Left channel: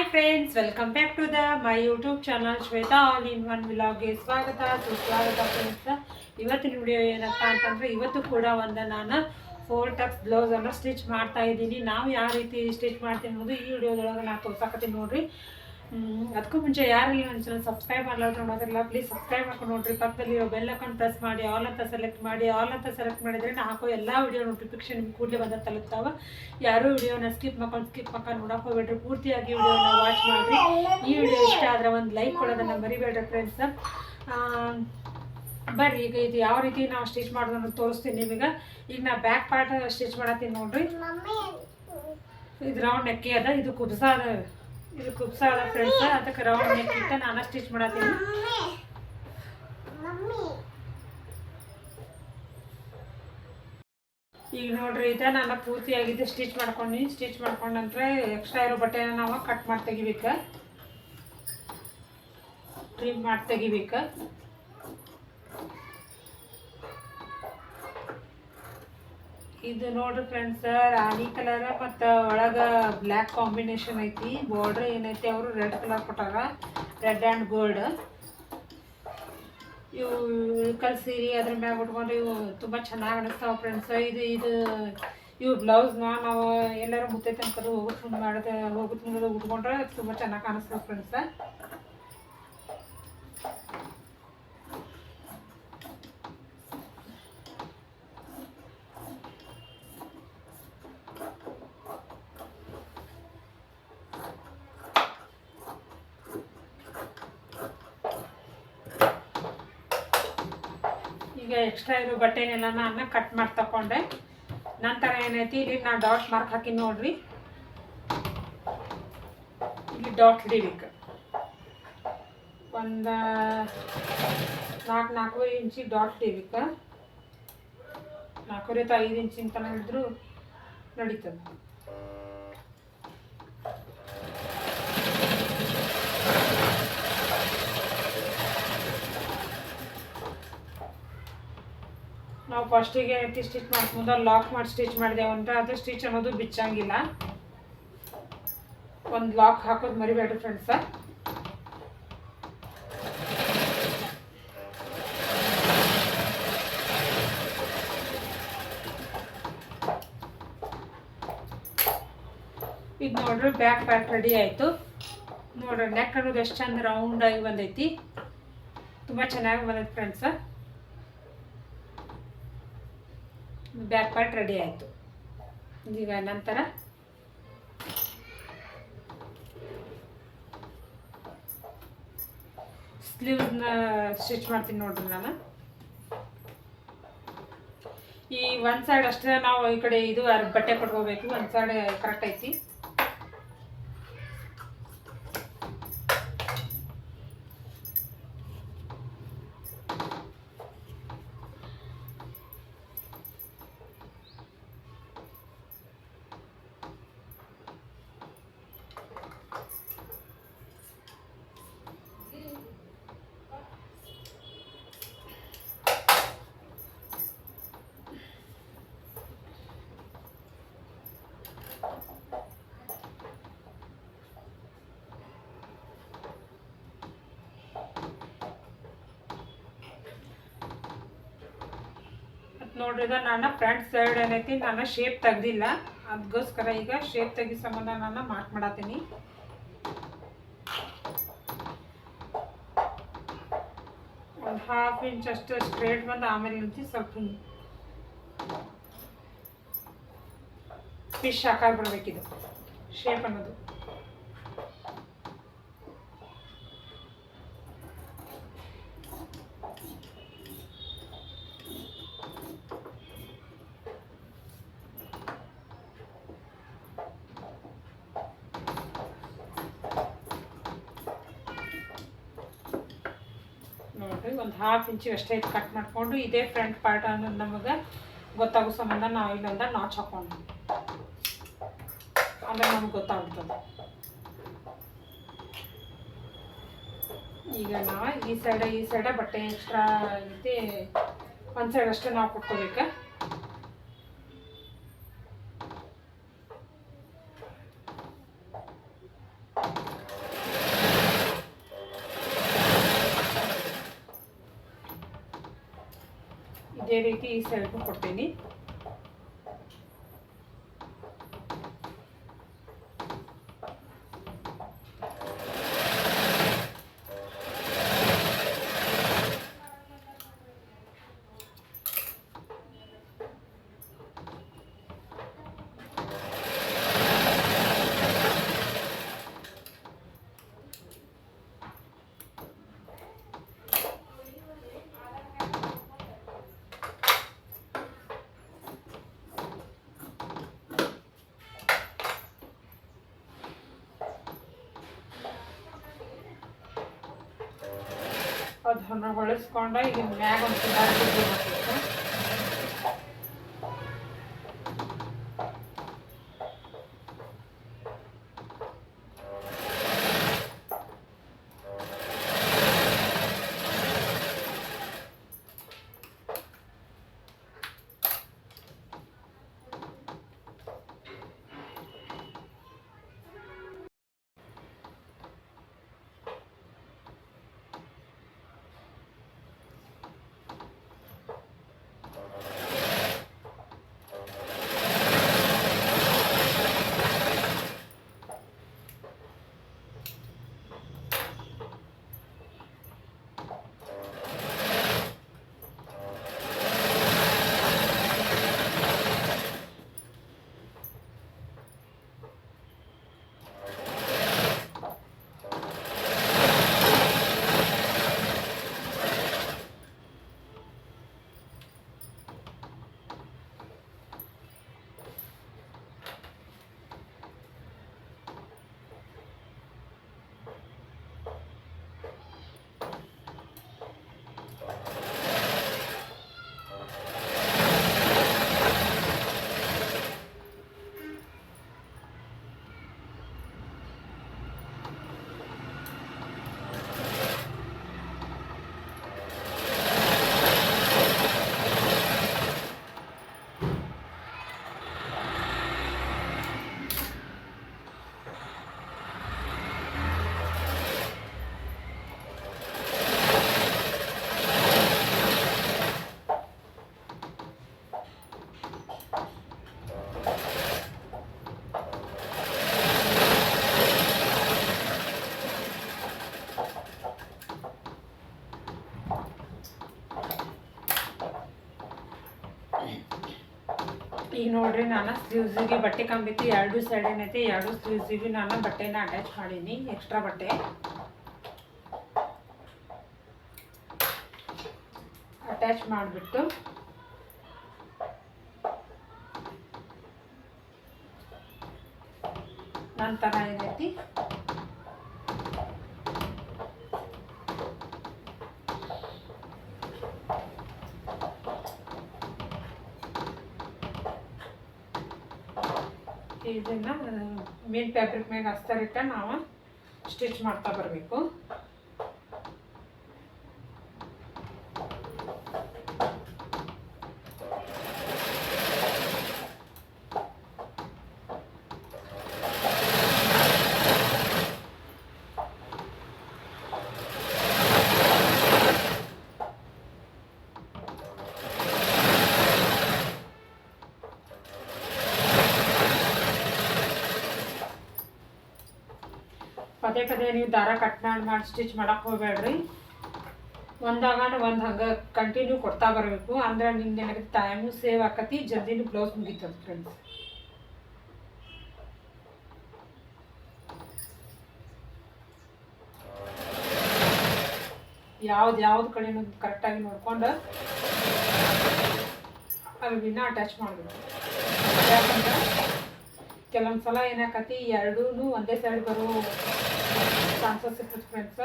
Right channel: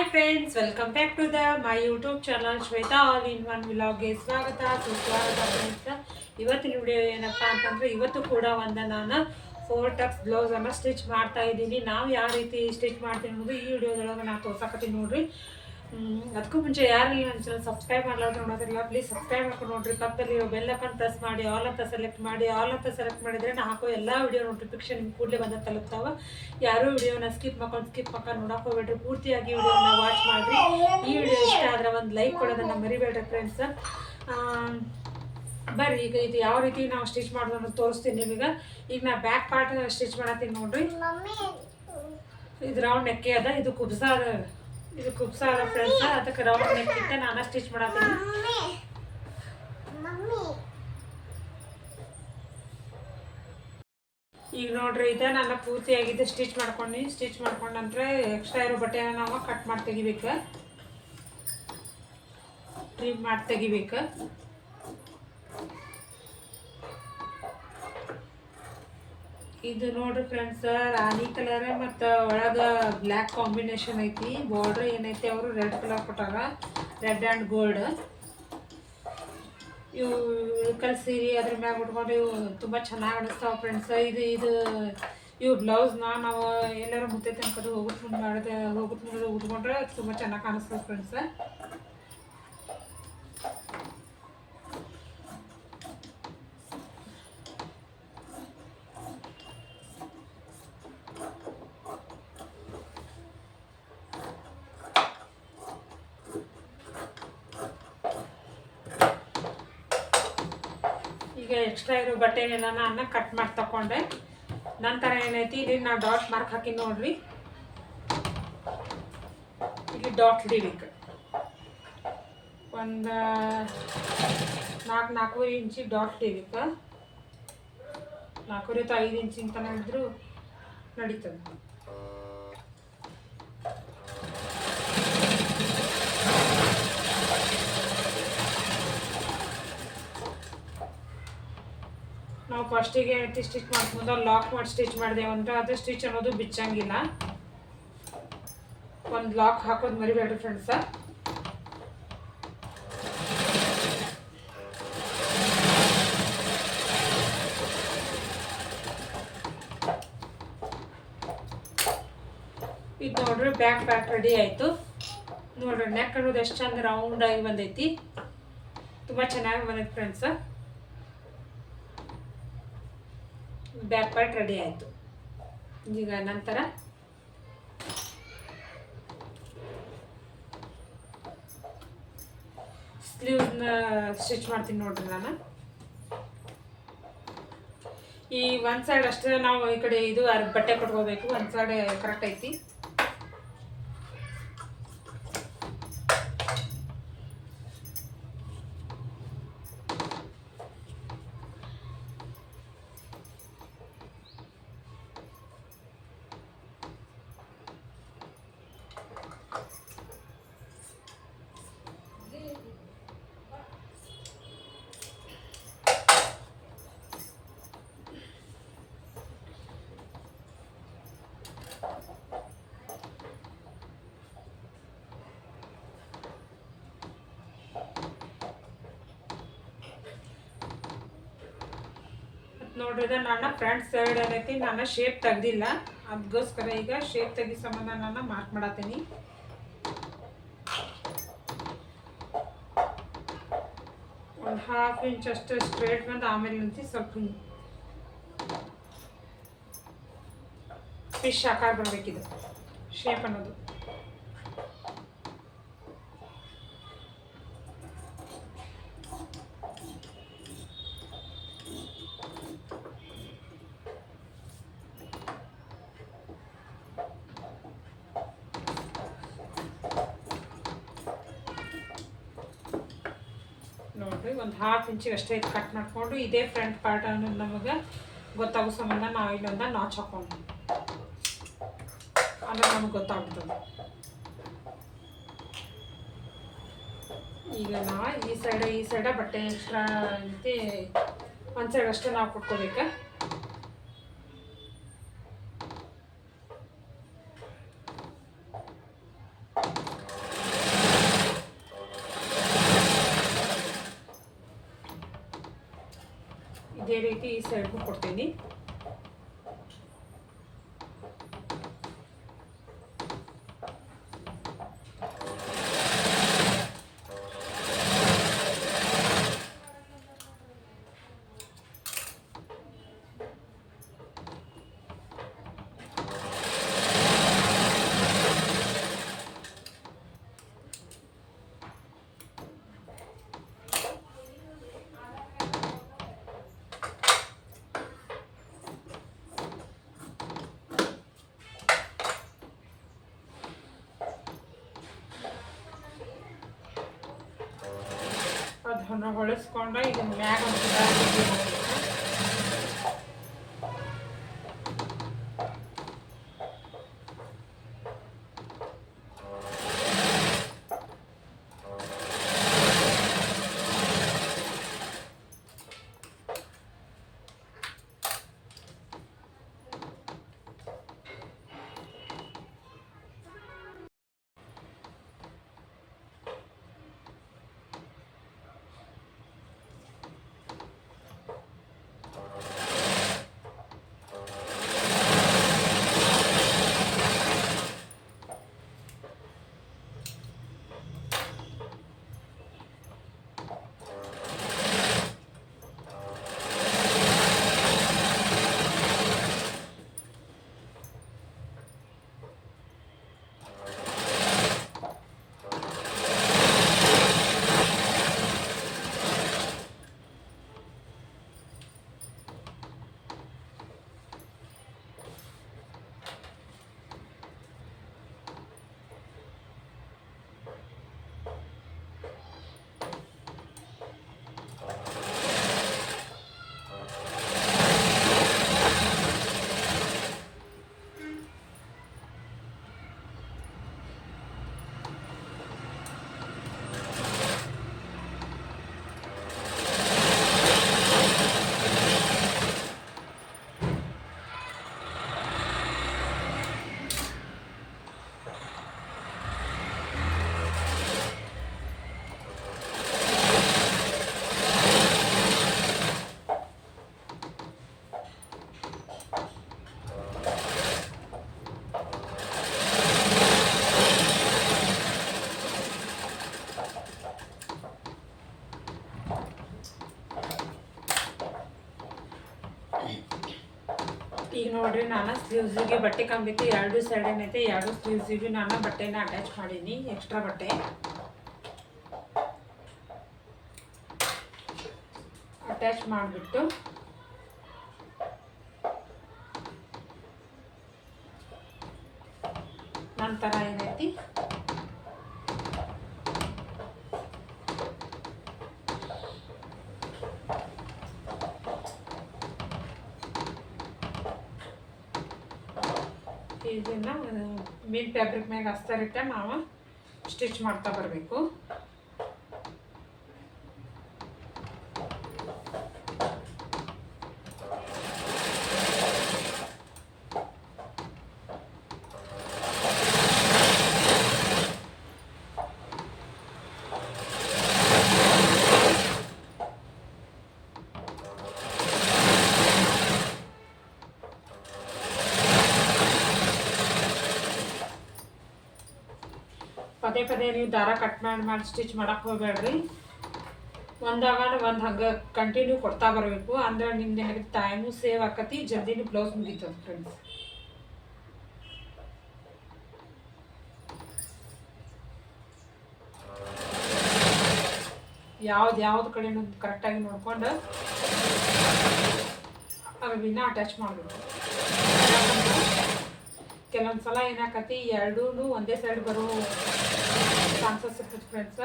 Hi friends, welcome back to my YouTube channel Shweta all in one ವ್ಲಾಗ್ಗೆ ಸ್ವಾಗತ ಸುಸ್ವಾಗತ friends. ಇವತ್ತಿನ ವಿಡಿಯೋ ಏನಪ್ಪ ಅಂತಂದರೆ, ಇವತ್ತು ಕೂಡ ನಾನು 4 ಟಕ್ಸ್ ಬ್ಲೌಸನ್ನು ಸ್ಟಿಚ್ ಮಾಡ್ತಾ ಇದ್ದೀನಿ. ನಾವು ಯಾವ ರೀತಿ ಸ್ಟಿಚ್ ಮಾಡ್ತೀನಿ ಅನ್ನೋದು ಈ ವಿಡಿಯೋದೊಳಗೆ ನಾನು ತೋರ್ಸಕತ್ತೀನಿ ನೋಡಿರಿ. ಅದಕ್ಕೂ ಮುಂಚೆ ಯಾರಿಗೆ ನನ್ನ ಚಾನಲ್ ಸಬ್ಸ್ಕ್ರೈಬ್ ಮಾಡಲಾರ್ದು ನೋಡೋದಿಲ್ಲ, ಪ್ಲೀಸ್ ಸಬ್ಸ್ಕ್ರೈಬ್ ಮಾಡ್ಕೊಂಡು ನೋಡಿರಿ. ಪಕ್ಕದಲ್ಲಿ ಬೆಲ್ ಐಕಾನ್ ಪ್ರೆಸ್ ಮಾಡಿ ಆಲ್ ಅಂತ ಸೆಲೆಕ್ಟ್ ಮಾಡಿ. ಆಲ್ ಅಂತ ಸೆಲೆಕ್ಟ್ ಮಾಡಿದರೆ ನಾನು ಹಾಕೋ ಎಲ್ಲ ವಿಡಿಯೋ ನೋಟಿಫಿಕೇಶನ್ ನಿಮ್ಗೆ ಕೂಡಲೇ ಬಂದ ತಲುಪ್ತಾವೆ. ಯಾರೂ ವಿಡಿಯೋನ ಸ್ಕಿಪ್ ಮಾಡ್ಕೊಂಡು ನೋಡೋಕೆ ಹೋಗ್ಬೇಡ್ರಿ. ಪೂರ್ತಿಯಾಗಿ ವಿಡಿಯೋನ ವಾಚ್ ಮಾಡಿರಿ. ಈ ವಿಡಿಯೋ ಇಷ್ಟ ಆದರೆ ಒಂದು ಲೈಕ್ ಕೊಡೋದನ್ನು ಮರಿಬೇಡ್ರಿ ಫ್ರೆಂಡ್ಸ್. ಬರ್ರಿ, ಈಗ ಇದು ಯಾವ ರೀತಿ ನಾವು ಸ್ಟಿಚ್ ಮಾಡೋದನ್ನು ತೋರಿಸ್ತೀನಿ ನಿಮಗೆ. ಈಗ ನಾ ಬ್ಯಾಕ್ ಪಾರ್ಟ್ ಸ್ಟಿಚ್ ಮಾಡತ್ತೀನಿ ನೋಡ್ರಿ. ಇದು ರೌಂಡ್ ನೆಕ್ಕೆ ಅದ, ಇದು ಕುಬ್ಸ ಅದ ಫ್ರೆಂಡ್ಸ್. ಅದಕ್ಕೆ ರೌಂಡ್ ನೆಕ್ ಇಟ್ಟು ನಾನು ಸ್ಟಿಚ್ ಮಾಡತ್ತೀನಿ. ಈಗ ನೋಡ್ರಿ, ಇದೆ ನಾನು ಪೂರ್ತಿಯಾಗಿದ್ದು ಸ್ಟಿಚ್ ಮಾಡ್ಕೊಂಡ ನಂತರ ಎಕ್ಸ್ಟ್ರಾ ಇರೋ ಬಟ್ಟೆನ ನಾವು ಕಟ್ ಮಾಡಿ ತೆಗಿಬೇಕು, ಟ್ರಿಮ್ ಮಾಡಿ ತೆಗಿಬೇಕು. ಇದು ನೋಡ್ರಿ ಫ್ರೆಂಡ್ಸ್, ರಾಣಿ ಕಲರ್ ಮತ್ತು ಒಳಗೆ ಬ್ಲ್ಯಾಕ್ ಕಾಂಬಿನೇಷನ್ ಐತಿ. ಬಾರ್ಡ್ರ್ ಏನೈತಿ ಅವರು ರೆಡ್ ಕಲರ್ ಕೊಟ್ಟಾರ, ರೆಡ್ ಆ್ಯಂಡ್ ಗೋಲ್ಡ್. ಇವು ಇಳ್ಕಲ್ ಸೀರೆ ಅದ್ರ ಮ್ಯಾಗ ಉಟ್ಕೊಂಡು ಇವು ತುಂಬ ಚೆನ್ನಾಗಿ ಅನಿಸ್ತಾವೆ ಫ್ರೆಂಡ್ಸ್. ಇವು ಬ್ಲೌಸ್ನ ನಾವು ಎಲ್ಲರೂ ಮುತ್ತೆ ತನಕದು ಹೋಗುತ್ತೆ ಮುಂದೆ ಉಟ್ಕೊಂಡ್ರೆ ತುಂಬ ಚೆನ್ನಾಗಿ ಕಾಣಿಸ್ತವೆ ಫ್ರೆಂಡ್ಸ್. ಈಗ ಎಕ್ಸ್ಟ್ರಾ ಇರೋ ಬಟ್ಟೆನೆಲ್ಲ ನಾನು ಕಟ್ ಮಾಡಿ ತಗೊಂಡೆ. ನಂತರ ಏನೈತಿ, ಇಲ್ಲಿ ನಾನು ಡಾಟ್ ಮಾರ್ಕ್ ಹಾಕಿ ನೋಡ್ರಿ. ಇಲ್ಲಿ ಡಾಟ್ ಹಿಡಿಬೇಕು. ಒಂದು 4 ಇಂಚಿಗೆ ಡಾಟ್ ಹಿಡಿಬೇಕು. 4 ಅಥವಾ 5 ಇಂಚಿನ ತನಕ ಹಿಡಿದ್ರು ನಡೀತದೆ. ನಾವು ಫಸ್ಟಿಗೆ ಸ್ಟಿಚ್ ಮಾಡ್ಕೊಂಡು ಲಾಕ್ ಮಾಡಿ ಸ್ಟಿಚ್ ಮಾಡಿದೆವು ಅಂತ ಅದು ಸ್ಟಿಚ್ ಅನ್ನೋದು ಬಿಚ್ಚಂಗಿಲ್ಲ. ಒಂದು ಲಾಕ್ ಹಾಕೋದು ಮರಿಬೇಡ್ರಿ ಫ್ರೆಂಡ್ಸ. ಇದು ನೋಡ್ರಿ, ಬ್ಯಾಕ್ ಪಾರ್ಟ್ ರೆಡಿ ಆಯಿತು. ನೋಡ್ರಿ, ನೆಕ್ ಅನ್ನೋದು ಎಷ್ಟು ಚಂದ ರೌಂಡಾಗಿ ಬಂದೈತಿ, ತುಂಬ ಚೆನ್ನಾಗಿ ಬಂದೈತಿ ಫ್ರೆಂಡ್ಸ. ಬ್ಯಾಕ್ ಪಾರ್ಟ್ ರೆಡಿ ಆಯಿತು. ಈಗ ನಂತರ ಸ್ಲೀವ್ಸ್ನ ಸ್ಟಿಚ್ ಮಾಡ್ತೀನಿ ನೋಡ್ರಿ. ನಾನು ಈ ಒಂದು ಸೈಡ್ ಅಷ್ಟೇ ನಾವು ಈ ಕಡೆ ಇದು ಬಟ್ಟೆ ಕಟ್ಕೋಬೇಕು. ಒಂದು ಸೈಡ್ ಕರೆಕ್ಟ್ ಐತಿ. ನೋಡ್ರಿ, ಈಗ ನಾನು ಫ್ರಂಟ್ ಸೈಡ್ ಏನೈತಿ ನಾನು ಶೇಪ್ ತೆಗ್ದಿಲ್ಲ. ಅದಕ್ಕೋಸ್ಕರ ಈಗ ಶೇಪ್ ತೆಗಿ ಸಂಬಂಧ ನಾನು ಮಾರ್ಕ್ ಮಾಡತ್ತೀನಿ. ಒಂದು 1/2 ಇಂಚ್ ಅಷ್ಟು ಸ್ಟ್ರೇಟ್ ಬಂದು ಆಮೇಲೆ ನಿಂತು ಸ್ವಲ್ಪ ಫಿಶ್ ಆಕಾರ ಬರಬೇಕಿದು ಶೇಪ್ ಅನ್ನೋದು. ನೋಡ್ರಿ, ಒಂದು 1/2 ಇಂಚಿಗೆ ಅಷ್ಟೇ ಕಟ್ ಮಾಡಿಕೊಂಡು ಇದೇ ಫ್ರಂಟ್ ಪಾರ್ಟ್ ಅನ್ನೋದು ನಮಗೆ ಗೊತ್ತಾಗೋ ಸಂಬಂಧ ನಾವು ಇಲ್ಲೊಂದು ನಾಚ್ ಹಾಕೊಂಡು ಅಂದರೆ ನಮಗೆ ಗೊತ್ತಾಗ್ತದೆ. ಈಗ ನಾವು ಈ ಸೈಡ ಬಟ್ಟೆ ಎಕ್ಸ್ಟ್ರಾ ಐತಿ, ಒಂದು ಸೈಡ್ ಅಷ್ಟೇ ನಾವು ಕೊಟ್ಕೋಬೇಕು. ರೀತಿ ಈ ಸೈಡ್ಗೂ ಕೊಡ್ತೀನಿ. ಅದನ್ನು ಹೊಳಿಸ್ಕೊಂಡ ಈಗ ಮ್ಯಾಗ ಒಂದು ಹಾಕಬೇಕು. ಈಗ ನೋಡ್ರಿ ನಾನು ಸ್ಲೀವ್ಸಿಗೆ ಬಟ್ಟೆ ಕಂಬಿತ್ತು, ಎರಡು ಸೈಡ್ ಏನೈತೆ ಎರಡು ಸ್ಲೀವ್ಸಿಗೆ ನಾನು ಬಟ್ಟೆನ ಅಟ್ಯಾಚ್ ಮಾಡೀನಿ. ಎಕ್ಸ್ಟ್ರಾ ಬಟ್ಟೆ ಅಟ್ಯಾಚ್ ಮಾಡಿಬಿಟ್ಟು ನಂತರ ಏನೈತಿ ಇದನ್ನು ಮೇನ್ ಫ್ಯಾಬ್ರಿಕ್ ಮ್ಯಾಗ ಹಸ್ತಾರಿಟ್ಟ ನಾವು ಸ್ಟಿಚ್ ಮಾಡ್ತಾ ಬರಬೇಕು. ಪದೇ ಪದೇ ನೀವು ದಾರ ಕಟ್ ಮಾಡಿ ಸ್ಟಿಚ್ ಮಾಡಕ್ಕೆ ಹೋಗಬೇಡ್ರಿ. ಒಂದಾಗಣ ಒಂದು ಹಂಗೆ ಕಂಟಿನ್ಯೂ ಕೊಡ್ತಾ ಬರಬೇಕು. ಅಂದ್ರೆ ನಿಮ್ದು ಏನಾಗುತ್ತೆ ಟೈಮು ಸೇವ್ ಆಕತಿ, ಜಲ್ದಿನೂ ಬ್ಲೌಸ್ ಮುಗಿತದೆ ಫ್ರೆಂಡ್ಸ್. ಯಾವ್ದು ಕಡೆನೂ ಕರೆಕ್ಟಾಗಿ ನೋಡ್ಕೊಂಡು ಅರ್ಬಿನ ಅಟ್ಯಾಚ್ ಮಾಡಬೇಕು. ಯಾಕಂದ್ರೆ ಕೆಲವೊಂದು ಸಲ ಏನಾಕತಿ ಎರಡೂ ಒಂದೇ ಸೈಡ್ ಬರೋ ಚಾನ್ಸಸ್ ಇರ್ತದೆ ಫ್ರೆಂಡ್ಸ್.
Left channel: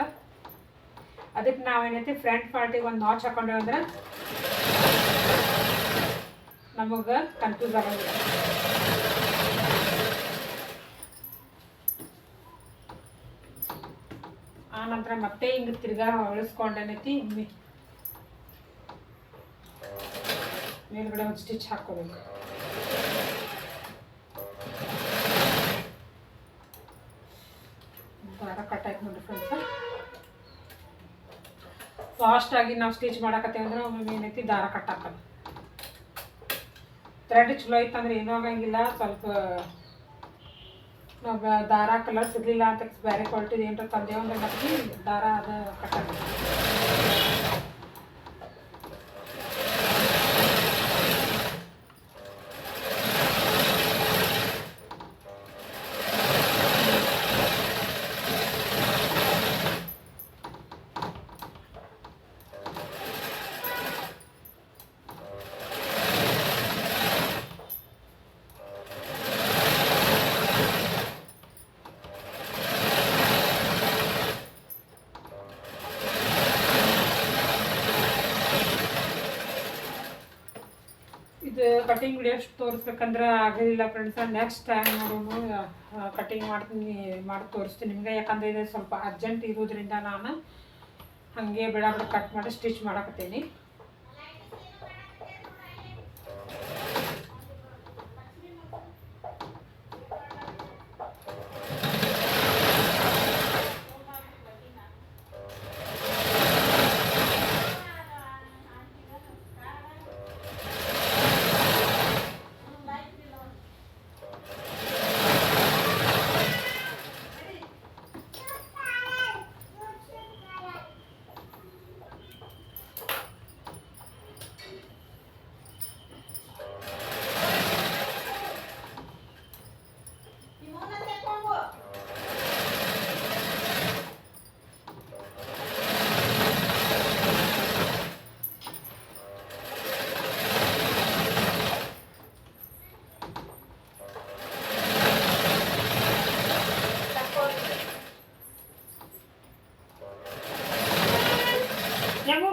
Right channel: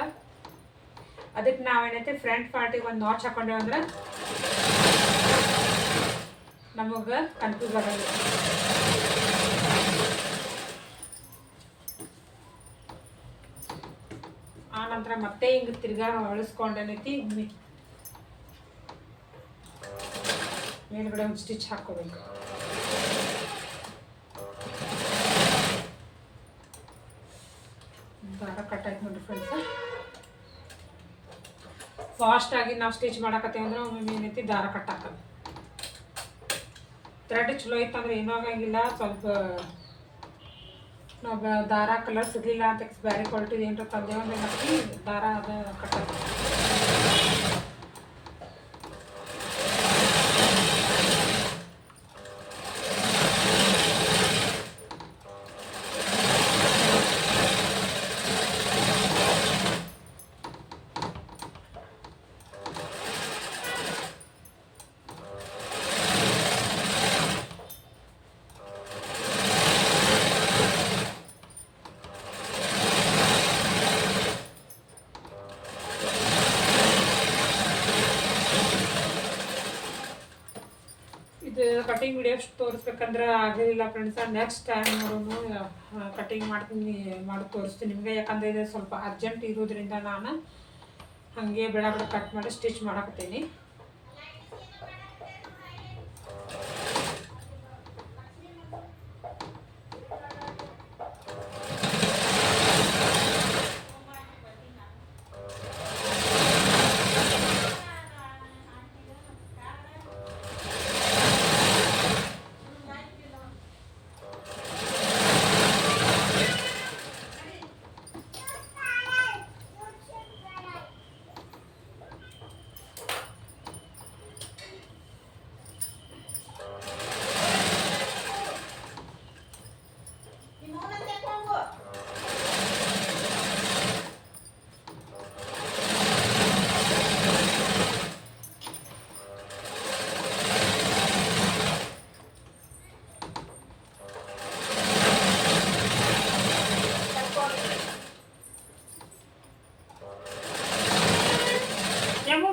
ಅದಕ್ಕೆ ನಾವೇನೈತಿ ಫ್ರಂಟ್ ಪಾರ್ಟಿಗೆ ಒಂದು ನಾಚ್ ಹಾಕೊಂಡೇವೆ ಅಂದ್ರೆ ನಮಗೆ ಕನ್ಫ್ಯೂಸ್ ಆಗೋದಿಲ್ಲ. ಆ ನಂತರ ಮತ್ತೆ ಹಿಂಗೆ ತಿರ್ಗಾ ಹೊಳಿಸ್ಕೊಂಡೇನೈತಿ ಮೇಲ್ಗಡೆ ಒಂದು ಸ್ಟಿಚ್ ಹಾಕ್ಕೋಬೇಕು. ದಾರ ಕಟ್ ಆಯ್ತು ನೋಡ್ರಿ ಫ್ರೆಂಡ್ಸ್. ಫಾಸ್ಟಾಗಿ ನಾವು ಸ್ಟಿಚ್ ಮಾಡಕತ್ತೇವೆ ಅಂದ್ರೆ ಒಮ್ಮೆ ಏನೈತಿ ದಾರ ಕಟ್ ಹಾಕಲ್ಲ. ಥ್ರೆಡ್ ಚಲೋ ಇತ್ತಂದ್ರೆ ಏನೂ ಆಗಂಗಿಲ್ಲ. ಸ್ವಲ್ಪ ನಾವು ದಾರ ಕಲರ್ ಸಿಗಲಿಲ್ಲ ಅಂತ ಬೇರೆ ಕ್ವಾಲಿಟಿದು ಏನಾರ ತಂದೇವು ಅಂದ್ರೆ ನಮಗೆ ದಾರ ಅದು ಕಟ್ಟಲ್ಲ. ಇದು ಕಟಿಂಗ್ ವಿಡಿಯೋ ತೋರಿಸ್ಬೇಕಂದ್ರೆ ಆಗಲಿಲ್ಲ ಫ್ರೆಂಡ್ಸ. ನೆಕ್ಸ್ಟ್ ಟೈಮ್ ನೋಡೋನು ಕಟಿಂಗ್ ಮಾಡಿ ತೋರಿಸ್ತೀನಿ ನಿಮಗೆ. ಯಾಕಂದರೆ ಇದು ಸ್ವಲ್ಪ ಅರ್ಜೆಂಟ್ ಇರೋದ್ರಿಂದ ನಾನು ಹಾಗೆ ಬೇಡ ಕಟ್ ಮಾಡಿ ಸ್ಟಿಚ್ ಮಾಡಕತ್ತೀನಿ.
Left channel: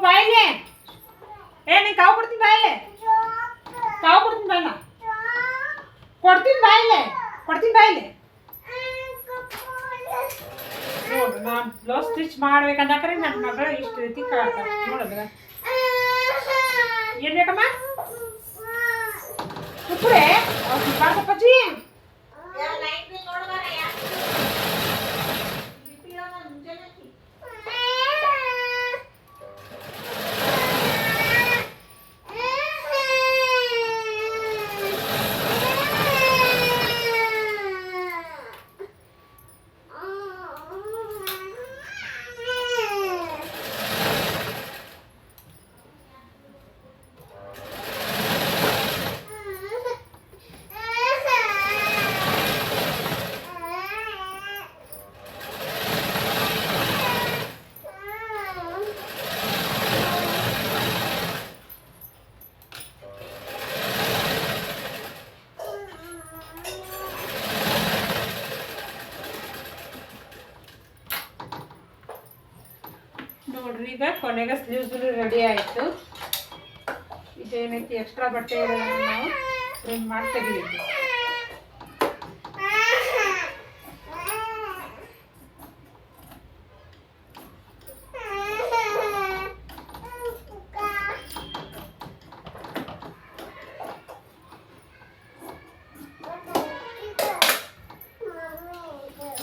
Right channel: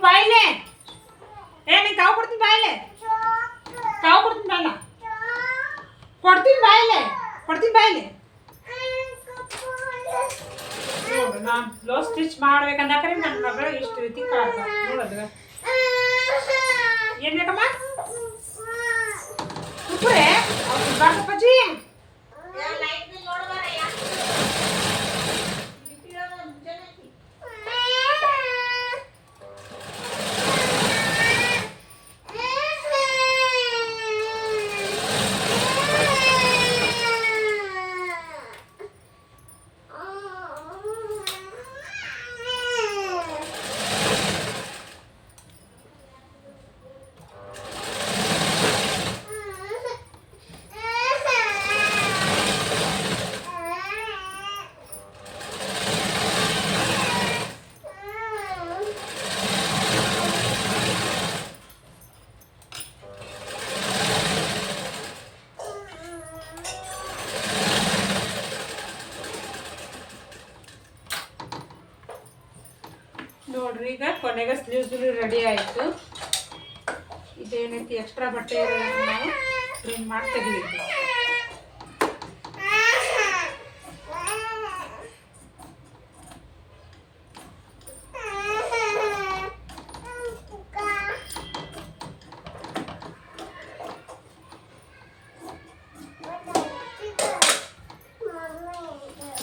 ಬಾಯಿಲೆ ಏ ನೀ ಕಾವು ಕೊಡ್ತೀನಿ ಬಾಯಿಲೆ, ಕಾವು ಕೊಡ್ತೀನಿ ಬಾಯಿಲ, ಕೊಡ್ತೀನಿ ಬಾಯಿಲೆ, ಕೊಡ್ತೀನಿ ಬಾಯಿಲೆ. ನೋಡು ನಾನು ಬ್ಲೌಸ್ ಸ್ಟಿಚ್ ಮಾಡ್ಬೇಕಂದಾಕ್ರೆ ನನ್ನ ಮಗಳು ಇಷ್ಟು ರೀತಿ ಕಾಡ್ತಾರೆ ನೋಡೋದು. ಏನು ಬೇಕಮ್ಮ ಸುಪ್ರೆ ಅವ್ರು ಕಾಡ್ತಪ್ಪಜ್ಜಿ. ನೋಡ್ರಿ ಈಗ ಕೊನೆಗೆ ಸ್ಲೀವ್ಸ್ ರೆಡಿ ಆಯಿತು. ಇದೇನೈತಿ ಎಕ್ಸ್ಟ್ರಾ ಬಟ್ಟೆ ಇರೋದನ್ನು ನಾವು ಪ್ರಿಂಟ್ ಮಾಡಿ ತೆಗಿಬೇಕು.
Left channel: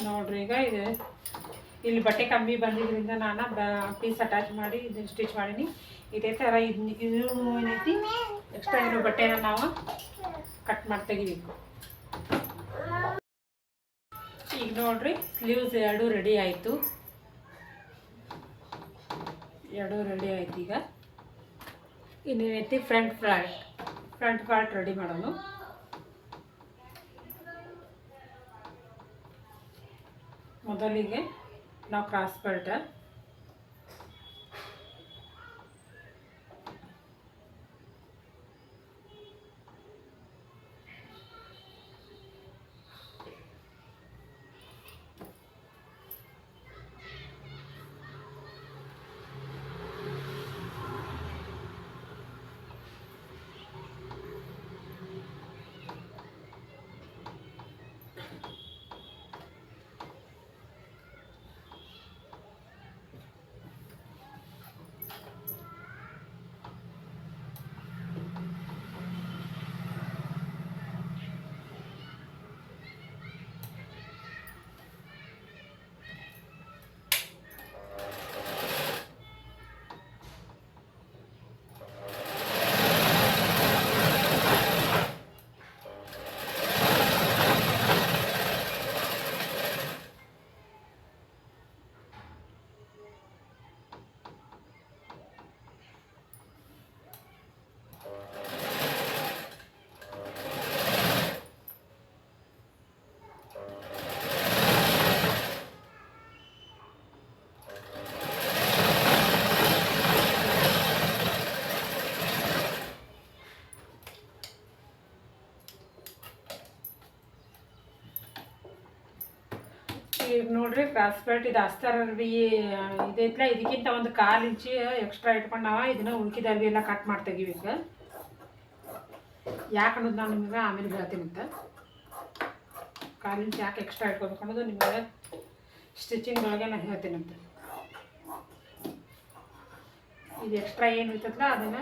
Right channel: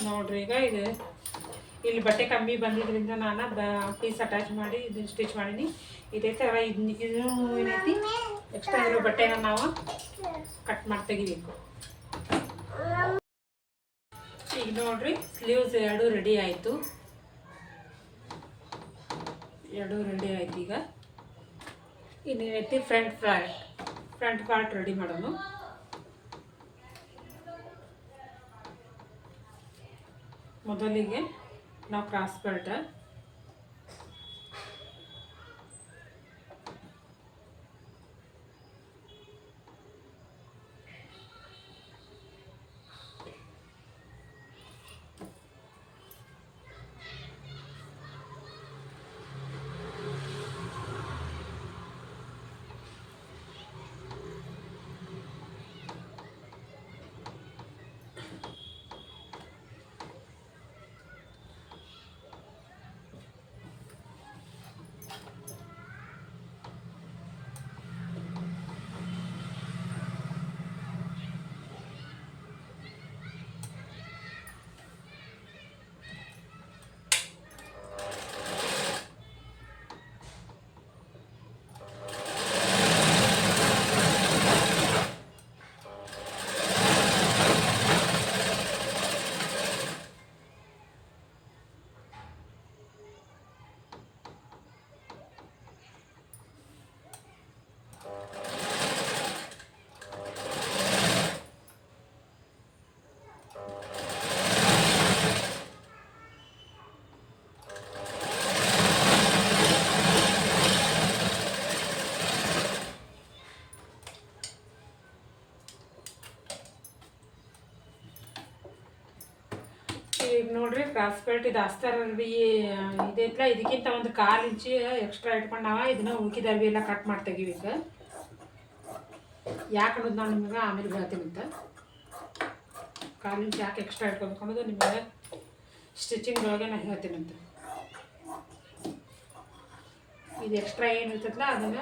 ನೋಡ್ರಿ ಈಗ ಇದು ಇಲ್ಲಿ ಬಟ್ಟೆ ಕಮ್ಮಿ ಬಂದಿದ್ದರಿಂದ ನಾನು ಪೀಸ್ ಅಟ್ಯಾಚ್ ಮಾಡಿ ಇದನ್ನು ಸ್ಟಿಚ್ ಮಾಡೀನಿ. ಇದೇ ಥರ ಇದು ಏನೈತಿ ಎಕ್ಸ್ಟ್ರಾ ಇರೋ ಬಟ್ಟೆನ ನಾವು ಕಟ್ ಮಾಡಿ ತೆಗಿಬೇಕು. ಈಗ ನೋಡ್ರಿ ಸ್ಲೀವ್ಸ್ ಎರಡೂ ರೆಡಿ ಆಯಿತು. ಈಗ ಇನ್ನೇನೈತಿ ಫ್ರಂಟ್ ಪಾರ್ಟ್ ರೆಡಿ ಮಾಡೋಣ. ಮೊದಲಿಗೆ ನಾವು ಕ್ರಾಸ್ ಬೆಲ್ಟ್ ಈಗ ನೋಡ್ರಿ ಕ್ರಾಸ್ ಬೆಲ್ಟ್ ಇದು ಅಸ್ತರ ಅರ್ಬಿ ಇದೈತ್ಲ ಇದಕ್ಕಿಂತ ಒಂದು 1/4 ಇಂಚು ಎಕ್ಸ್ಟ್ರಾ ಇಟ್ಕೊಂಡು ನಾವು ಇದನ್ನ ಉಳ್ಕಿದ ಅರ್ಬಿ ಎಲ್ಲ ಕಟ್ ಮಾಡಿ ತೆಗಿವಿ. ಈಗ ಯಾಕೆ ಅನ್ನೋದು ನಾನು ನಿಮಗೆ ಆಮೇಲೆ ಹೇಳ್ತೀನಿ ಅಂತ. 1/4 ಇಂಚ್ ಯಾಕೆ ಎಕ್ಸ್ಟ್ರಾ ಇಟ್ಕೊಬೇಕು ಅನ್ನೋದು ನಿಮಗೆ ಸ್ಟಿಚಿಂಗ್ ಒಳಗೆ ನಾನು ಹೇಳ್ತೀನಂತೆ. ಇದು ಎಕ್ಸ್ಟ್ರಾ ಏನು ಇರ್ತದಲ್ಲ ಅದನ್ನು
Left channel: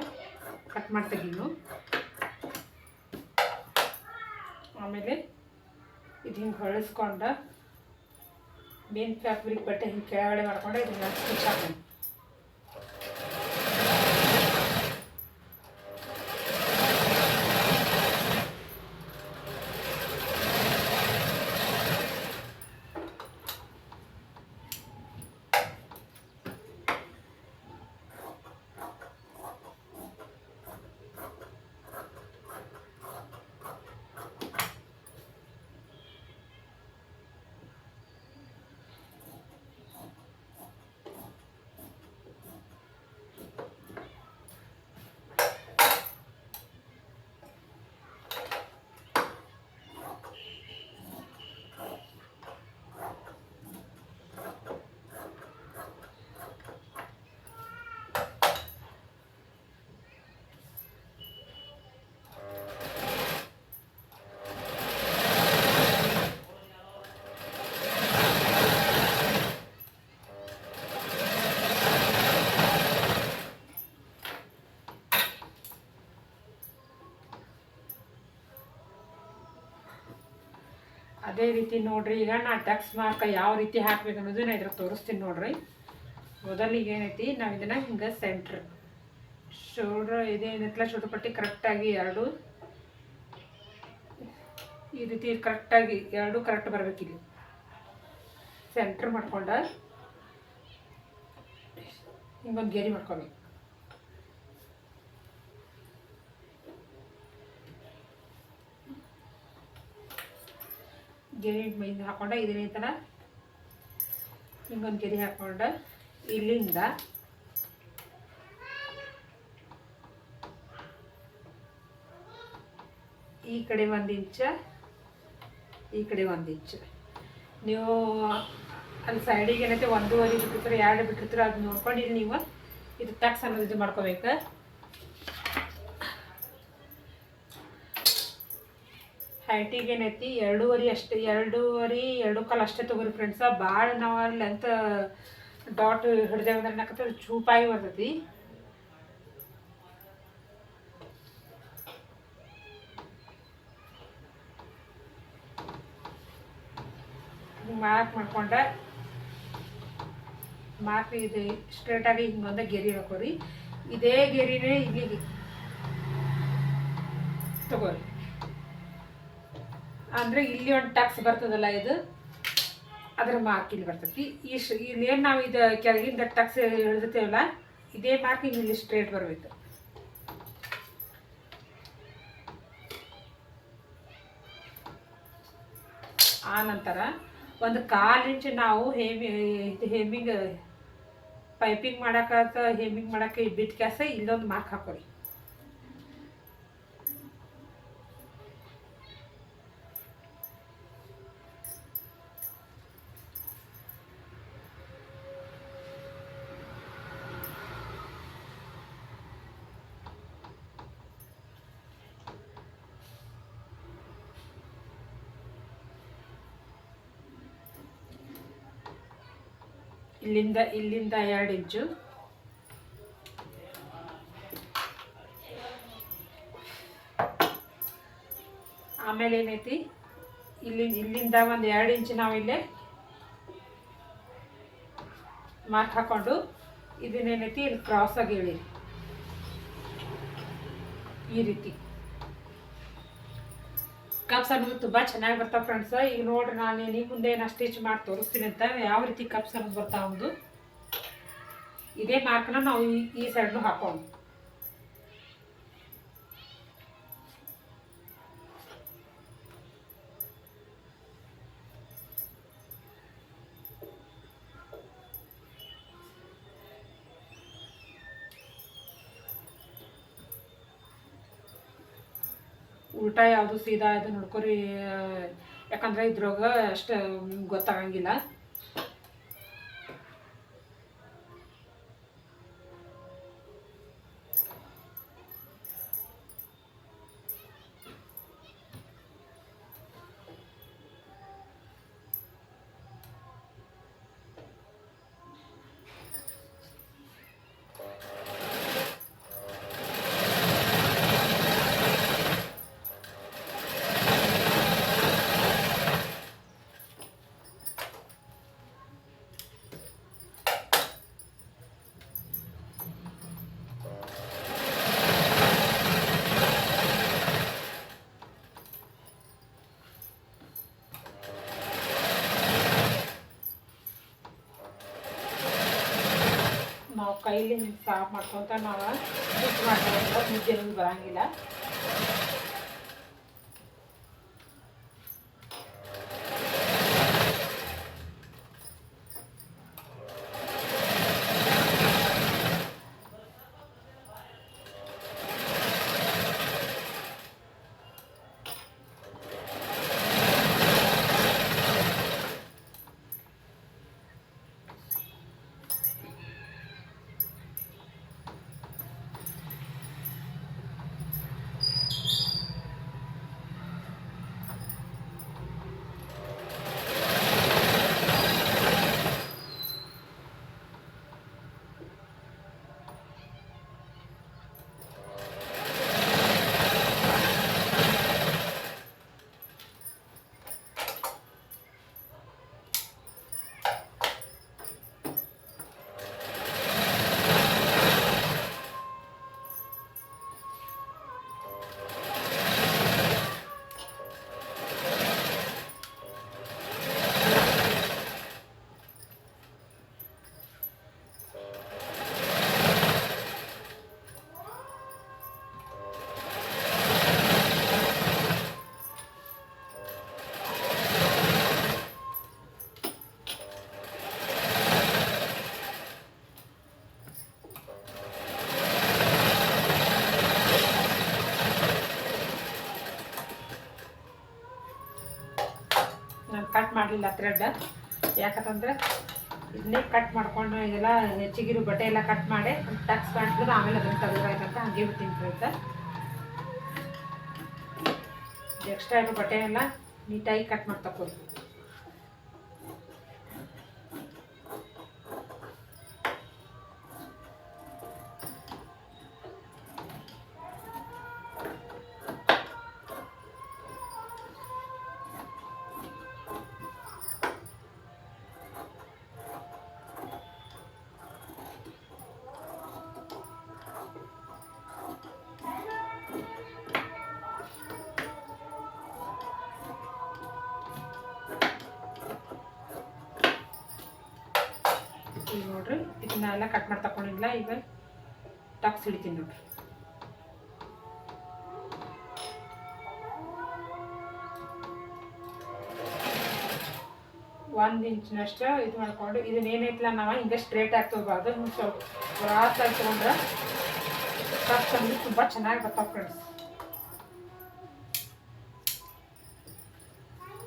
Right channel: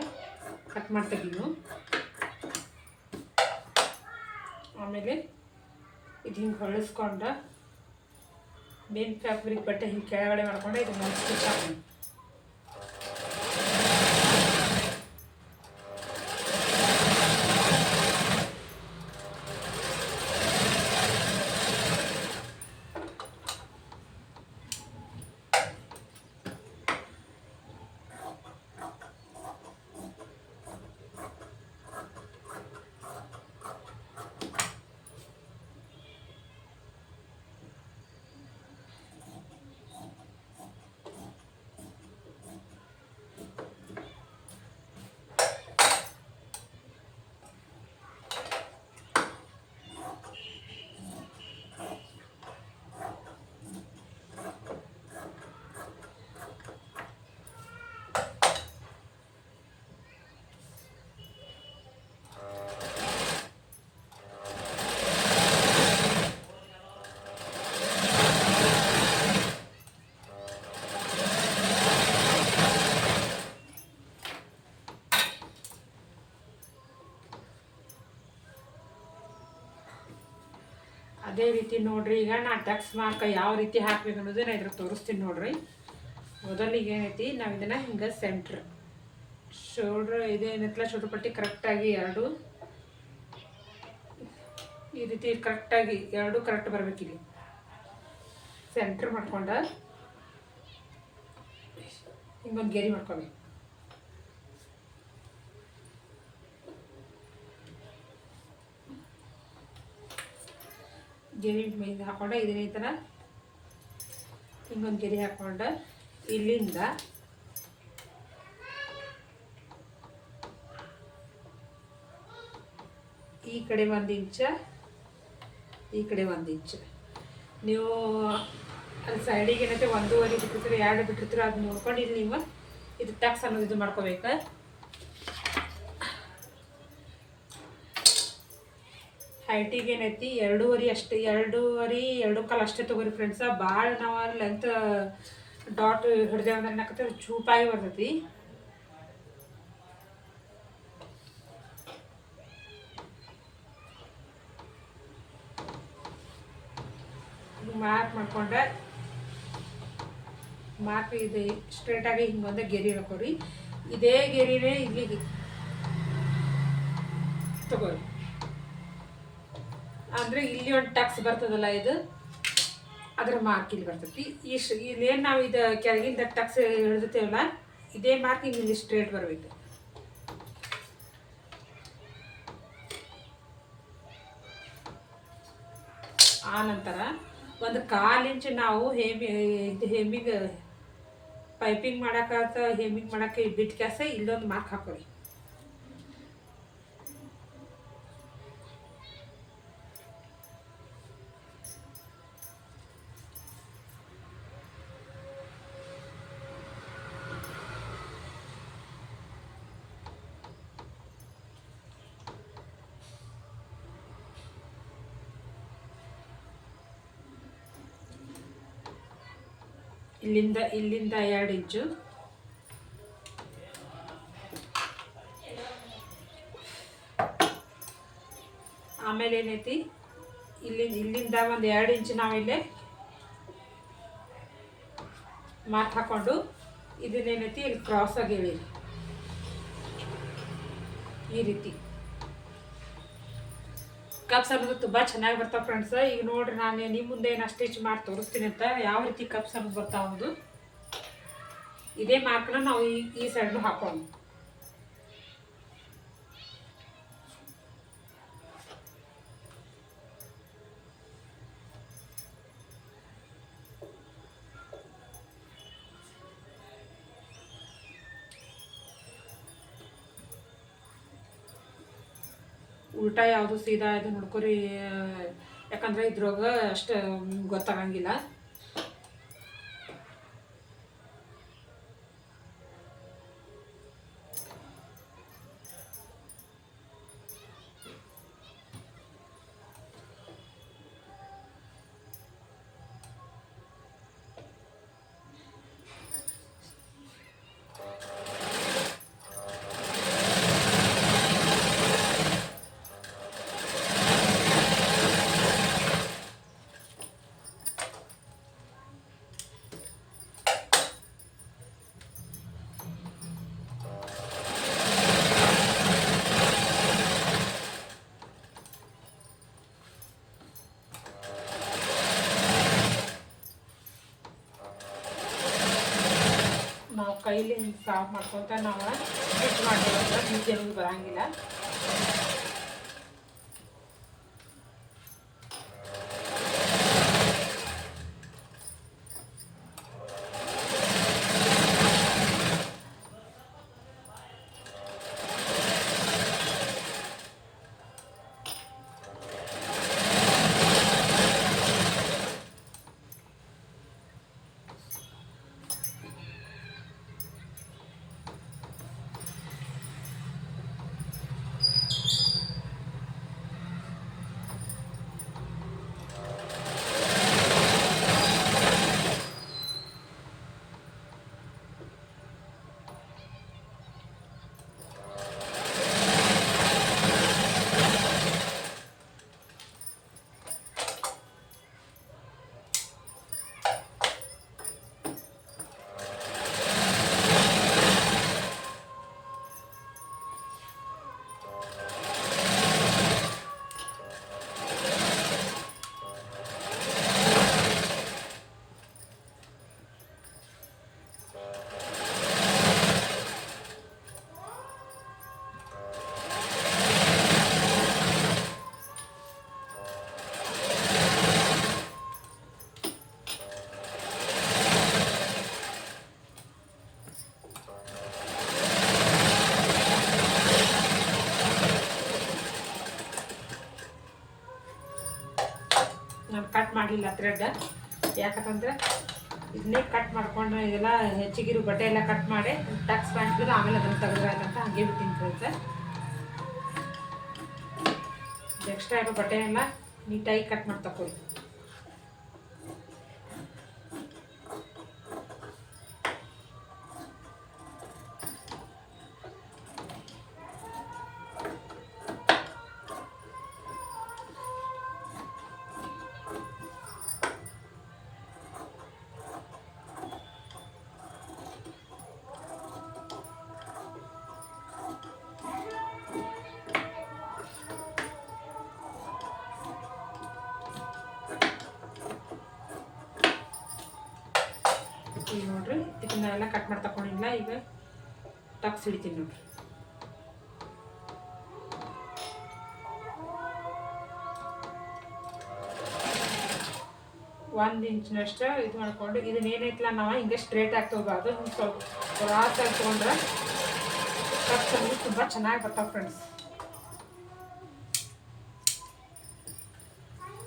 ಕಟ್ ಮಾಡಿ ತೆಗೀನು. ಆಮೇಲೆ ಇದು ಹಿಂಗೆ ಹೊಳಿಸ್ಕೊಂಡು ಮೇನ್ ಫ್ಯಾಬ್ರಿಕ್ ಬಟ್ಟೆ ಹಿಂಗೆ ಕೆಳಗಡೆ ಮಾಡ್ಕೊಂಡು ಇದನ್ನ ಸ್ಟಿಚ್ ಹಾಕೋಣ. ಅದೇ ರೀತಿ ನೋಡ್ರಿ, ಈಗ ನಾನು ಟಕ್ಸ್ ಮಾರ್ಕ್ ಯಾವ ರೀತಿ ಹಾಕ್ಬೇಕು ಅನ್ನೋದು ನಾನು ಇದ್ರಾಗ ತೋರಿಸ್ತೀನಿ ನೋಡ್ರಿ. ಮೊದಲಿಗೆ ಏನೈತಿ, ನಾವು ಇದನ್ನು ಹಿಂಗೆ ಸೆಂಟ್ರ್ ಶೋಲ್ಡ್ರ್ ಇದೇನೈತಲ್ಲ ಶೋಲ್ಡ್ರ್ ಪಟ್ಟಿ ಕರೆಕ್ಟಾಗಿ ಎರಡು ಈ ರೀತಿ ಕರೆಕ್ಟಾಗಿ ಎರಡು ಕರೆಕ್ಟ್ ಬರಬೇಕಿಲ್ಲಿ ಸೆಂಟ್ರ್ ಮಾಡ್ಕೊಂಡು ಹಿಂಗೊಂದು ಗೆರಿ ಮಾಡ್ಕೋಬೇಕು. ಗೆರಿ ಇದು ಹಾಕ್ಕೊಂಡು ಇದೇ ಥರ ಹಿಂಗೊಂದು ಗೆರಿ ಹಾಕ್ಕೊಂಡು ಇಲ್ಲಿಂದ ಈ ಕಡೆ 1 ಇಂಚ್ ಈ ಕಡೆ 1 ಇಂಚ್ ನೀವು ಅಲ್ಲಿ ಸೈಡಿಗೆ ಏನೈತೆ 1.5 ಬಿಟ್ಟಿರ್ತಾರೆ 2 ಬಿಟ್ಟಿರ್ತಾರೆ ಅದು ನೋಡ್ಕೊಂಡು ಇಲ್ಲಿ ನೀವು ಇದು ಟಕ್ಸ್ ಅನ್ನೋದು ಇದು ಮಾಡ್ಕೋಬೇಕು. ಹೈಟಿಗೆ ಏನೈತಿ 2.5 ಅಷ್ಟೇ 2.5 2.25 ಅಷ್ಟೇ ತೊಗೊರಿ ಫ್ರೆಂಡ್ಸ. ಭಾಳ ನಾವು ಲೆಂತ್ ಡಾಟ್ ಹಿಡ್ದೇವೆ ಅಂದ್ರೆ ಏನಾಕತ್ತೆ ಚೂಪಾಗಿ ಬರ್ತೈತಿ. ಮಾರ್ಕ್ ಮಾಡ್ಕೊಂಡೆ ಮಾರ್ಕ್ ಇದು ಸ್ಟ್ರೇಟಾಗಿ ಹಿಂಗೊಂದು ಗೆರಿ ಹಾಕೋರಿ. ಇದೇ ಗೆರಿನೇ ಇಲ್ಲಿಗೆ ತಗೋರಿ. ಅಂದರೆ ಇಲ್ಲಿ ಒಂದು ಟಕ್ಸ್ ಬರ್ತದಲ್ಲ ಇದು ಅದರ ಮಾರ್ಕ್ ಇಲ್ಲಿ ಬರ್ತೈತಿ. ಇಲ್ಲೇನು ನಾವು ಇದು ಕೆಳಗಿಂದ ಟಕ್ಸ್ ಹಿಡಿದಿರ್ತೇವಲ್ಲ ಇದೇ ಮಾರ್ಕ್ ಇಲ್ಲಿ ಸ್ಟ್ರೇಟ್ ಬರಬೇಕು. ಆ ನಂತರ 1/4 ಇಂಚ್ ನಾವು ಹೆಮ್ಮಿಂಗ್ ಪೈಪಿಂಗ್ ಮಾಡೋಕ್ಕೆ ಬಿಟ್ಟು ಕ್ಯಾಸ ಇಲ್ಲೊಂದು ಮಾರ್ಕ್ ಹಾಕೋರಿ. ಇಲ್ಲಿಂದ 2 ಇಂಚು ಆಮೇಲೆ ಏನೈತಿ ಇಲ್ಲಿಂದ ಒಂದು 2 ಇಂಚ್ ನಾವಿಲ್ಲೇ ಮಾರ್ಕ್ ಹಾಕೊಂಡು ಇದನ್ನೇನೈತಿ ಇಲ್ಲಿ ಕ್ರಾಸ್ ಆಗಿ ಇಳಿ ಈ ರೀತಿ. ಕಪ್ಸ್ ಅನ್ನೋದು ತುಂಬ ಚೆನ್ನಾಗಿ ಬರ್ತಾವೆ ಫ್ರೆಂಡ್ಸ್. ಈಗ ನೋಡ್ರಿ ನಾನು ನಿಮ್ಮ ಮುಂದೆ ಏನು ಸ್ಟಿಚ್ ಮಾಡಿ ತೋರಿಸ್ತೀನಿ ಅಂತ ಯಾವ ರೀತಿ ಕಪ್ಸ್ ಅನ್ನೋದು ಬರ್ತಾವುದು. ಇದೇ ಮಾರ್ಕ್ನ ನಾವು ಈ ಸೈಡ್ನು ಹಾಕೊಂಡು ಉಲ್ಟಾ ಯಾವುದು ಸೀದಾ ಇದು ನೋಡ್ಕೊರಿ, ಯಾಕಂದರೆ ಇದ್ರೊಳಗೆ ಅಷ್ಟು ಗೊತ್ತಾಗಂಗಿಲ್ಲ. ಕೈಲಿ ಹಿಂಗೆ ಸಾಫ್ ಮಾಡ್ಕೊತ ನಾವು ಸ್ಟಿಚ್ ಮಾಡ್ತೀವಂದ್ರೆ ಮುದ್ದೆ ಅನ್ನೋದು ಬರೋಂಗಿಲ್ಲ. ನಾನು ಕಟ್ ಮಾಡಲಿಲ್ಲ ಥ್ರೆಡ್, ಯಾಕಂತಂದ್ರೆ ಇದನ್ನೇ ಕಟ್ ಮಾಡ್ಕೊಂಡು ಇದೆಲ್ಲ ಹೆಚ್ಚಿಗಿರು ಬಟ್ಟೆ ಎಲ್ಲ ಕಟ್ ಮಾಡಿ ಟಕ್ಸ್ ಪ್ಯಾಂಟ್ ಆಮೇಲೆ ಅದನ್ನು ತೆಗೆದ್ರಾಯ್ತಂತ ಹಾಗೆ ಬಿಟ್ಟಿನಿ ಫ್ರೆಂಡ್ಸ್. ಎಕ್ಸ್ಟ್ರಾ ಇರೋ ಬಟ್ಟೆ ಎಲ್ಲ ನೀಟಾಗಿ ಕಟ್ ಮಾಡಿ ತಗೊಳ್ಳಿ. ಈಗ ನೋಡ್ರಿ ಇದನ್ನ ಎಲ್ಲ ಕಟ್ ಮಾಡಿ ತಗೊಂಡಿಲ್ಲ. ಈಗ ಟಕ್ಸ್ ಹಿಡಿತೀನಿ ನೋಡ್ರಿ. ಒಂದು ಇಂಚಿನಷ್ಟು ಇದು ಮಾಡ್ಕೊಂಡು ಇದನ್ನೇನೈತಲ್ಲ ನಾವು ಹಿಂಗೆ ಸ್ಟ್ರೇಟ್ ಆಗಿ ತೊಗೋಬಾರ್ದು. ಹಿಂಗೆ ಸ್ವಲ್ಪ ಕ್ರಾಸಾಗಿ ತೊಗೊಂಡ್ರೆ ಟಕ್ಸ್ ಅನ್ನೋದು ತುಂಬ ಚೆನ್ನಾಗಿ ಬರ್ತಾವೆ ಫ್ರೆಂಡ್ಸ್.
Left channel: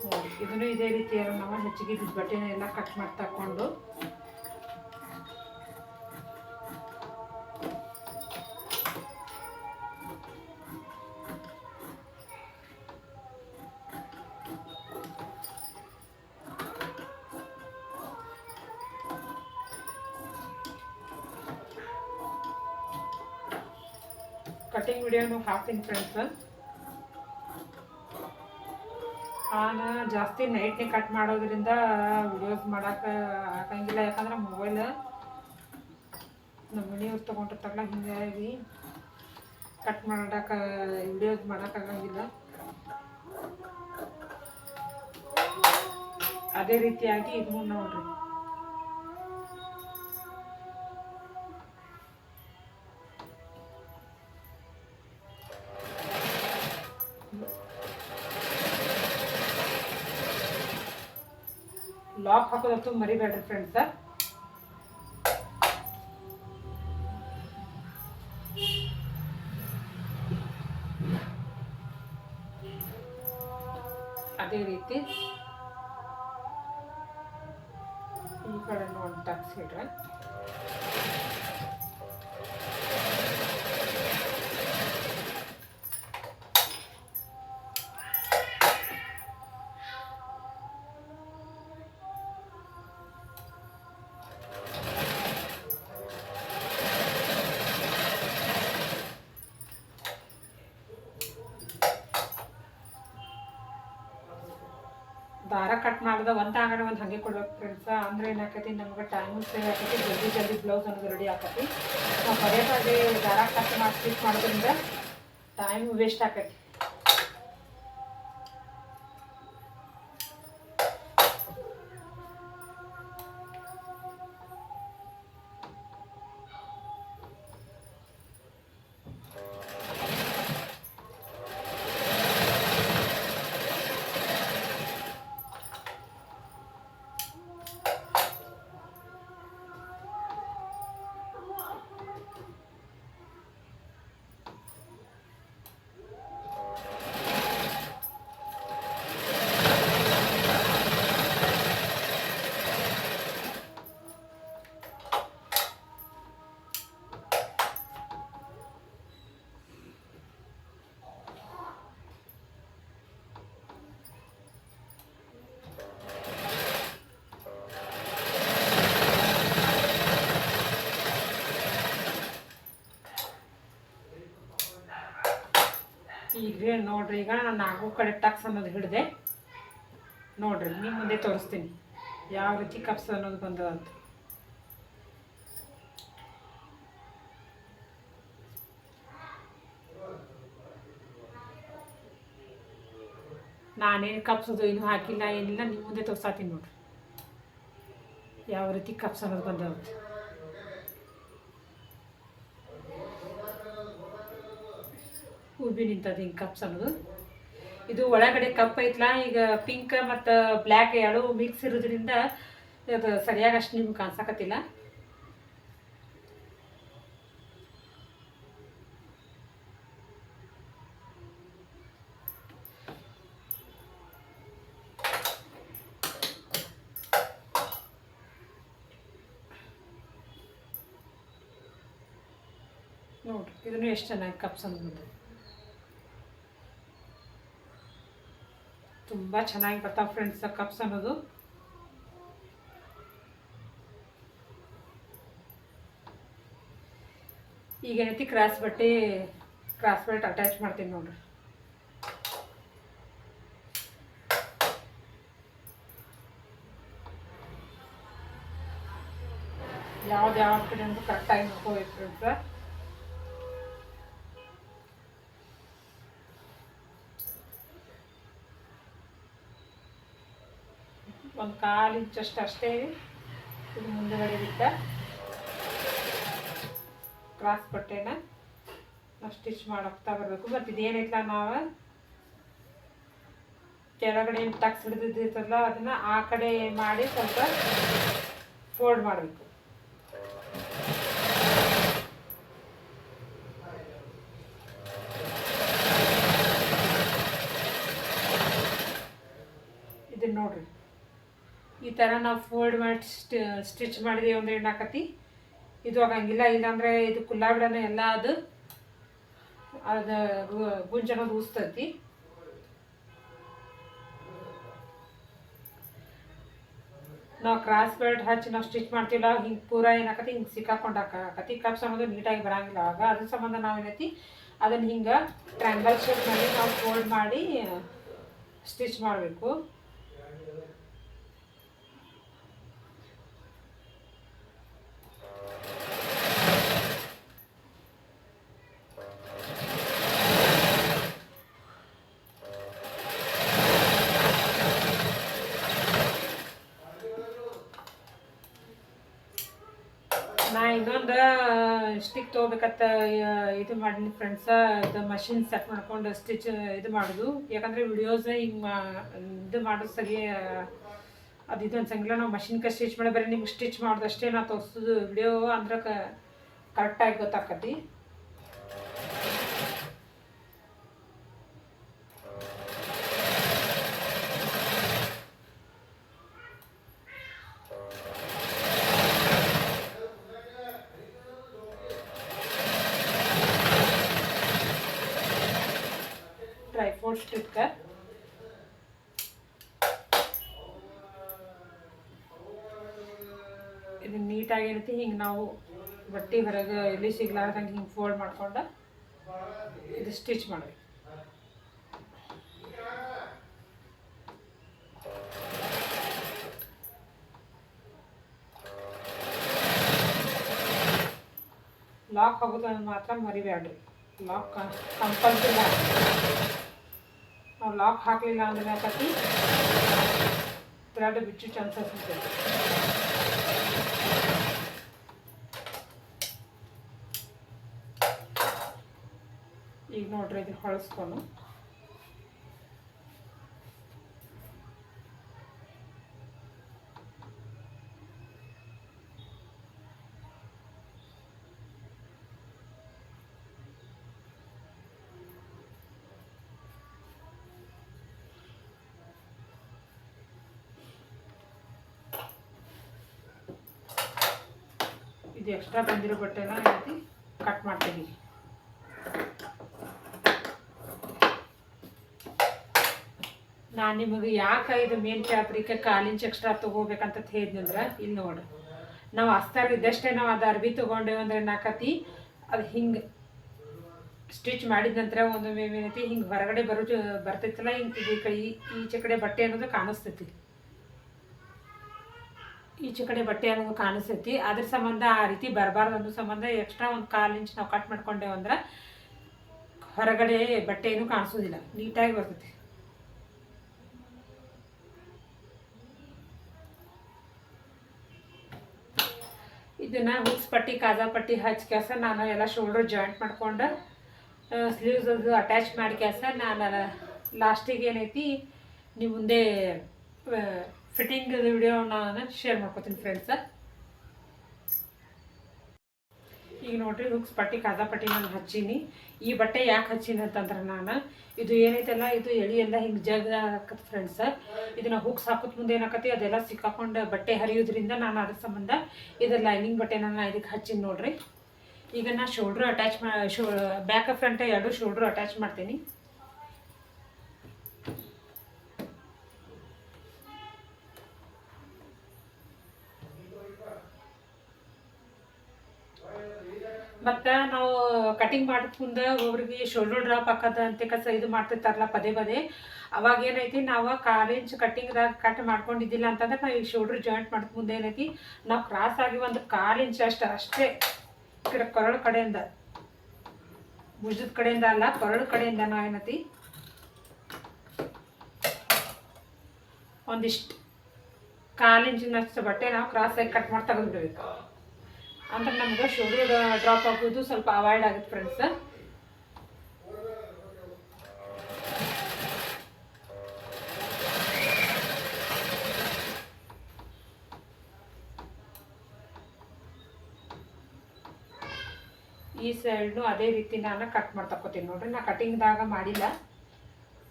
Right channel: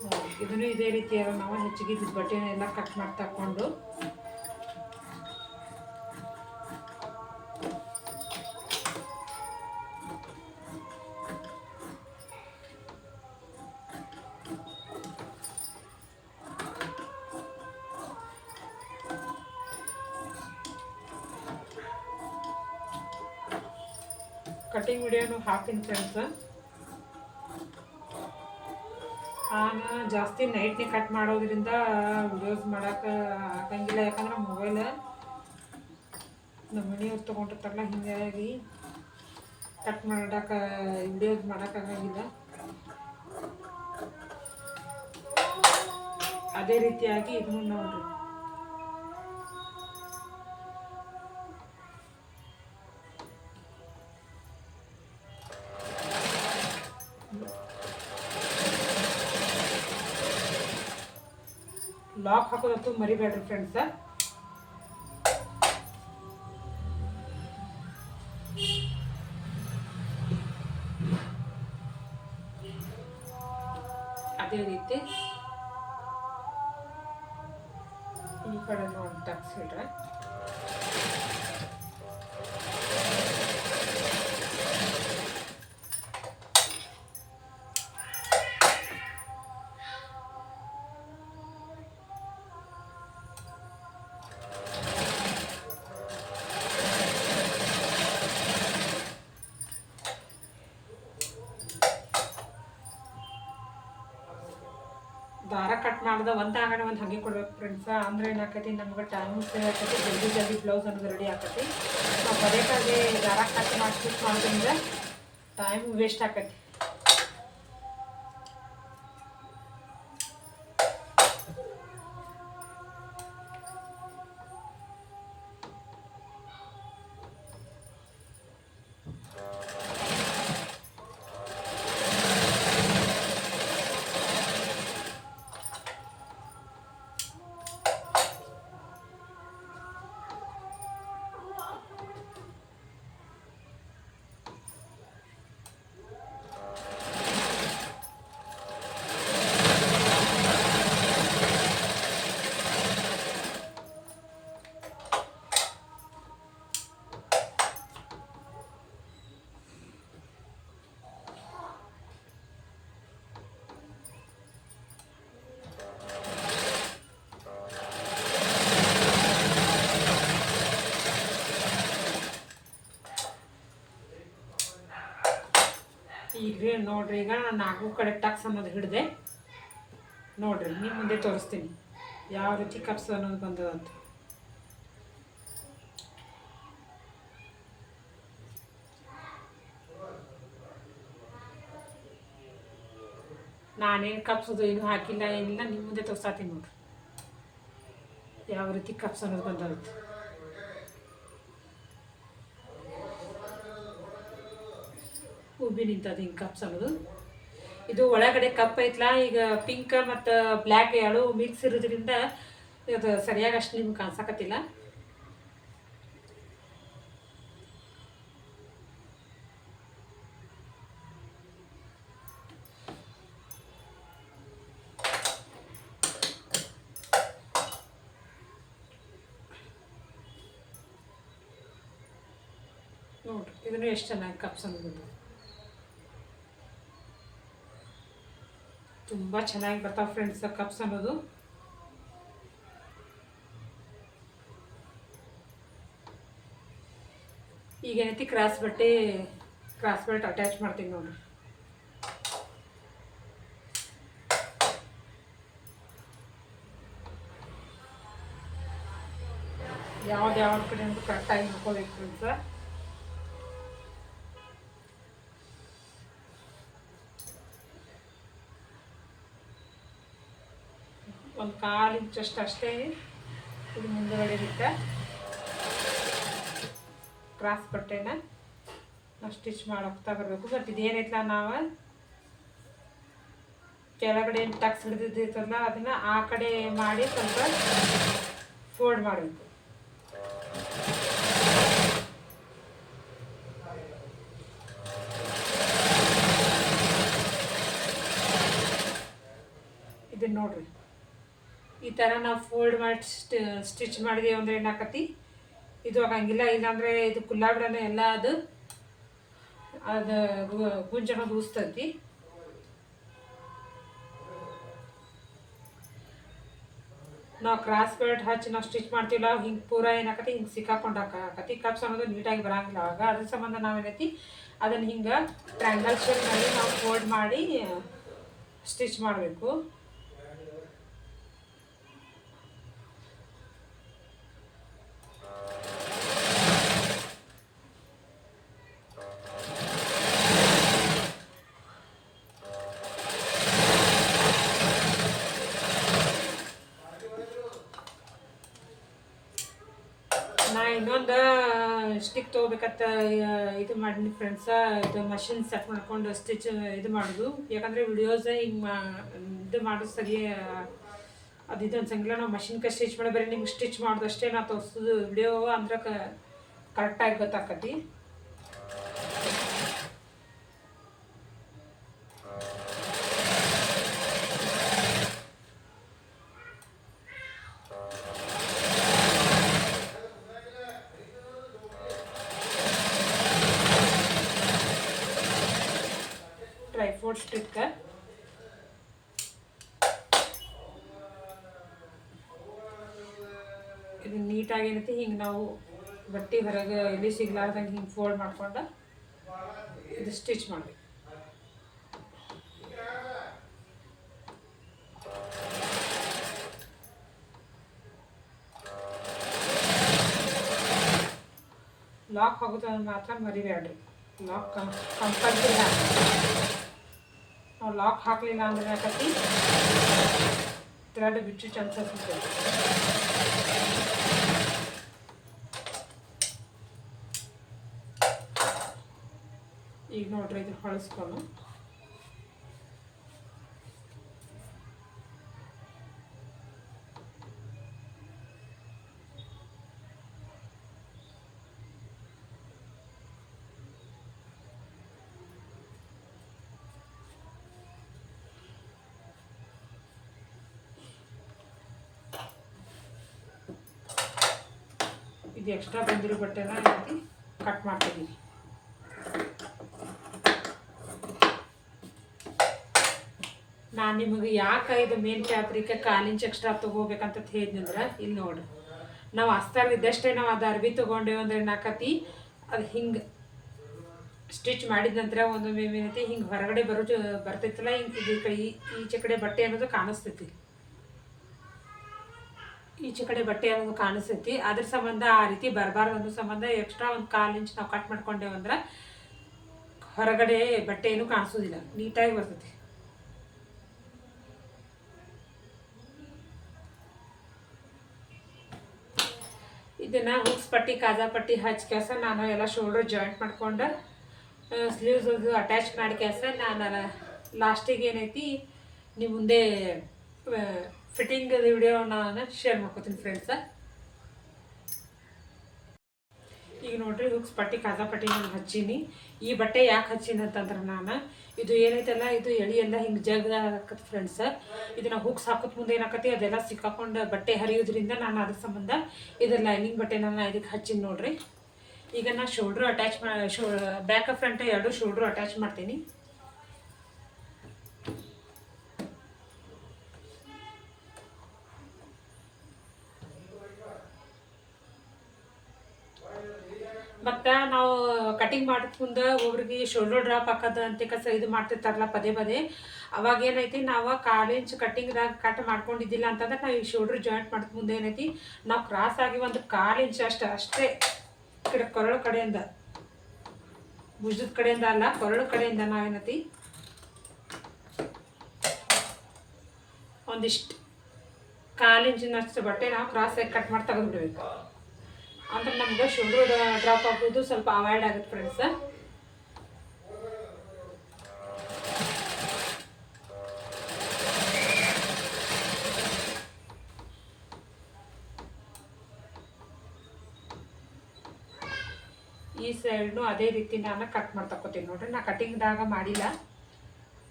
ನೋಡಿ ಇದನ್ನು ಇದೇ ರೀತಿಯಾಗಿ ನಾವು ಹೆಚ್ಚಿಗೆ ಇದ್ದ ಬಟ್ಟೆನ ಎಲ್ಲ ಕಟ್ ಮಾಡಿ ತಗೊಂಡು ಕಟಿಂಗ್ ವಿಡಿಯೋನು ಹಾಕ್ತೀನಿ ಫ್ರೆಂಡ್ಸ್. ನಾನು ಜಾಸ್ತಿ ನೈಟ್ನೇ ಕಟ್ ಮಾಡೋದ್ರಿಂದ ವಿಡಿಯೋಸ್ ಮಾಡೋಕೆ ಆಗಂಗಿಲ್ಲ, ಯಾಕಂದ್ರೆ ಮೊಬೈಲ್ ನಮ್ಮ ಮನೆಯವ್ರು ತೊಗೊಂಡಿರ್ತಾರಲ್ಲ, ಹೀಗಾಗಿ ಕಟ್ ಮಾಡೋಕೆ ವಿಡಿಯೋಸ್ ಮಾಡೋಕ್ಕಾಗಂಗಿಲ್ಲ. ಅದೇ ರೀತಿಯಾಗಿ ಇದನ್ನು ನೋಡ್ರಿ, ಲಾಕ್ ಹಾಕೋದಂತೂ ಮರಿಬೇಡ್ರಿ ಫ್ರೆಂಡ್ಸ್. ಅದೇ ರೀತಿ ಈ ಕಡೆ ನೋಡಿ ಟಕ್ಸ್ ಇಡ್ರೆ ದಾರ ಕಟ್ ಮಾಡಿದ ಒಂದು ಆಗಡೆ ಒಂದು ಹಾಗೆ ಕೊಡ್ಬೇಕು ಫ್ರೆಂಡ್ಸ. ಅಂದ್ರೆ ಏನಾಕತಿ ನಮ್ಗೆ ಟೈಮ್ ಸೇವ್ ಆಕತಿ, ಜಲ್ದಿ ಜಲ್ದಿ ಬ್ಲೌಸ್ ಅನ್ನೋದು ರೆಡಿ ಆಕತಿ. ನಾವು ಪದೇ ಪದೇ ದಾರ ಕಟ್ ಮಾಡಿ ಸ್ಟಿಚ್ ಮಾಡೋದ್ರಿಂದ ಟೈಮ್ ವೇಸ್ಟ್ ಆಕತಿ. ಈಗ ನೋಡ್ರಿ, ಈಗ ನಾನು 4 ಕಡೆ ಟಕ್ಸ್ ಅನ್ನೋದು ಹಿಡಿದೆ ನೋಡ್ರಿ. ನಿಮ್ಮ ಮುಂದೆ ತೋರಿಸ್ತೀನಿ ಯಾವ ರೀತಿ ಕಪ್ಸ್ ಅನ್ನೋದು ಬಂದದಂತ. ನಾನೇನು ಕಪ್ಸೋದು ಏನು ಹಾಕಿಲ್ಲ, ಏನಿಲ್ಲ, ನಿಮ್ಮ ಮುಂದೆ ತೋರ್ಸಾತೀನಿ ನೋಡ್ರಿ ಯಾವ ರೀತಿ ಕಪ್ಸ್ ಅನ್ನೋದು ಬಂದದಂತ. ಉಬ್ಬಿ ನಿಂತದ ಹಿಂಗೆ ಕಪ್ಸ್ ಅನ್ನೋದು. ಇದು ಒಳಗಡೆ ಕಪ್ ಐತ್ಲ, ಈಗ ಪಿಂಕ್ ಮತ್ತು ಬ್ಲ್ಯಾಕ್ ಎರಡು ಮಿಕ್ಸ್ ಇರೋದ್ರಿಂದ ಅದು ಸರಿಯಾಗಿ ಅಷ್ಟು ನಿಮ್ಗೆ ಕಾಣಿಸಕತ್ತಿಲ್ಲ. ನೋಡಿರಿ ಇದನ್ನು ಎಷ್ಟು ಚೆನ್ನಾಗಿ ಕಪ್ಸ್ ಅನ್ನೋದು ತುಂಬ ಚೆನ್ನಾಗಿ ಬರ್ತಾವೆ ಫ್ರೆಂಡ್ಸ್ ಕಪ್ಸ್ ಅನ್ನೋದು. ಈಗ ಏನೈತಿ ಕ್ರಾಸ್ ಬೆಲ್ಟ್ ಅಟ್ಯಾಚ್ ಮಾಡ್ತೀನಿ ನೋಡ್ರಿ. ಯಾವ ಕಡೆ ಅಂತ ಕರೆಕ್ಟಾಗಿ ನೋಡ್ಕೋಬೇಕು ಫ್ರೆಂಡ್ಸ್. ಒಂದು 1/4 ಇಂಚಷ್ಟು ಅಷ್ಟೇ ಇದು ಮುಂದುಗಡೆ ಬಿಟ್ಟ ಕ್ರಾಸ್ ಬಟ್ಟೆನ ನಾವು ಸ್ಟಿಚ್ ಮಾಡೋಕ್ತಾ ಬರಬೇಕು. ಬಟ್ ಇದೇನೈತಲ್ಲ, ನಾವು ಕೆಳಗಡೆ ಏನು ಟಕ್ಸ್ ಹಿಡಿದಿರ್ತಲ್ಲ ಅದನ್ನು ಆ ಕಡೆ ಮಾಡಿ ಸ್ವಲ್ಪ ಫೋಲ್ಡ್ ಮಾಡಬೇಕು. ಇದನ್ನು ನೋಡ್ರಿ, ಈ ಥರ ನಾವು ಫೋಲ್ಡ್ ಮಾಡಿ ಸ್ಟಿಚ್ ಮಾಡಿದೀವಿ ಅಂದರೆ ಏನಾಕತಿ, ಇದು ಆಗಂಗಿಲ್ಲ. ಇಲ್ಲಾಂದರೆ ಇದು ಕುಲ್ಲಾಬಿಡನೆ ಎಲ್ಲ ಅದು ಗುಂಜನೋದು ಊಸ್ತೈತಿ. ನಾವು ಕ್ರಾಸ್ ಬೆಲ್ಟ್ ಹಚ್ಚಿ ನಾವು ಸ್ಟಿಚ್ ಮಾಡ್ತೀವಲ್ಲ, ಹಿಂಗೆ ಪೂರ ಏನಾಕತಿ ಹಿಂಗೆ ಸಿಕ್ಕಾಕೊಂಡು ಹಾಕತಿ ಕಪ್ಸ್ ಅನ್ನೋದು ನೀಟಾಗಿ ಬರೋಂಗಿಲ್ಲ. ಆವಾಗ ಅದ್ರ ಸಂಬಂಧ ನಾವೇನೈತಿ ಅದನ್ನು ಹಿಂಗೆ ಟ್ರ್ಯಾಂಗಲ್ ಶೇಪ್ ಮಾಡಿ ನಾವು ಫೋಲ್ಡ್ ಮಾಡಿ ಸ್ಟಿಚ್ ಮಾಡಬೇಕು. ನಾ ಇನ್ನೊಂದು ಸ್ಟಿಕ್ ತೊಗೋಬೇಕಂತ ಇದು ಮಾಡೀನಿ ಫ್ರೆಂಡ್ಸ. ಇದು ಮಷಿನ್ ಸೆಟ್ ಮಾಡ್ಕೊಂಡು ಸ್ಟಿಚ್ ಇದು ಮಾಡೋದು. ಯಾಕಂದರೆ ವಿಡಿಯೋಸ್ ಹಿಂಗೆ ಇದು ಮಾಡೋದು ಸರಿ ಅದು ಇದು ಅನ್ಸಂಗಿಲ್ಲ. ನಾವು ಮಷಿನ್ಗೆ ಸ್ಟಿಚ್ ಮಾಡಿ ಬರೀ ನಿಮ್ಗೆ ಸ್ಟಿಚ್ ಮಾಡೋದಷ್ಟೇ ನಾ ತೋರಿಸೋದು ವಿಡಿಯೋ ಅಂದ್ರೆ ಕರೆಕ್ಟಾಗಿ ಗೊತ್ತಾಕತಿ. ಟ್ರೈಫೋಲ್ಡ್ ಸ್ಟಿಕ್ ಇದು ನೀಟಾಗಿ ಏನೈತಿ ಹಿಂಗೆ ನಾವು ಬಟ್ಟೆ ಹೊರಗೆ ಎಲ್ಲಿ ಸಿಗ್ಲಾರ್ದಂಗೆ ಹಿಂಗೆ ಫೋಲ್ಡ್ ಮಾಡ್ಕೊಂಡು ಇದು ಸ್ಟಿಚ್ ಮಾಡಬೇಕು. ಲಾಕ್ ಆಗೋದು ಮಾತ್ರ ಮರಿಬೇಡ್ರಿ. ಲಾಕ್ ಕಂಪಲ್ಸರಿ ಹಾಕಿ. ನಾವು ಲಾಕ್ ಹಾಕಲಿಲ್ಲ ಅಂದ್ರೆ ಯಾಕತಿ ಥ್ರೆಡ್ ಬಿಟ್ಟು ಚಾನ್ಸಸ್ ಇದೆ. ಈಗ ನೋಡ್ರಿ ಇದು ಹೊಳಿಸ್ಕೊಂಡು ಇದು ಎಕ್ಸ್ಟ್ರಾ ಬಂದಿರೋ ಬಟ್ಟೆನ ರೀತಿ ಕಟ್ ಮಾಡ್ತೀವಿ. ನಾನು ನಿಮಗೆ ಯಾಕೆ ಇದು ಮೇನ್ ಫ್ಯಾಬ್ರಿಕ್ 1/4 ಇಂಚ್ ಎಕ್ಸ್ಟ್ರಾ ತೊಗೋಬೇಕಂತ ಹೇಳಿದ್ನಂದ್ರೆ, ಇಲ್ಲಿ ನೋಡಿ ನಾವು ಅಸ್ತಾಗ ಇದ್ದಷ್ಟೇ ನಾವು ಅದು ಅರ್ಬಿ ತೊಗೊಂಡೇವೆ ಅಂದ್ರೆ ಏನಾಕತಿ ಅದು ಹಿಂಗೆ ಸ್ಟಿಚ್ ಮಾಡಿದ ನಂತರ ಒಂದೊಮ್ಮೆ ಏನೈತಿ ಹಿಂಗೆ ಹೊರಗಡೆ ಬರ್ತೈತಲ್ಲ, ಹಿಂಗೆ ಈಚೆ ಕಡೆ ಬಟ್ಟೆ ಅನ್ನೋದು ಕಾಣಿಸ್ತೈತಿ, ಈಚೆ ಕಡೆ ಬಟ್ಟೆ ಅನ್ನೋದು ಕಾಣಿಸ್ತೈತಿ. ಅದ್ರ ಸಂಬಂಧ ಆ ರೀತಿ ಬರಬಾರ್ದು ಅನ್ನೋ ಸಂಬಂಧ ಎಕ್ಸ್ಟ್ರಾ ಒಂದು 1/4 ಇಂಚ್ ನಾವು ಕಟ್ ಮಾಡ್ಕೊಂಡೇವು ಅಂದ್ರೆ ಹೊರಗಡೆ ಬಟ್ಟೆ ಏನೂ ಕಾಣಿಸೋದಿಲ್ಲ, ನೀಟಾಗಿ ಬರ್ತೈತಿ. ಇದನ್ನು ಹುಕ್ಸ್ ಪಟ್ಟಿ ಕಾಜಾ ಪಟ್ಟಿ ಹಚ್ಚಿ ಕೆಲಸ ನಾನು ಎಲ್ಲ ಶೋಲ್ಡರ್ ಜಾಯಿಂಟ್ ಮಾಡ್ಕೊಂಡು ಸ್ಲೀವ್ಸ್ ಅಟ್ಯಾಚ್ ಮಾಡಿ ಕೆಲಸ ನಾನು ಲಾಸ್ಟಿಗೆ ಏನೈತಿ ನೀವು ಮುಂದೆ ಫಿಟ್ಟಿಂಗ್ ವಿಡಿಯೋ ನಾನು ಶೇರ್ ಮಾಡ್ಕೊತೀನಿ ಫ್ರೆಂಡ್ಸ. ಈಗ ನೋಡ್ರಿ ಹುಕ್ಸ್ ಪಟ್ಟಿ ಕಾಜಾ ಪಟ್ಟಿ ನಾನು ಹಚ್ಚೀನಿ. ಈ ಬಟ್ಟೆ ಯಾಕೆ ಹಚ್ಚೀನಿ ಅಂತಂದ್ರೆ ನಾನು ಇದು ಏನೈತಲ್ಲ ಇದು ಎಳಿ ಎಲ್ಲ ಹಿಂಗೆ ಜಗ್ದಾಕತ್ತೆ ಫ್ರೆಂಡ್ಸ. ಇದನ್ನು ಹುಕ್ಸ್ ಹಾಕೋದ್ ಮುಂದೆ ಏನಾಕತಿ ಅದೆಲ್ಲ ಸಿಕ್ಕಾಕೊಂಡು ಬಟ್ಟೆ ಹರಿಯೋದ್ರಿಂದ ನಾನು ಅದ್ರ ಸಂಬಂಧ ಇದು ಲೈನಿಂಗ್ ಬಟ್ಟೆನ ನಾನು ಇದಕ್ಕೆ ಹಚ್ಚೀನಿ ನೋಡ್ರಿ. ಈಗ ನಾನು ಶೋಲ್ಡ್ರ್ ಅಟ್ಯಾಚ್ ಬ್ಯಾಕ್ ಫ್ರಂಟ್ ಎರಡು ಶೋಲ್ಡ್ರ್ ಅಟ್ಯಾಚ್ ಮಾಡ್ತೀನಿ. ಮತ್ತು ನಾವು ಕಟಿಂಗ್ ಮಾಡಿದ ಮುಂದೆ ಒಬ್ರಿಗೆ ಶೋಲ್ಡರ್ ಡ್ರಾಪ್ ಹಾಕೋದ ಅಂತ ಇದು ಮಾಡ್ತಿರ್ತಾರಲ್ಲ ಪದೇ ಪದೇ, ಅವಾಗ ಏನೈತಿ ನಾವು 1/4 ಇಂಚ್ ಕಟ್ಟಿಂಗ್ದಾಗ ಕಟ್ ಮಾಡ್ಕೊಂಡಿದ್ದಿಲ್ಲ ಅಂತಂದ್ರೆ ನಾವು ಈ ಶೋಲ್ಡರ್ ಜಾಯಿಂಟ್ ಮಾಡಿದ ಮುಂದೆ ಏನೈತಿ ನಾವು ಕ್ರಾಸ್ ಆಗಿ ಒಂದು 1/4 ಇಂಚ್ ಅಷ್ಟೇ ಈ ಕಡೆ ಕೊರಳು ಕಡೆಯಿಂದ, ಭುಜದ ಕಡೆಯಿಂದ ಅಲ್ಲ ಕೊರಳು ಕಡೆಯಿಂದ ನಾವೇನೈತಿ ಒಂದಿಷ್ಟು 1/4 ಇಂಚಿನಷ್ಟು ಬಟ್ಟೆ ನಾವು ಕ್ರಾಸಾಗಿ ಕಟ್ ಮಾಡಿ ತೆಗೆದುಬಿಡ್ಬೇಕು. ಅಂದ್ರೆ ನಮ್ಗೆ ಶೋಲ್ಡರ್ ಡ್ರಾಪ್ ಆಗೋದು ಸ್ವಲ್ಪ ಅವಾಯ್ಡ್ ಆಗುತ್ತೆ ಫ್ರೆಂಡ್ಸ್. ಈ ಸೈಡ್ನು ಅದೇ ರೀತಿ ನಾನು ಕಟ್ ಮಾಡಿ ತಗೋತೀನಿ ನೋಡ್ರಿ. ನಾ ಕಟಿಂಗ್ದಾಗ ಮಾಡಿಲ್ಲ,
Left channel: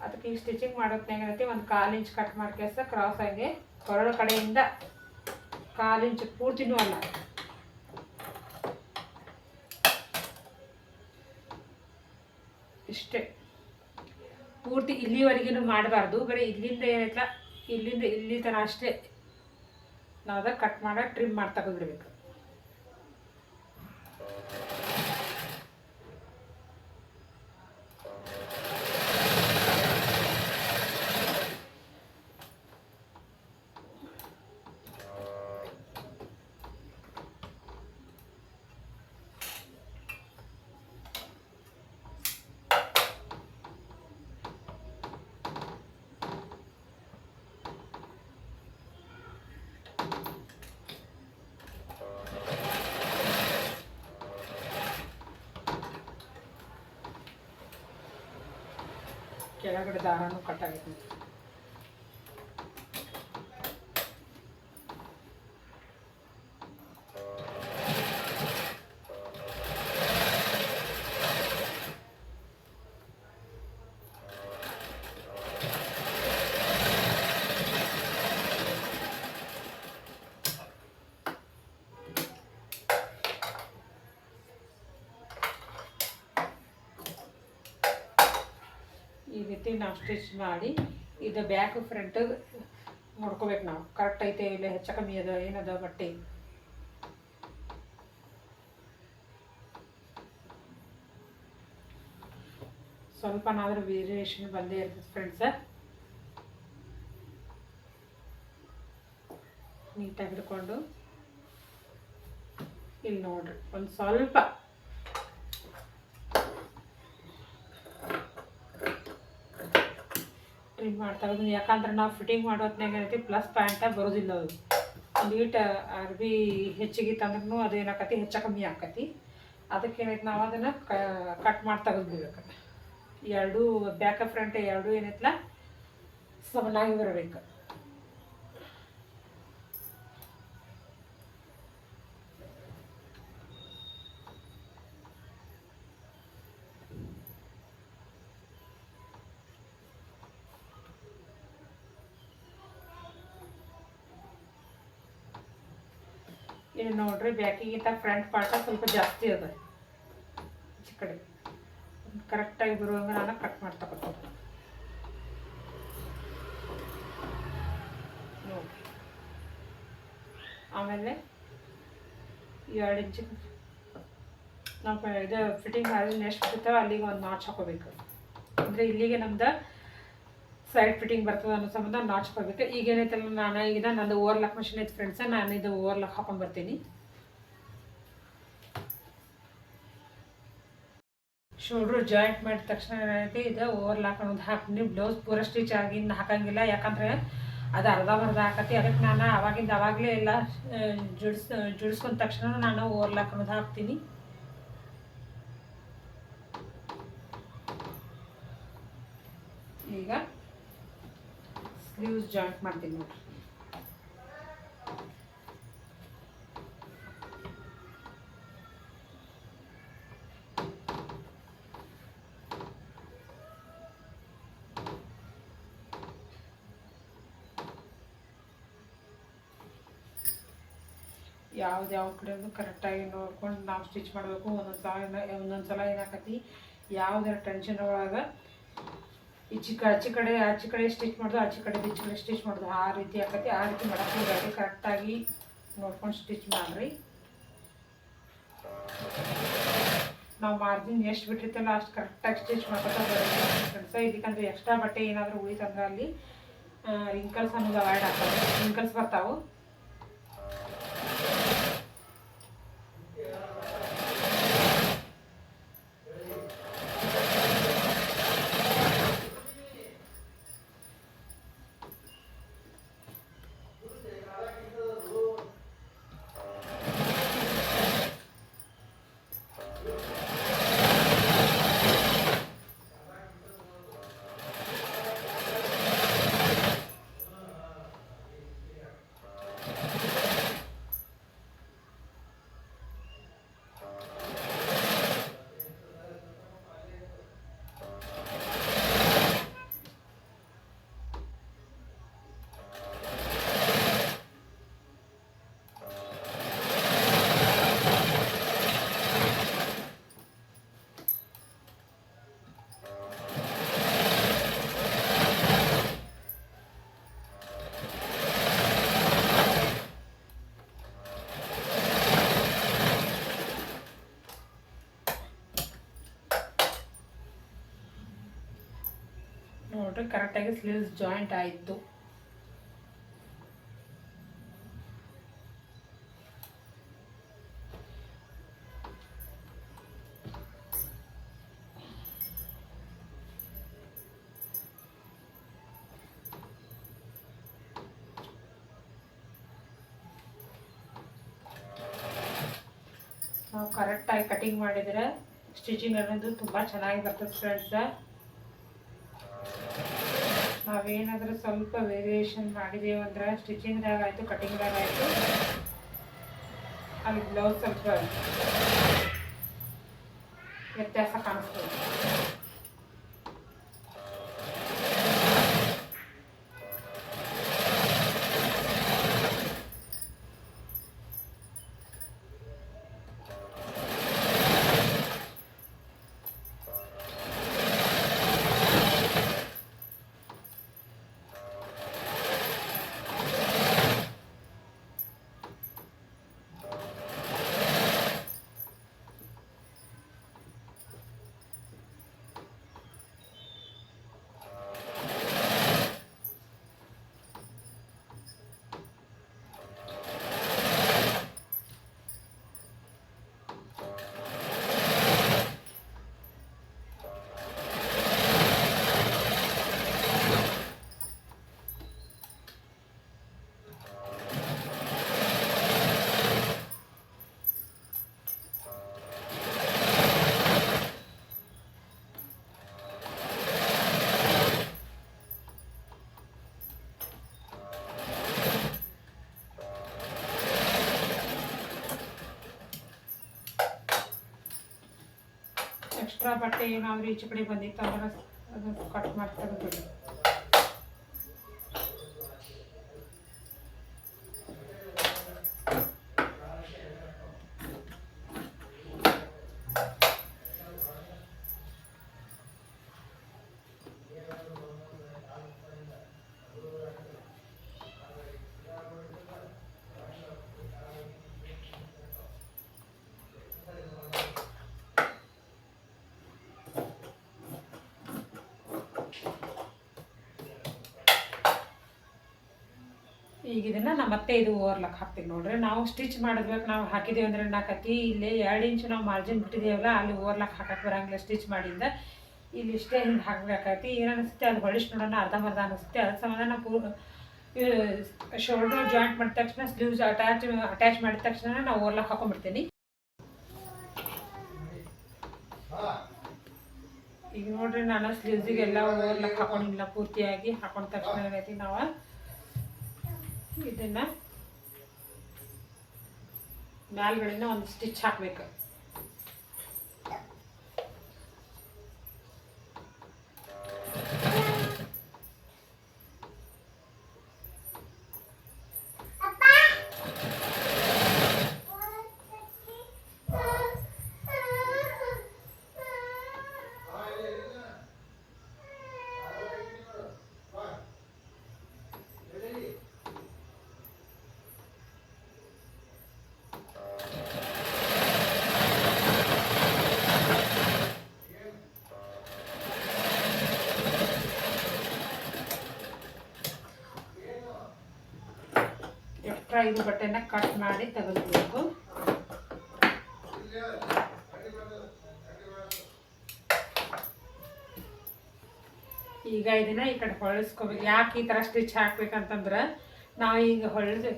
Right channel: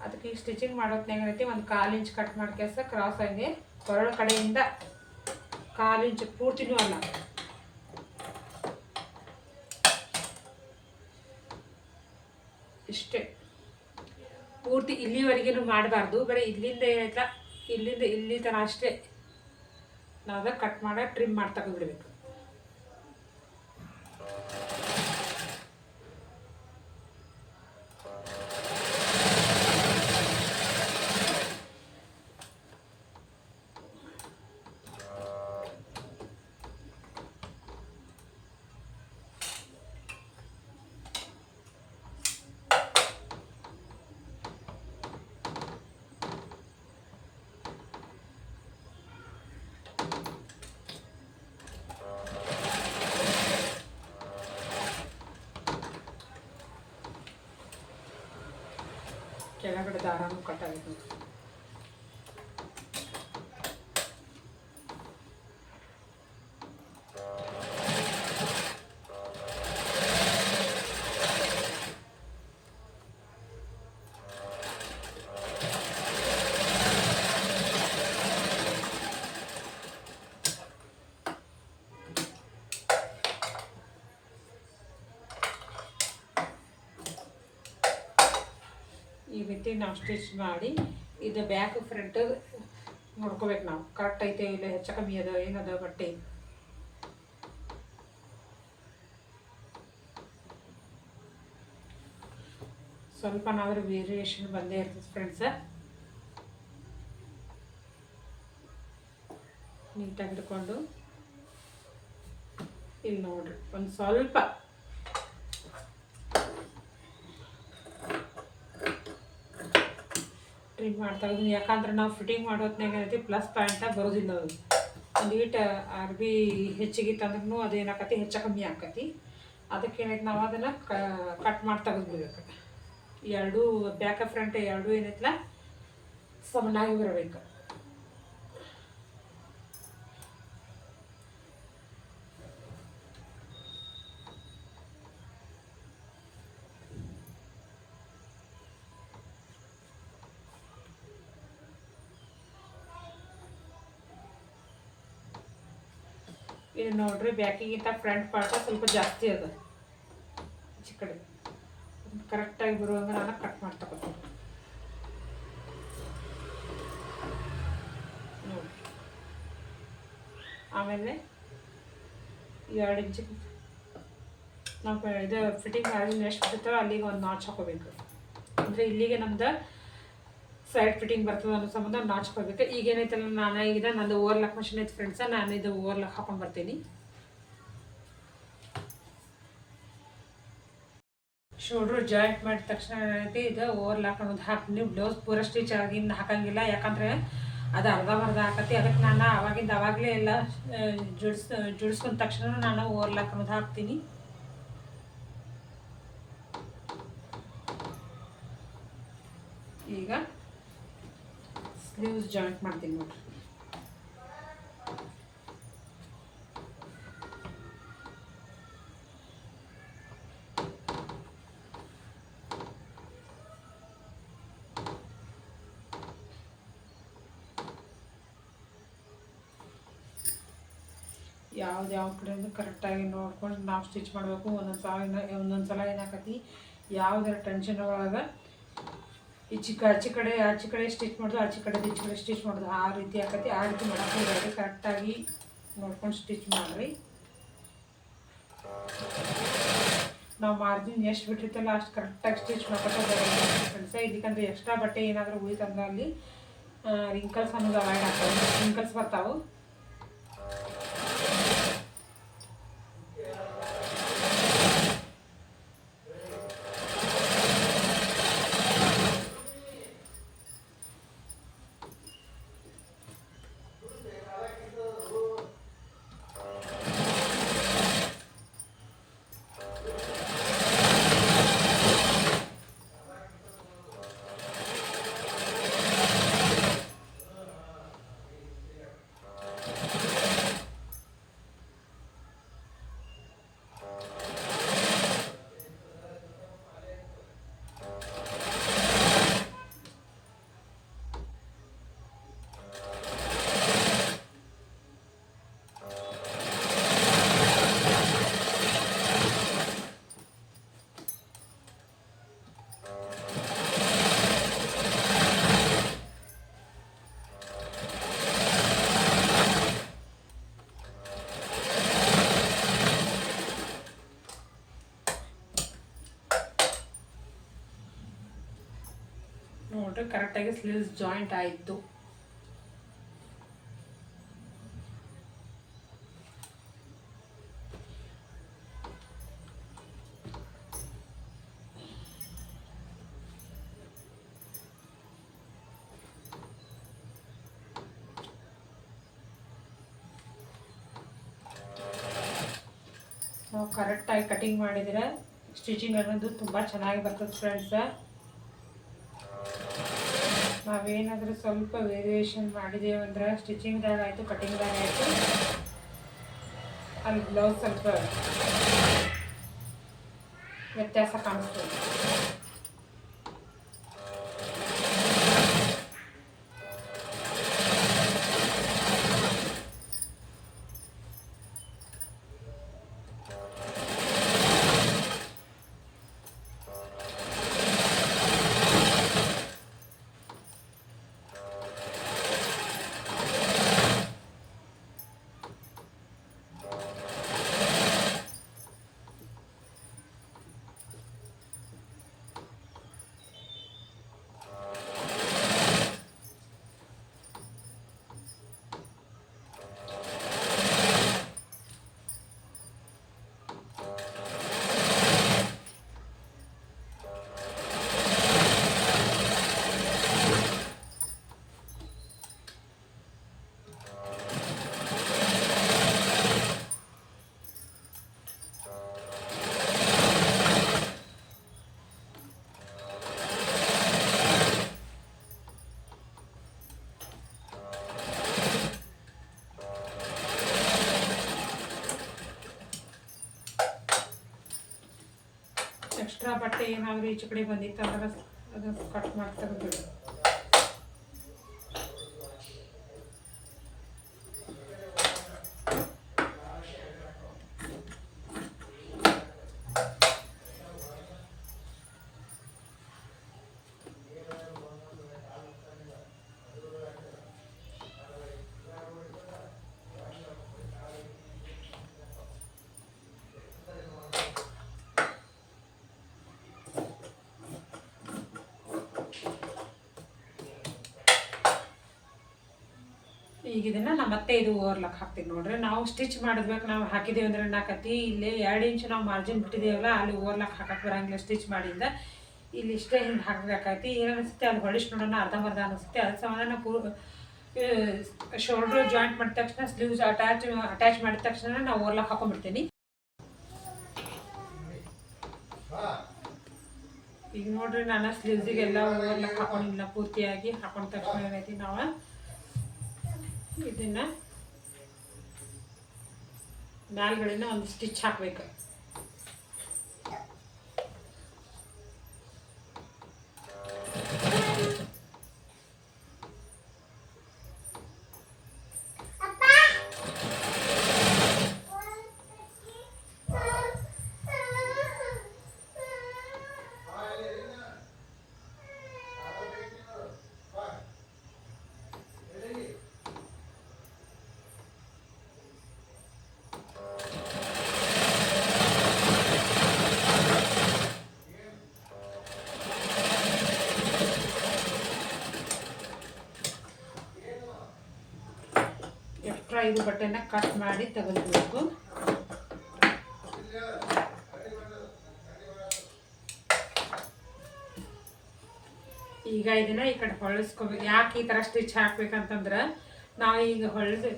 ಅದಕ್ಕೆ ಈ ಸ್ಟಿಚಿಂಗ್ ಮಾಡೋತ್ನಾಗ ಏನೈತಿ ಒಂದು 1/4 ಇಂಚ್ ಕಟ್ ಮಾಡಿ ಕೆಲಸ ಕ್ರಾಸ್ ಆಗಿ ಕೊರಳು ಕಡೆಯಿಂದ 1/4 ಇಂಚ್ ಪೂರ್ತಿನೂ ಅಲ್ಲ, ಇಷ್ಟೇ ಪೂರ್ತಿ ಇಲ್ಲಿವರೆಗೂ ಮಾಡಬಾರ್ದು. ಬರೀ ಇಲ್ಲಿಂದ ಏನೈತ ಇಲ್ಲಿಂದ ಇಲ್ಲಿ ತನಕ ಅಷ್ಟೇ ನಾವು ಕಟ್ ಮಾಡಿ ಟ್ರಿಮ್ ಮಾಡಿ ತೆಗೆದುಬಿಡ್ಬೇಕು. ಕೆಳಗಡೆ ದಾರನೂ ಕಟ್ಟಾಗಿದೆ. ಈ ರೀತಿ ನಾವು ಸ್ಟಿಚ್ ಮಾಡಿ ಇದು ಬ್ಯಾಕ್ ಫ್ರಂಟ್ ನೋಡ್ಕೋಬೇಕು ನಾವು ಕರೆಕ್ಟ್ ಐತೆ ಇಲ್ಲ ಹೆಚ್ಚು ಕಮ್ಮಿ ಅದ ಏನದ ಬಟ್ಟೆ. ಸ್ವಲ್ಪನಾದ್ರೂ ವೇರಿಯೇಷನ್ ಬಂದೇ ಇರ್ತದೆ ಫ್ರೆಂಡ್ಸ. ನೀಟಾಗಿ ಹಿಡ್ಕೊಂಡು ಇಲ್ಲಿ ನೋಡ್ರಿ ಒಂದು ಸ್ವಲ್ಪ ಟ್ರಿಮ್ ಮಾಡ್ತಾ ಇದ್ದೀನಿ. ಯಾಕಂದ್ರೆ ನಾವು ಫಿಟ್ಟಿಂಗ್ ಮಾಡೋತ್ನಾಗ ಏನೈತಿ ಪ್ಲಸ್ ಪಾಯಿಂಟಾಗಿ ಬರೋದಿಲ್ಲ. ಅದು ಒಂದು ಈಟು ಅರ್ಬಿ ಹೆಚ್ಚಿಗೆ ತಂದ್ರೂ ಅದು ಏನಾಕತಿ ಹೆಚ್ಚು ಕಮ್ಮಿ ಆಕತಿ. ಅದಕ್ಕೇನೈತೆ ನಾವು ಅದನ್ನು ಕಟ್ ಮಾಡಿ ತೆಗೆದುಬಿಡ್ಬೇಕು. ಎರಡೂ ಬ್ಯಾಕ್ ಫ್ರಂಟ್ ಎರಡೂ ಏನೈತಲ್ಲ ಸಮನಾಗಿ ಬರಬೇಕು. ಇದು ನೋಡ್ರಿ ಬ್ಯಾಕಿಗಿಂತ ಫ್ರಂಟ್ ಪಾರ್ಟ ಸ್ವಲ್ಪ ಜಾಸ್ತಿ ಅದ, ಈ ಕಡೆ ಕರೆಕ್ಟಾಗಿ ಬರುವಂಗೆ ನಾನು ಕಟ್ ಮಾಡಿ ತಗೋತೀನಿ ನೋಡಿ. ಆಮೇಲೆ 2 ಇಂಚ್ ನಾವು ಇದು ಫಿಟ್ಟಿಂಗ್ ಮಾಡಿ ಎಷ್ಟು ಬಿಡ್ತಾವೆ ಅಲ್ಲಿಗೆ ಒಂದು ನಾಚ್ ಹಾಕೋಬೇಕು. ಅಂದರೆ ಇಲ್ಲಿಗೆ ನಮ್ದು ಸೈಡ್ ಫಿಟ್ಟಿಂಗ್ ಬರ್ತದೆ ಅನ್ನೋ ಸಂಬಂಧ ನಾಚ್ ಹಾಕೋಬೇಕು. ಈಗ ಏನೈತಲ್ಲ ನಾನು ಈಗ ನಂದು ಓವರ್ಲಾಕ್ ಮಷಿನ್ ಐತೆ ಫ್ರೆಂಡ್ಸ, ನಾನು ಇದು ಓವರ್ಲಾಕ್ ಹಾಕೊಂಡು ಬರ್ತೀನಿ. ಶೋಲ್ಡ್ರು ಜಾಯಿಂಟ್ ಮಾಡಿದ ತಕ್ಷಣ ಏನೈತಿ ಇದು ಓವರ್ಲಾಕ್ ಅನ್ನೋದು ಹಾಕ್ತೀನಿ. ಬ್ಲೌಸ್ ಪೂರ ಸ್ಟಿಚ್ ಆಗಿನ ಹಾಕಂಗಿಲ್ಲ, ಯಾಕಂದರೆ ಅದು ಅರ್ಧ ಹಾಕತಿ. ಅದಕ್ಕೆ ನಾನು ಅವಾಗಲೇ ಎಲ್ಲ ಜೋಡಿಸ್ಕೊಂಡ ತಕ್ಷಣ ನಾನು ಓವರ್ಲಾಕ್ ಅನ್ನೋದು ಹಾಕ್ತೀನಿ. ಈಗ ಸ್ಲೀವ್ಸ್ ಜಾಯಿಂಟ್ ಮಾಡ್ತೀನಿ ನೋಡ್ರಿ. ಯಾವ್ದು ಕಡೆ ಕರೆಕ್ಟಾಗಿ ನೋಡ್ಕೊಂಡು ನಾವು ಸ್ಟಿಚ್ ಮಾಡಬೇಕು. ಒಂದೊಂದು ಸಲ ಏನಾಕತಿ ಯಾವುದರ ಟೆನ್ಷನ್ ಒಳಗೆ ಆಚೆ ಕಡೆ ಸ್ಟಿಚ್ ಮಾಡೋದು, ಈಚೆ ಕಡೆ ಸ್ಟಿಚ್ ಮಾಡೋದು, ಆ ರೀತಿ ಆಕತಿ. ಆ ರೀತಿ ಮಾಡೋಕ್ಕೆ ಕರೆಕ್ಟಾಗಿ ನೋಡ್ಕೊಂಡು ಸ್ಟಿಚ್ ಮಾಡಿರಿ. ನಾವು ಮಾರ್ಜಿನ್ ಎಷ್ಟು ಬಿಟ್ಟಿರ್ತಲ್ಲ ಅಷ್ಟು ಕರೆಕ್ಟಾಗಿ ಸ್ಟಿಚ್ ಮಾಡ್ಕೊತ ಫ್ರೆಂಡ್ಸ. ಇದಕ್ಕಂದ್ರೆ ಎಕ್ಸ್ಟ್ರಾ ಬಟ್ಟೆ ಏನಾದರೂ ಉಳಿತಂದ್ರೆ ಅಲ್ಲಿ ರಿಂಕಲ್ಸ್ ಅನ್ನೋದು ಅವಾಯ್ಡ್ ಆಗ್ತವೆ, ರಿಂಕಲ್ಸ್ ಬರ್ತಾವೆ. ನೋಡ್ರಿ ಕರೆಕ್ಟಾಗಿ ಸ್ಲೀವ್ಸ್ ಜಾಯಿಂಟ್ ಆಯಿತು. ನಾವು ಕರೆಕ್ಟಾಗಿ ಕಟಿಂಗ್ ಮಾಡಿದರೆ ಸ್ಟಿಚಿಂಗ್ ಅನ್ನೋದು ತುಂಬ ಚೆನ್ನಾಗಿ ಬರ್ತದೆ ಫ್ರೆಂಡ್ಸ. ನಾವೇನಾದರೂ ಸ್ವಲ್ಪ ವೇರಿಯೇಷನ್ ಮಾಡಿದೇವು ಅಂದ್ರೆ ಸ್ಟಿಚಿಂಗ್ದಾಗ ಆಯಿತು, ಕಟಿಂಗ್ದಾಗ ಆಯಿತು, ಅಲ್ಲಿ ಬ್ಲೌಸ್ ಸ್ವಲ್ಪ ವ್ಯತ್ಯಾಸ ಕಾಣಿಸ್ತದೆ. ಎಕ್ಸ್ಟ್ರಾ ಬಟ್ಟೆ ಏನಾದರೂ ಈಚೆ ಕಡೆ ಬಂದಿತ್ತು ಅಂದ್ರೆ ಅದು ಕಟ್ ಮಾಡಿ ತೆಗೆದುಬಿಡಿ. ಈಗ ಇದನ್ನು ನಮ್ಮ ಮತ್ತೆ ಇದು ಓವರ್ಲಾಕ್ ಹಾಕ್ತೀವಿ ನೋಡ್ರಿ. ನಾವು ಸ್ಟಿಚ್ ಮಾಡಿದ್ಬೇಕು, ನಾವು ಹಾಕಿದ್ದೀವಿ ಅಂದರೆ ನಾಕತಿ ಇಲ್ಲೇ 2 ಇಂಚು ನಾವು ಮಾರ್ಜಿನ್ ಬಿಟ್ಟಿದ್ದೀವಲ್ಲ, ಅಲ್ಲಿ ಓವರ್ಲಾಕ್ ಹಾಕಕ್ಕೆ ಬರಂಗಿಲ್ಲ ಸ್ಟಿಚ್ ಮಾಡಿಂದ. ಇಲ್ಲಿ ಇಷ್ಟೇ ಹಿಂಗೆ ಹಾಕಬೇಕಾಗತಿ. ಏನು ಅನಿಸುತ್ತೆ ಅಲ್ಲಿ ಹೊಳಿಸಿ ನೋಡೋಣ, ಅರ್ಧಂಬರ್ಧ ಅನಿಸುತ್ತೆ. ಅದ್ರ ಸಂಬಂಧ ನಾವು ಶೋಲ್ಡ್ರ್ ಜಾಯಿಂಟ್ ಮಾಡಿದ ತಕ್ಷಣ ಸ್ಲೀವ್ಸ್ ಅಟ್ಯಾಚ್ ಮಾಡಿದ ತಕ್ಷಣ ನಾವು ಓವರ್ಲಾಕ್ ಹಾಕೊಂಡ್ಬಿಡ್ತೀನಿ. ಈಗ ನೋಡ್ರಿ ನಾನು ಸ್ಲೀವ್ಸಿಗೆಲ್ಲ ಓವರ್ಲಾಕ್ ಹಾಕೊಂಡಿಲ್ಲ, ಪೂರ್ತಿಯಾಗಿ ಹಾಕೊಂಡ ತಕ್ಷಣ ಏನೈತಿ ನಾವು ಇದನ್ನು ಮ್ಯಾಲ್ಗಡೆನ ಒಂದು ಸ್ಟಿಚ್ ಹಾಕ್ಬೇಕು. ಎಕ್ಸ್ಟ್ರಾ ಇದು ಬಟ್ಟೆನ ಕಟ್ ಮಾಡಿ ತೆಗೆದುಬೇಕು. ಈಗ ಇದನ್ನ ಈ ಕಡೆ ಹೊಳಿಸ್ಕೋಬೇಕು. ಯಾಕೆ ಈ ಥರ ಸ್ಟಿಚ್ ಹಾಕ್ಬೇಕಂತಂದ್ರೆ ನಾವು ಈಗ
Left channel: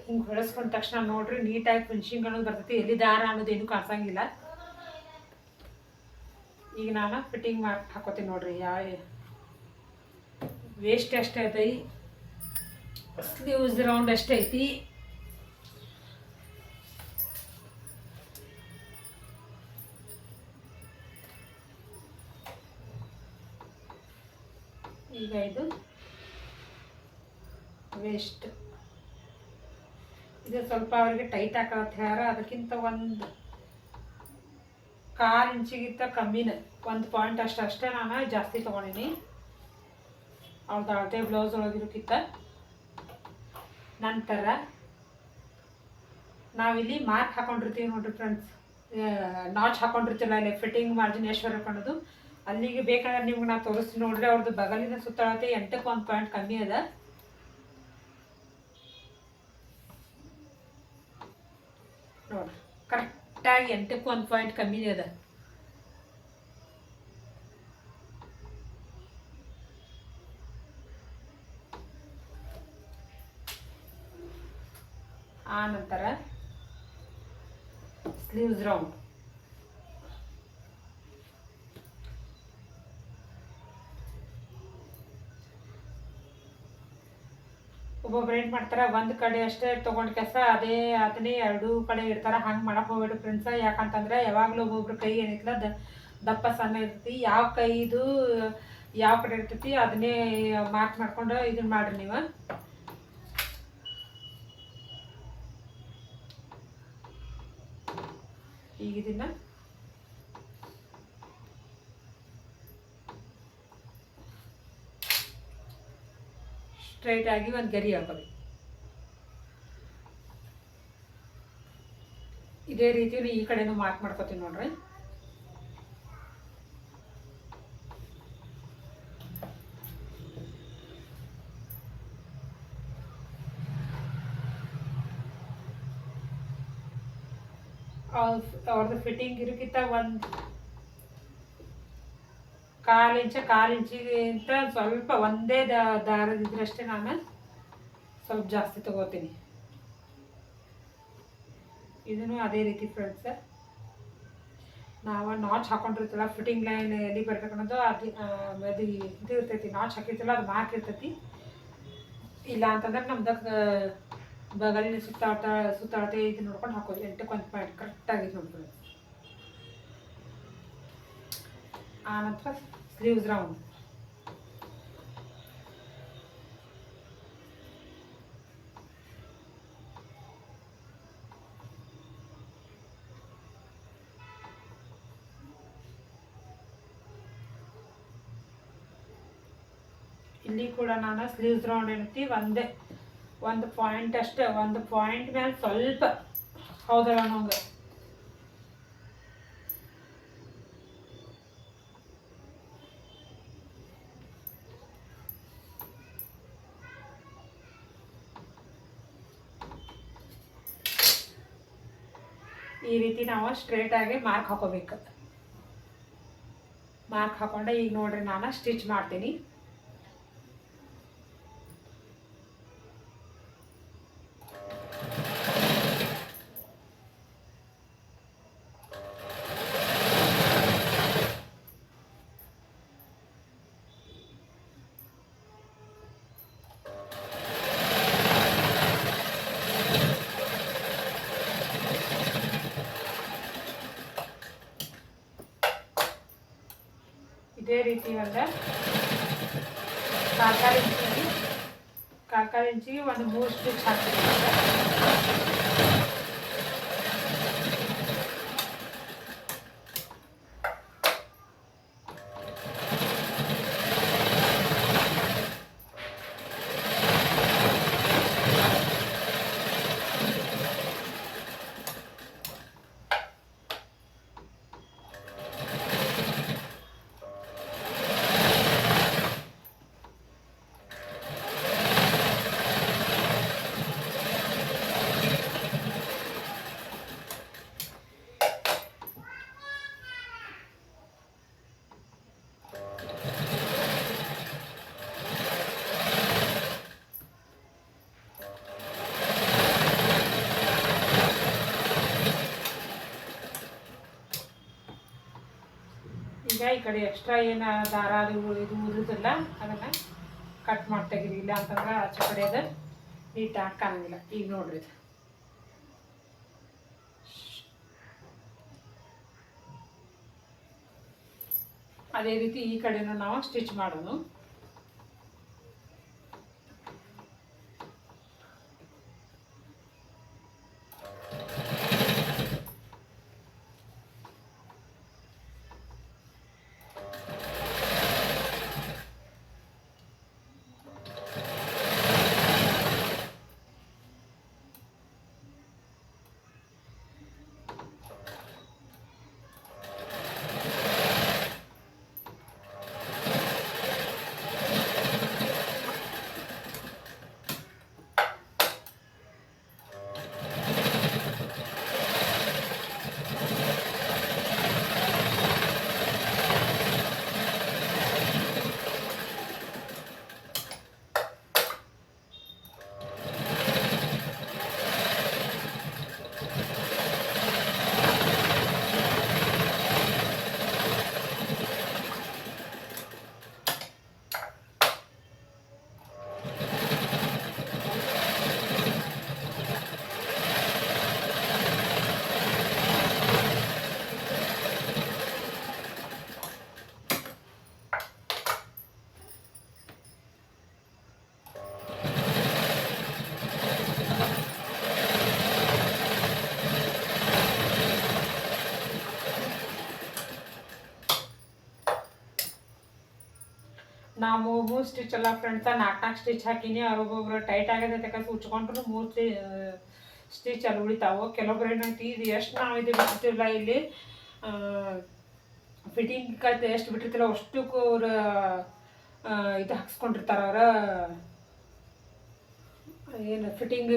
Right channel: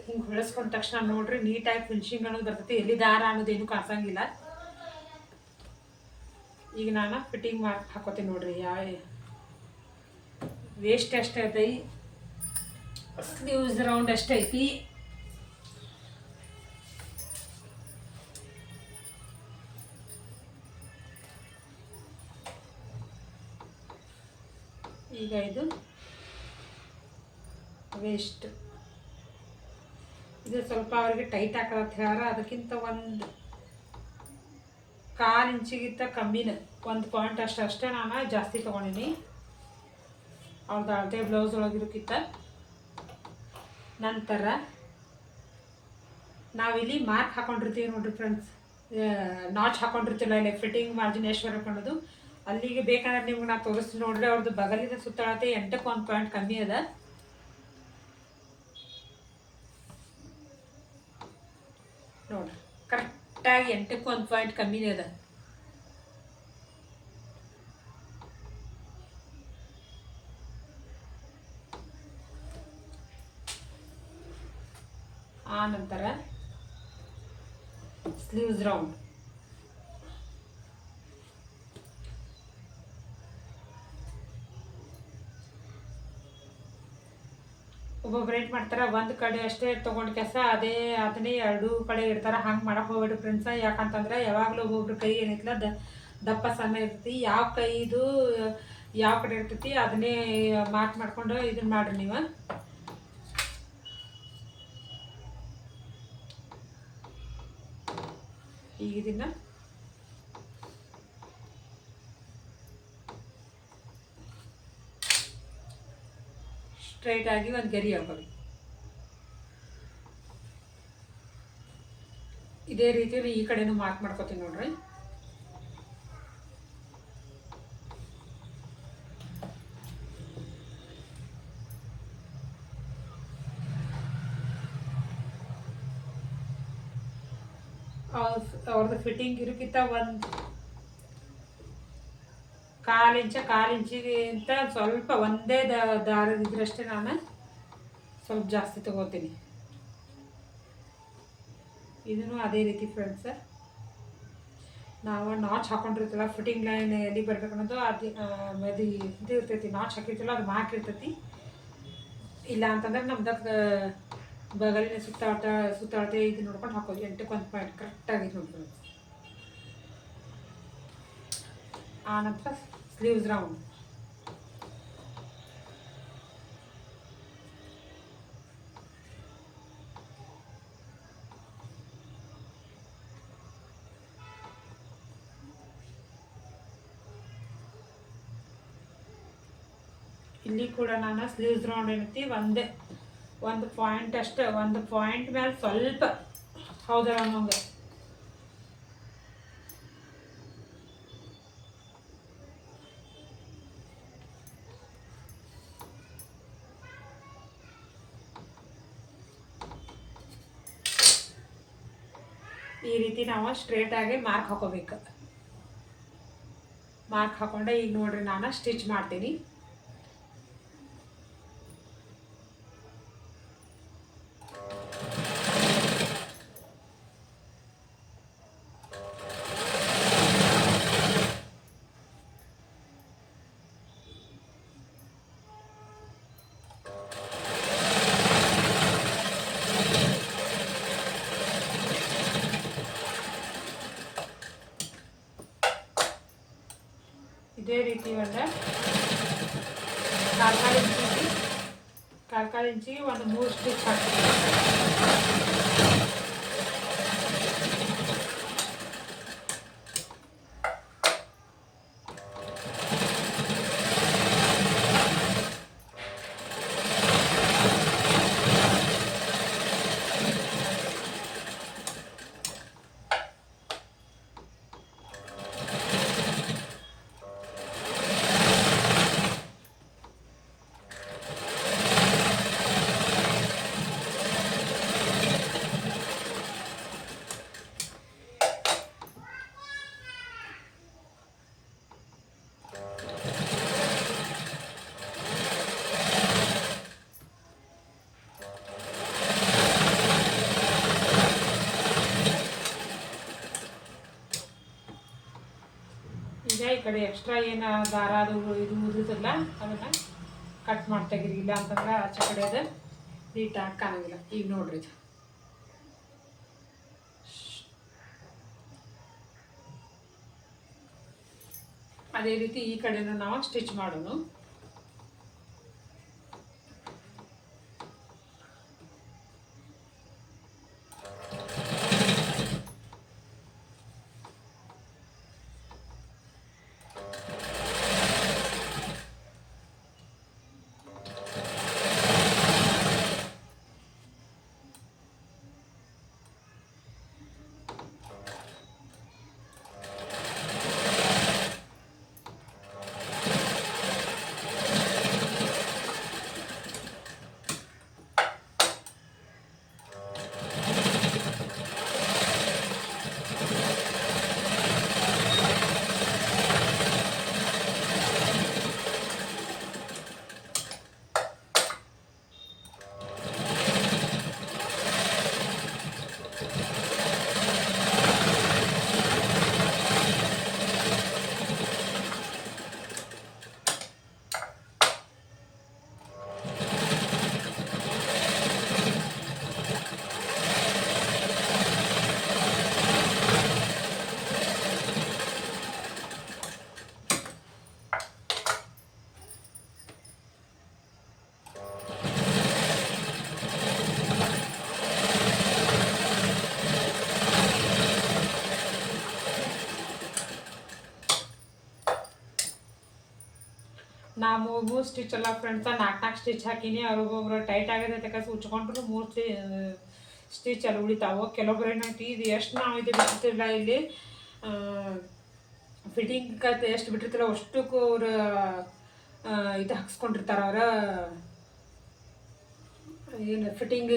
ಹಿಂಗೆ ಹೊಳಿಸ್ಕೊಂಡ ತಕ್ಷಣ ನೋಡ್ರಿ ನೀಟಾಗಿ ಫಿನಿಶಿಂಗ್ ಅನ್ನೋದು ಬರ್ತೈತಿ. ಎಲ್ಲಿ ದಾರ ಅನ್ನೋದೇನು ಕಾಣಿಸಂಗಿಲ್ಲ. ಈಗ ನಾನು ಫಿಟ್ಟಿಂಗ್ ಮಾರ್ಕ್ ಹಾಕೋತೀನಿ ನೋಡ್ರಿ. ವೇಸ್ಟ್ ಎಷ್ಟೈತಿ, ಸ್ಲೀವ್ಸ್ ರೌಂಡ್ ಎಷ್ಟೈತಿ, ಈಗ ಇದು ವೇಸ್ಟ್ ಇದು ಸ್ವಲ್ಪ ಅವರಿಗೆ ಟೈಟ್ ಹಾಕಲತ್ತ ಹೇಳ್ಯಾರ. ಅದಕ್ಕಿಂತ ಒಂದು 1/4 ಇಂಚಿಗಿಂತ ಕಮ್ಮಿನ 1 ಪಾಯಿಂಟ್ ಅಷ್ಟೇ ನಾನು ಜಾಸ್ತಿ ತೊಗೊಂಡಿನಿ ಅವ್ರದ್ದು ಅಳತೆ ಬ್ಲೌಸ್ ಒಳಗಿರೋಕ್ಕಿಂತ. ನಂತರ ನಾವಿಲ್ಲಿ ಮಾರ್ಕ್ ಹಾಕೊಂಡಿರ್ತೀವಿ ನೋಡ್ರಿ ಫ್ರೆಂಡ್ಸ್, ನಾಚ್ ಹಾಕೊಂಡಿರ್ತಿಲ್ಲ ಇಲ್ಲಿ ಫಿಟ್ಟಿಂಗ್ ಮಾರ್ಜಿನ್ ಎಷ್ಟು ಹಾಕೊಳ್ಳೋದು ಅಲ್ಲಿಗೆ ಬೇಕಂದ್ರೆ ನಿಮ್ಗೆ ನಾನು ತೋರಿಸ್ತೀನಿ ನೋಡ್ರಿ. ಅವ್ರದ್ದು ಬಗಲಿನ ಸುತ್ತಳತೆ 8ಕ್ಕೆ 1 ಪಾಯಿಂಟ್ ಕಮ್ಮಿ ಅದ. ನೋಡ್ರಿ ಕರೆಕ್ಟಾಗಿ 8ಕ್ಕೆ 1 ಪಾಯಿಂಟ್ ಕಮ್ಮಿನೇ ಅದ. ಆ ನಂತರ ಸ್ಲೀವ್ಸ್ ರೌಂಡ್ ಒಬ್ಬೊಬ್ರು ಏನು ಮಾಡ್ತಾರೆ, ಒಂದು ಕಡೆ ಅಷ್ಟೇ ತೊಗೊಂಡು ಕೆಲಸ ಅದನ್ನೇ 2 ಕಡೆ ಇರ್ತಾರೆ. ಹಂಗೆ ಮಾಡಕ್ಕೆ ಹೋಗ್ಬೇಡ್ರಿ ಫ್ರೆಂಡ್ಸ. ಯಾಕಂತಂದ್ರೆ ಯಾವಾಗಲೂ ಒಬ್ಬೊಬ್ರು ಕೈ ಏನೈತಿಲ್ಲ ದಪ್ಪ ಸಣ್ಣ ಇರ್ತೈತಿ. ಯಾವ ಕೈದು ಯಾವ ಕಡೆ ಇರ್ತೈತಿ ಅದನ್ನೇ ಮಾರ್ಕ್ ಮಾಡ್ಕೊಂಡು ಇದನ್ನ ಮಾಡ್ರಿ ನೀವು. ಈಗ ಇದನ್ನ ಸ್ಟ್ರೈಟ್ ಆಗಿ ಒಂದು ಗರಿ ಹಾಕೋದು. ಇದೇ ರೀತಿ ಈ ಕಡೆನೂ ಮಾರ್ಕ್ ಮಾಡ್ಕೋತೀನಿ ನೋಡ್ರಿ. ಅವ್ರದ್ದು ಫಿಟ್ಟಿಂಗ್ ಇರೋಕ್ಕಿಂತ 1/4 ಇಂಚಿಗಿಂತ ಸ್ವಲ್ಪ ಒಂದೇ ದಾರದಿದ್ರಷ್ಟೇ ನಾನು ಸ್ವಲ್ಪ ಜಾಸ್ತಿ ತಗೋತೀನಿ. ಇದನ್ನು ಅದೇ ರೀತಿ ಫ್ರೆಂಡ್ಸ್, ನಾವು ನಾಚ್ ಹಾಕೊಂಡಿರ್ತೀವಲ್ಲ ಫಿಟ್ಟಿಂಗ್ ಲೈನ್ ಎಲ್ಲಿ ಬರ್ಬೇಕು ಅನ್ನೋದು ಅದು ಇದು ಇರ್ತೈತಿ. ನಾಚ್ ಹಾಕಿರ್ತಿಲ್ಲ ಅದು ಮಾರ್ಕ್ ಇರ್ತೈತಿ. ಇಲ್ಲ ಅಂತಂದ್ರೆ ನಮ್ದಕ್ಕೆ ಬಗಲಿನ ಸುತ್ತಾಳತೆ ಇದು ನೋಡ್ಕೊಂಡು ಹಾಕೋದು. 8ಕ್ಕೆ 1 ಪಾಯಿಂಟ್ ಕರೆಕ್ಟಾಗಿ ನೋಡ್ಕೊಂಡು. ಆ ನಂತರ ಸ್ಲೀವ್ಸ್ ರೌಂಡ್ ಇಲ್ಲಿ ಕೂಡ ನಾನು ಸ್ಲೀವ್ಸ್ ರೌಂಡ್ ಏನೈತಿ ಒಂದು ಪಾಯಿಂಟ್ ಅಷ್ಟೇ, 1 ಪಾಯಿಂಟ್ ಮೇಲೆ ಸ್ವಲ್ಪ ಹೌದಲ್ಲ ನಂಗೆ ಈ ರೀತಿ ನಾವು ಸ್ಟ್ರೇಟಾಗಿ ಮಾರ್ಕ್ ಹಾಕೋಬೇಕು. ಮಾರ್ಕ್ ಹಾಕೊಂಡೆ ಈಗ ನೋಡ್ರಿ ನಾನು ಸ್ಟಿಚ್ ಮಾಡ್ತೀನಿ. ಇದೇ ರೀತಿ ಒಂದು ಕಾಲು ಇಂಚಿಗೆ ಒಂದು 3 ಸ್ಟಿಚ್ ಹಾಕ್ತೀನಿ. ಈಗ ಈ ಕಡೆ ಎಕ್ಸ್ಟ್ರಾ ಏನು ದಾರ ಅದು ಇದು ಉದುದಿಲ್ಲ ಅದನ್ನು ಕಟ್ ಮಾಡಿ ತೆಗೀರಿ. ಇಲ್ಲ ಅಂತಂದ್ರೆ ಆಚೆ ಕಡೆ ಅದು ನೀಟಾಗಿ ಕಾಣಂಗಿಲ್ಲ. ಈಗ ನೋಡ್ರಿ ಇದು ಅದೇ ರೀತಿ ಈ ಕಡೆನೂ ನಾವು ಸ್ಟಿಚ್ ಮಾಡೋಣ. ನಾ 3 ಸ್ಟಿಚ್ ಎಲ್ಲ ಫ್ರೆಂಡ್ಸ 4 ಸ್ಟಿಚ್ ಹಾಕೀನಿ. ಅವ್ರಿಗೊಬ್ರು ಟೈಟ್ ಆಗಿದೆ ಅಂತ ಉಚ್ಕೊಂಡ್ರು 3 ಸ್ಟಿಚ್ ಅಲ್ಲಿ ಉಳಿತಾವೆ. ಕೆಲವೊಬ್ರು ಏನೈತಿ ಇದು ಎಷ್ಟು ನಾವು ಇದು ಬಿಟ್ಟಿರ್ತಿಲ್ಲ ಇಲ್ಲಿ ಫಿಟ್ಟಿಂಗ್ ಕತೆ ಎಷ್ಟು ಬಿಟ್ಟಿರ್ತಿಲ್ಲ ಅಷ್ಟಕ್ಕೂ ಅವ್ರು ಇದು ಹಾಕ್ಸ್ಕೊಂಡಿರ್ತಾರೆ. ಅವ್ರ ಏನು ಫಿಟ್ಟಿಂಗ್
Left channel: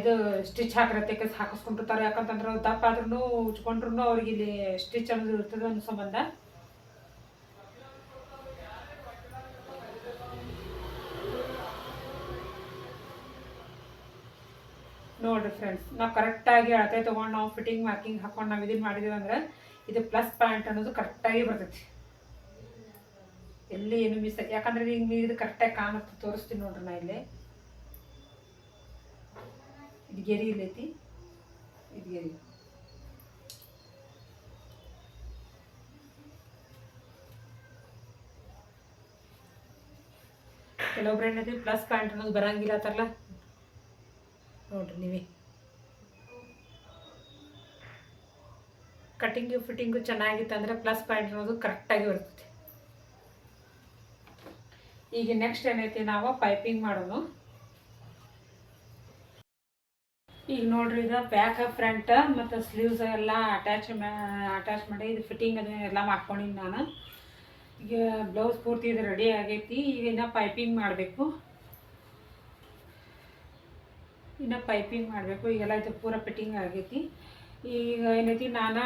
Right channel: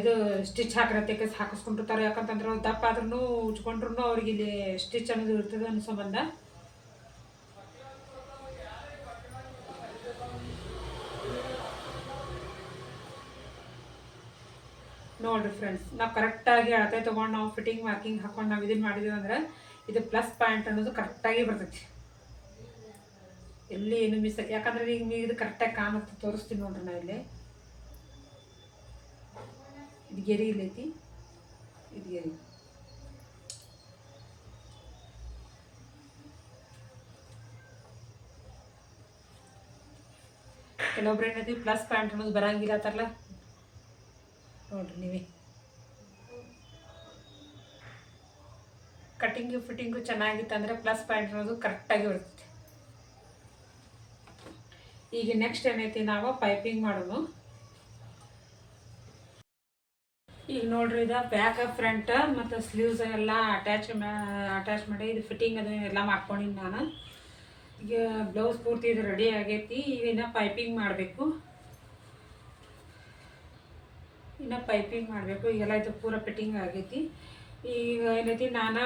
ಇದು ಸ್ಟಿಚ್ ಹಾಕಿರತ್ತೆ ಹಾಕಿಸ್ಕೊಂಡಿರ್ತಾರೆ. ಯಾಕಂತಂದ್ರೆ ದಪ್ಪ ಆದ್ರೂ ಉಚ್ಕೊಂಡ್ರು ಅವ್ರಿಗೆ ಇಲ್ಲಿ ಸ್ಟಿಚ್ ಅನ್ನೋದು ಇರ್ತದೆ ಅನ್ನೋ ಸಂಬಂಧ. ನೋಡಿರಿ ಫ್ರೆಂಡ್ಸ್, ನಾವು ಕರೆಕ್ಟಾಗಿ ಅಳತೆ ತೊಗೊಂಡು ನಾವು ಫಿಟ್ಟಿಂಗ್ ಮಾರ್ಕಿಂಗ್ ಹಾಕೊಂಡು ನಾವು ಇದನ್ನು ಮಾಡಿದ್ದೀವಿ ಅಂದ್ರೆ ಇದು ಪ್ಲಸ್ ಪಾಯಿಂಟ್ ಅನ್ನೋದು ಕರೆಕ್ಟಾಗಿ ಬರ್ತೈತಿ. ಎಲ್ಲಿ ಏನು ಮಿಸ್ ಆಗಿ ಯಾಕಂದ್ರೆ ಈಗ ಇದು ಕರೆಕ್ಟಾಗಿ ಕಾಣುತ್ತೆ. ತೋರಿಸ್ತೀನಿ ನೋಡ್ರಿ ನಾ ಇಲ್ಲಿ. ಇದು ಗೆರಿ ಇಲ್ಲೈತಿ, ಇದು ಗೆರಿ. ಕೆಲವೊಬ್ರು ಏನೈತಿ ಪ್ಲಸ್ ಪಾಯಿಂಟ್ ಅನ್ನೋದು ಬರಂಗಿಲ್ಲ ಅಂತಾರಲ್ಲ, ನೋಡ್ರಿ ನೀವೇ ಕಟ್ಟಿಂಗು ಫಿಟ್ಟಿಂಗು ಚೆನ್ನಾಗಿತ್ತು ಅಂದರೆ ಪ್ಲಸ್ ಪಾಯಿಂಟ್ ಅನ್ನೋದು ಕರೆಕ್ಟಾಗಿ ಬರ್ತೈತಿ. ಈಗ ನೆಕ್ಸ್ಟ್ ಏನೈತಿ ನಾವು ಪೈಪಿಂಗ್ ಮಾಡೋಣ. ಈಗ ನೋಡ್ರಿ ಇದು ಬ್ಯಾಕ್ ಫ್ರಂಟ್ ಮತ್ತು ಸ್ಲೀವ್ಸ್ ಎಲ್ಲ ಅಟ್ಯಾಚ್ ಮಾಡಿ ಇದು ಫಿಟ್ಟಿಂಗ್ ಅದನ್ನೆಲ್ಲ ಮಾಡ್ಕೊಂಡಿನಿ ನಾನು. ಈಗ ಬ್ಲೌಸ್ ಪೂರ್ತಿ ಇದು ರೆಡಿ ಆಗೈತಿ. ಈಗ ಇನ್ನು ಪೈಪಿಂಗ್ ಮಾಡಬೇಕು. ಈಗೆಲ್ಲ ಇದು ಪೂರ ಫಿಟ್ಟಿಂಗ್ ಆಗೈತಿ. ಈಗ ಏನೈತಿ ನಾನು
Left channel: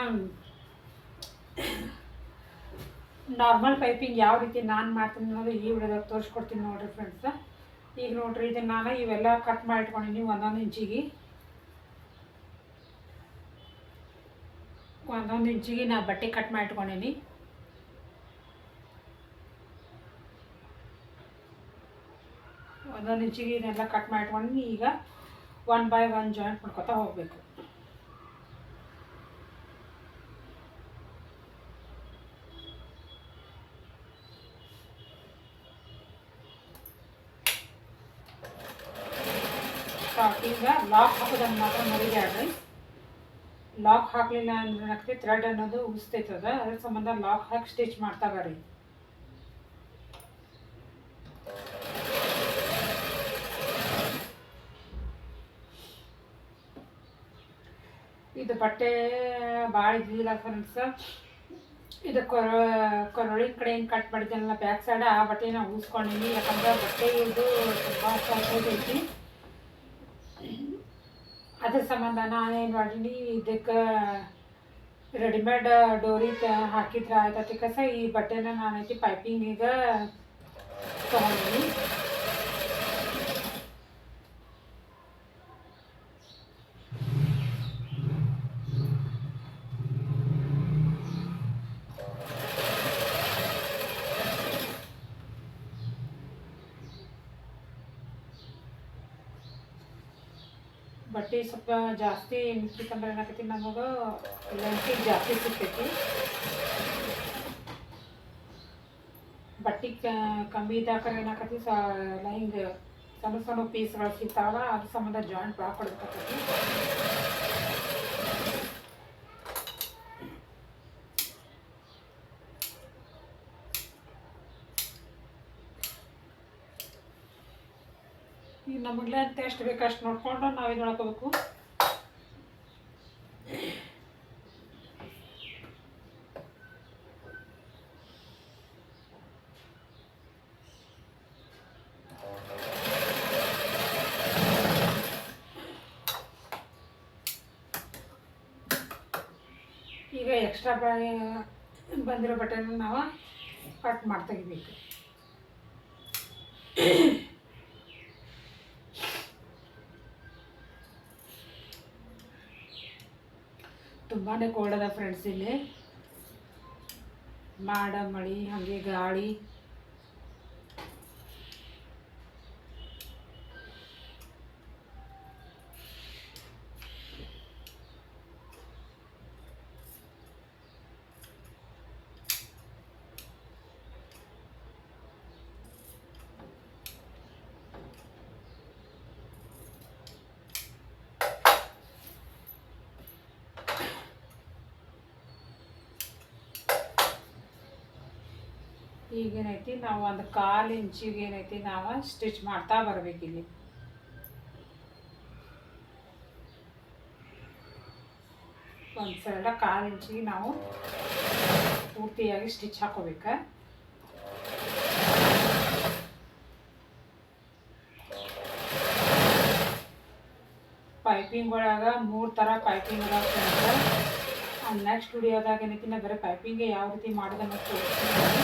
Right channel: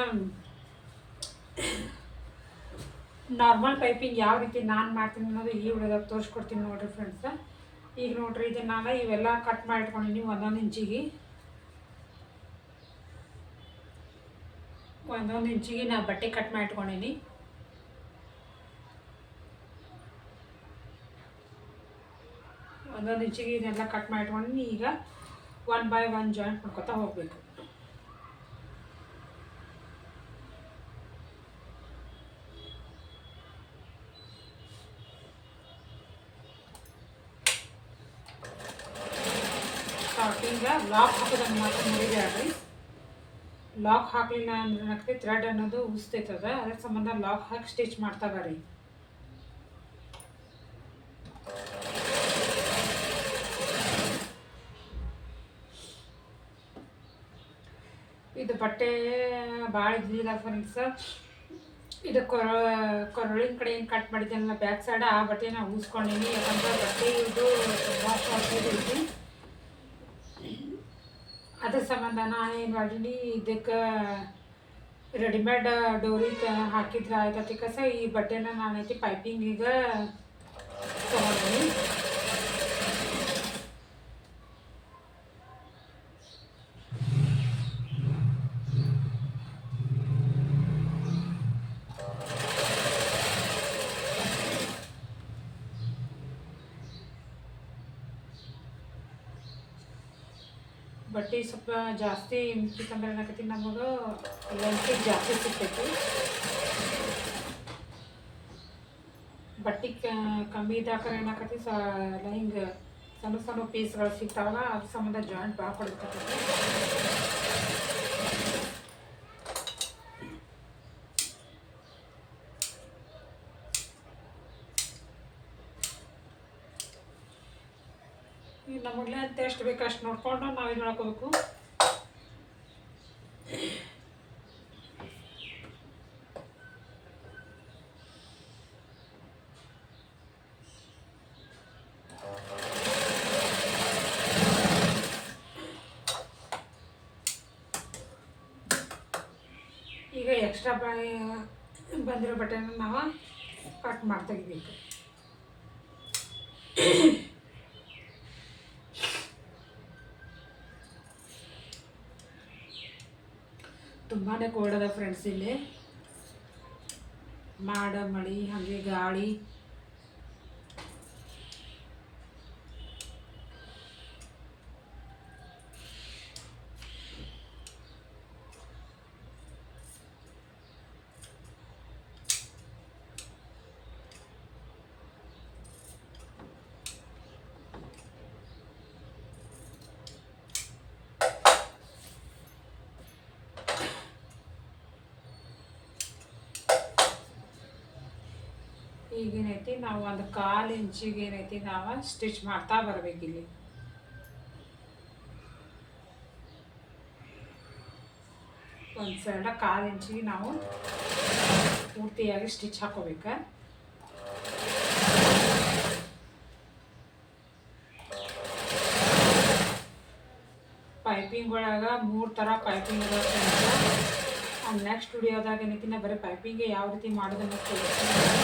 ನಾರ್ಮಲ್ ಪೈಪಿಂಗ್ ಯಾವ ರೀತಿ ನಾನು ಮಾಡ್ತೀನಿ ಅನ್ನೋದು ಈ ವಿಡಿಯೋದಾಗ ತೋರಿಸ್ಕೊಡ್ತೀನಿ ನೋಡಿರಿ ಫ್ರೆಂಡ್ಸ. ಈಗ ನೋಡಿರಿ ಇದನ್ನು ನಾನು ಇವೆಲ್ಲ ಕಟ್ ಮಾಡಿ ಇಟ್ಕೊಂಡಿನಿ ಒಂದೊಂದು ಇಂಚಿಗೆ ನಾ ಬಟ್ಟೆ ಕಟ್ ಮಾಡಿ ಇಟ್ಕೊಂಡಿನಿ. ಒಂದೊಂದು ಇಂಚಿಗೆ ಇದನ್ನೆಲ್ಲ ಕಟ್ ಮಾಡಿ ಇಟ್ಕೊಂಡಿನಿ. ಈಗ 1 by 1 ಜಾಯಿಂಟ್ ಮಾಡ್ಕೊತಾ ಹೋಗಬೇಕು. ಸ್ಟಾರ್ಟಿಂಗ ಲಾಕ್ ಹಾಕೋದನ್ನು ಮಾತ್ರ ಮರಿಬೇಡ್ರಿ. ಲಾಕ್ ಹಾಕಲಿಲ್ಲ ಅಂದ್ರೆ ಏನಾಗ್ತೈತಿ, ಥ್ರೆಡ್ ಅನ್ನೋದು ಉಸ್ತೈತದ. ಅದ್ರ ಸಂಬಂಧ ಲಾಕ್ ಹಾಕಿ ಸ್ಟಿಚ್ ಮಾಡ್ತಾ ಬರ್ರಿ. ಇದು ಬಟ್ಟೆ ಭಾಳ ಇದ್ದಿಲ್ಲ ಫ್ರೆಂಡ್ಸ್. ಇದು ಕೊರಳಿನ ಕಡೆ ಹೆಂಗೆ ಕಟ್ ಮಾಡಿದ್ದೆನಲ್ಲ ಬ್ಯಾಕ್ ಸೈಡ್, ಆ ಬಟ್ಟೆನ ಉಳಿಸ್ಕೊಂಡಿನಿ. ಯಾಕಂದ್ರೆ ಬಟ್ಟೆ ಇದು ತುಂಬ ಶಾರ್ಟೇಜ್ ಐತಿ. ಅದ್ರ ಸಂಬಂಧ ನಾನೇನು ಮಾಡೀನಿ, ಇದಕ್ಕೆ ರೆಡಿಮೇಡ್ ಡೋರಿ ಹಾಕಿದ್ರೆ ಆಯ್ತತಿ ಕಸ. ಈ ಬಟ್ಟೆನ ನಾನೈತಿ ಪೈಪಿಂಗಿಗೆ ತೊಗೊಂಡಿನಿ. ಬಟ್ಟೆ ಸ್ವಲ್ಪ ಜಾಸ್ತಿ ಮುಚ್ಚಿಕಂದ್ರೆ ಏನಾಕೈತಿ, ನಮಗೆ ಲೆಂತಿಗೆ ಜಾಸ್ತಿ ಸಿಗ್ತೈತಿ. ಬಟ್ಟೆ ಕಮ್ಮಿ ಇದ್ದಾಕರೆ ಏನಾಕತಿ ಎಲ್ಲ ಹಿಂಗೆ ಸಣ್ಣ ಸಣ್ಣ ಪೀಸ್ಗಳು ಸಿಗ್ತಾವಲ್ಲ, ಅದ್ರ ಸಂಬಂಧ ಜಾಯಿಂಟ್ ಭಾಳ ಕೊಡ್ಬೇಕಾಗ್ತೈತಿ. ಈಗ ನಮಗ್ಲೇ ಅಂತ ಎಷ್ಟು ಬೇಕು ಅಷ್ಟು ನೋಡ್ಕೊಂಡು ನಾವು ಇದು ಮಾಡ್ಕೋಬೇಕು. ಈಗ ಎಕ್ಸ್ಟ್ರಾ ಬಂದಿರೋ ಬಟ್ಟೆನ ನಾವು ಕಟ್ ತೆಗಿಬೇಕು. ತುಂಬಾ ಕೋಲ್ಡ್ ಅದ ಫ್ರೆಂಡ್ಸ್. ಇಲ್ಲಿ ಮಳಿ ಹಾಗೆ ಗಾಳಿ. ಈಗೇನೈತಿ ನಾವು ಒಂದು 1/4 ಇಂಚಿಗೆ ಏನೈತಿ ನಾವು ಸ್ಟಿಚ್ ಮಾಡ್ತಾ ಬರಬೇಕಿಲ್ಲಿ. ಒಂದು ಸೈಡ 1/4 ಇಂಚಿಗೆ ನಾವು ಪೂರ್ತಿಯಾಗಿ ಸ್ಟಿಚ್ ಹಾಕೋಬೇಕು. ಪೈಪಿಂಗ್ ಒಳಗೆ 3 ಥರ ಪೈಪಿಂಗ್ ಅದ ಫ್ರೆಂಡ್ಸ್. ನೆಕ್ಸ್ಟ್ ವಿಡಿಯೋದಾಗ ಏನೈತಿ ನಾ ಬರೀ ಪೈಪಿಂಗ್ ಯಾವ ರೀತಿ ಮಾಡೋದನ್ನು ತೋರಿಸ್ತೀನಿ.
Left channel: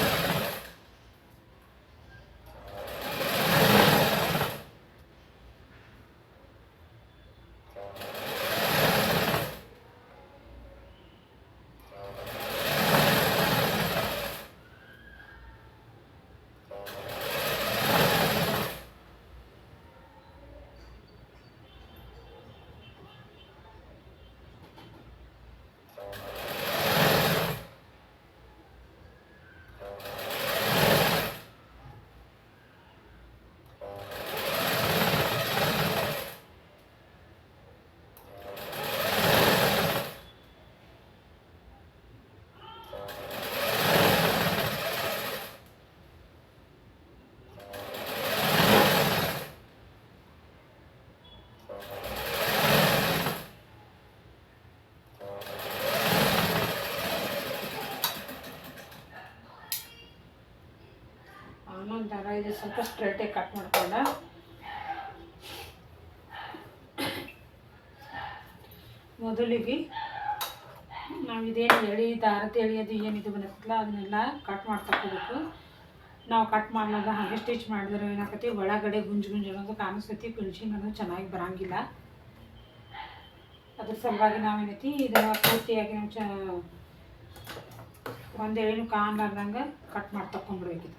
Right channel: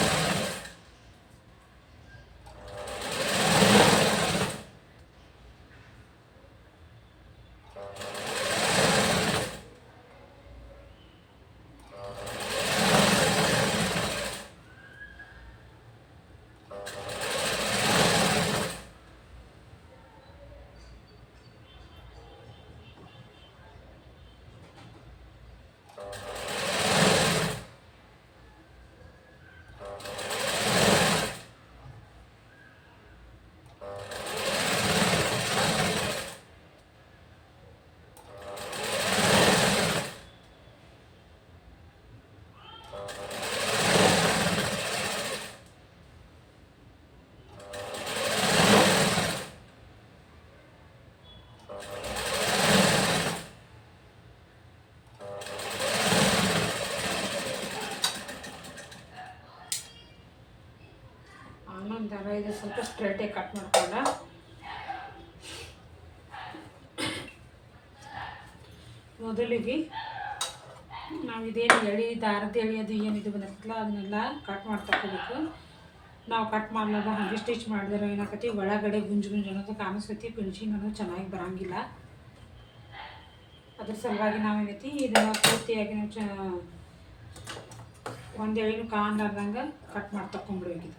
ಒಂಥರ ಇದು ಸ್ವಲ್ಪ ಸ್ಟ್ರೇಟಾಗಿ ಕಟ್ ಮಾಡ್ಕೊಂಡ ಮೊದಲಿಗೆ ನಾವು ಇದೇನು ಎಳೆ ದಾರದ ಎಳೆ ಅದು ಏನಿದು ಬಂದಿರ್ತಲ್ಲ ಅದನ್ನೆಲ್ಲ ಕಟ್ ಮಾಡಿ ತಗೋಬೇಕು. ನಾವು ಕಟ್ ಮಾಡಲಾರ್ದ ಹಾಗೆ ಸ್ಟಿಚ್ ಮಾಡಿದ್ರೆ ಏನಾಕತಿ ಒಳಗಡೆ ಗುಂಜು ಗುಂಜು ಅನ್ನೋದು ಕಾಣಿಸ್ತೈತಿ, ಫಿನಿಶಿಂಗ್ ಅನ್ನೋದು ಚೆನ್ನಾಗಿ ಬರೋಂಗಿಲ್ಲ. ಅದ್ರ ಸಲುವಾಗಿ ನಾವೇನೈತಿ ಇದನ್ನು ಪೂರ್ತಿಯಾಗಿ ನಾವು ಒಂದು ಎಳೆನೂ ಕಾಣಲಾರ್ದಂಗೆ ಕಟ್ ಮಾಡಿ ತಗೊಂಡ್ಬಿಡ್ಬೇಕಿದೆ.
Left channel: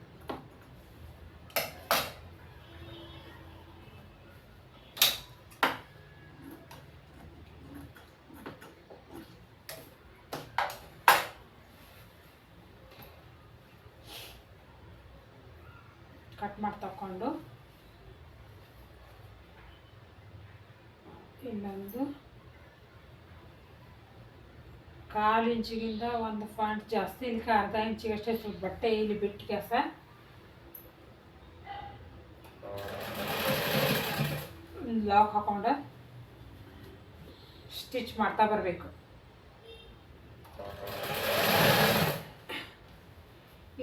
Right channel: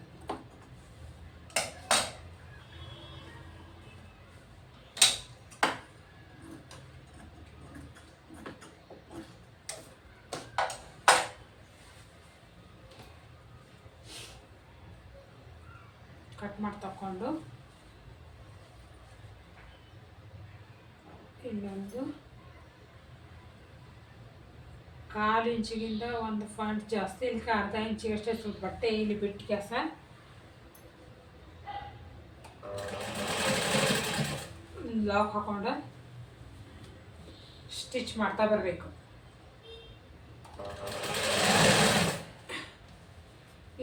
ಕಟ್ ಮಾಡಿ ತಗೊಂಡು ಇಲ್ಲೊಂದು 1/4 ಇಂಚಿಗಿಂತ ಒಂದು ಪಾಯಿಂಟ್ ಜಾಸ್ತಿ, ಇಲ್ಲಿ ಅರ್ಧ ಇಂಚಿಗಷ್ಟೇ ಸ್ವಲ್ಪ ಬಟ್ಟೆ ಇಲ್ಲಿ ಬಿಟ್ಟು ಕೆಲಸ ಲಾಕ್ ಹಾಕೊಂಡು ಸ್ಟಿಚ್ ಮಾಡ್ತಾ ಬರಬೇಕು.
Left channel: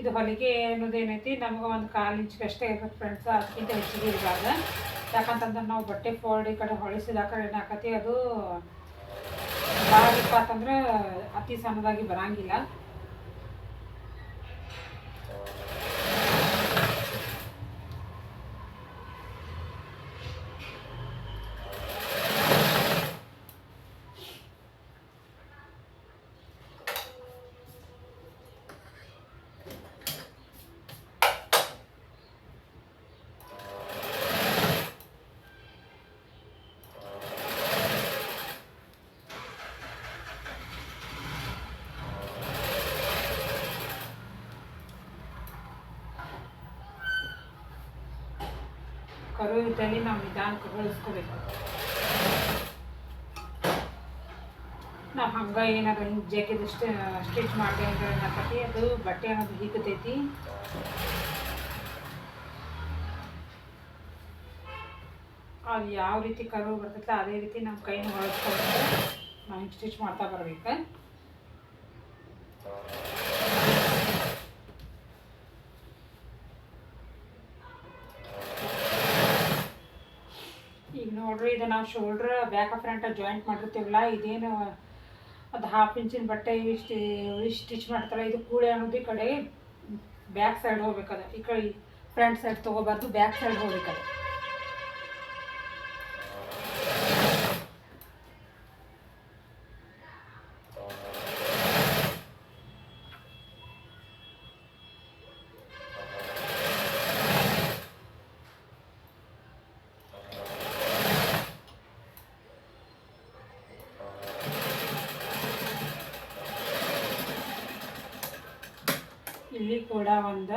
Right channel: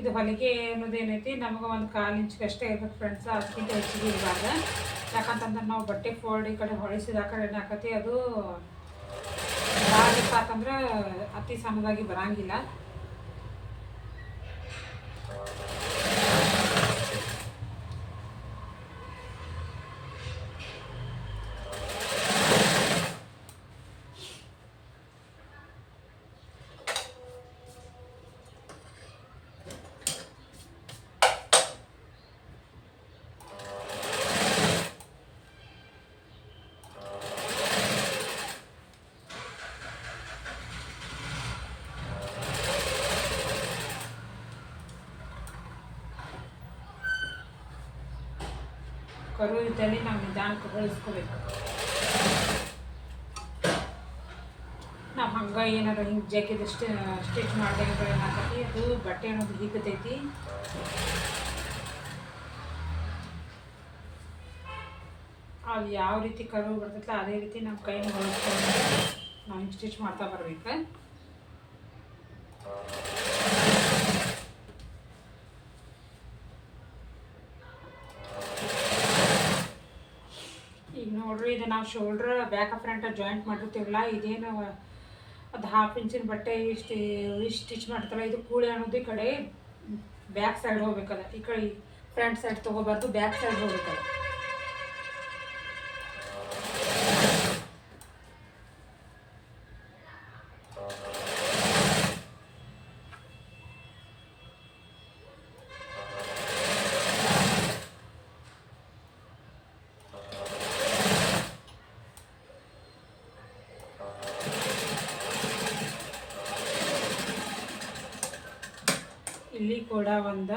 ಇದು ಹೊಲಿಗೆ ಅನ್ನೋದೇನೈತಿ ನಮಗೆ ಒಂದು 1/4 ಇಂಚಿಗಷ್ಟೇ ಇರುತ್ತೆ ಫ್ರೆಂಡ್ಸ್, ಅದಕ್ಕಿಂತ ಹೆಚ್ಚಿಗೆ ಇರಬಾರ್ದು. ಯಾಕಂತಂದ್ರೆ ನಾವು ಬಟ್ಟೆ ಫೋಲ್ಡ್ ಈ ಕಡೆ ಹೊಳಿಸಿದ ಆ ಕಡೆ ಏನಾಕತಿ ಅದು ಭಾಳ ಇಪ್ಪತ್ತಂದ್ರೆ ಅತಿ ಸಣ್ಣದಾಗಿ ಬರೋಂಗಿಲ್ಲ. ಕರು ಇದ್ದಲ್ಲಿ ನಾವು ನಿಧಾನಕ್ಕೆ ಹೊಳಿಸ್ಕೋಬೇಕು. ನಾವು ಹಂಗೆ ಏನಾದ್ರು ಹಿಂಗೆ ಜಗ್ಗಿದು ಸ್ಟಿಚ್ ಮಾಡಿದೆ ಅಂದ್ರೆ ಏನಾಗ್ತೈತಿ ಅದು ಬಟ್ಟೆ ಅನ್ನೋದು ಹಿಗ್ತೈತಿ. ಅದು ಯಾವ ರೀತಿ ಕರು ಬರ್ತೈತಲ್ಲ ಅದೇ ರೀತಿ ನಮ್ಮ ಕೈನ ಹೊಳಿಸ್ಕೊಂಡು ನಾವು ಹಿಂಗೆ ಸ್ಟಿಚ್ ಮಾಡ್ತಾ ಬರ್ಬೇಕು. ಈಗ ನೋಡ್ರಿ ಇದು ನಾವು ಶೋಲ್ಡ್ರ್ ಬ್ಯಾಕ್ ಫ್ರಂಟ್ ಜಾಯಿಂಟ್ ಮಾಡಿರ್ತೀವಲ್ಲ, ಇದೇನು ಅದು 1/2 ಇಂಚಿನ ಬಟ್ಟೆ ಇಷ್ಟು ಸ್ಟಿಚ್ ಮಾಡ್ತಾರಲ್ಲ, ಇದು ಕೂಳೆ ಅನ್ನೋದು ಈ ಕಡೆ ಬ್ಯಾಕ್ ಸೈಡ್ ಹೋಗ್ಬೇಕದ. ಈ ಕಡೆ ಫ್ರಂಟ್ ಸೈಡ್ ತೊಗೋಬಾರ್ದು, ಬ್ಯಾಕ್ ಸೈಡ್ ಹೋಗ್ಬೇಕದ. ಇಲ್ಲಿ ಕೂಡ ಒಂದು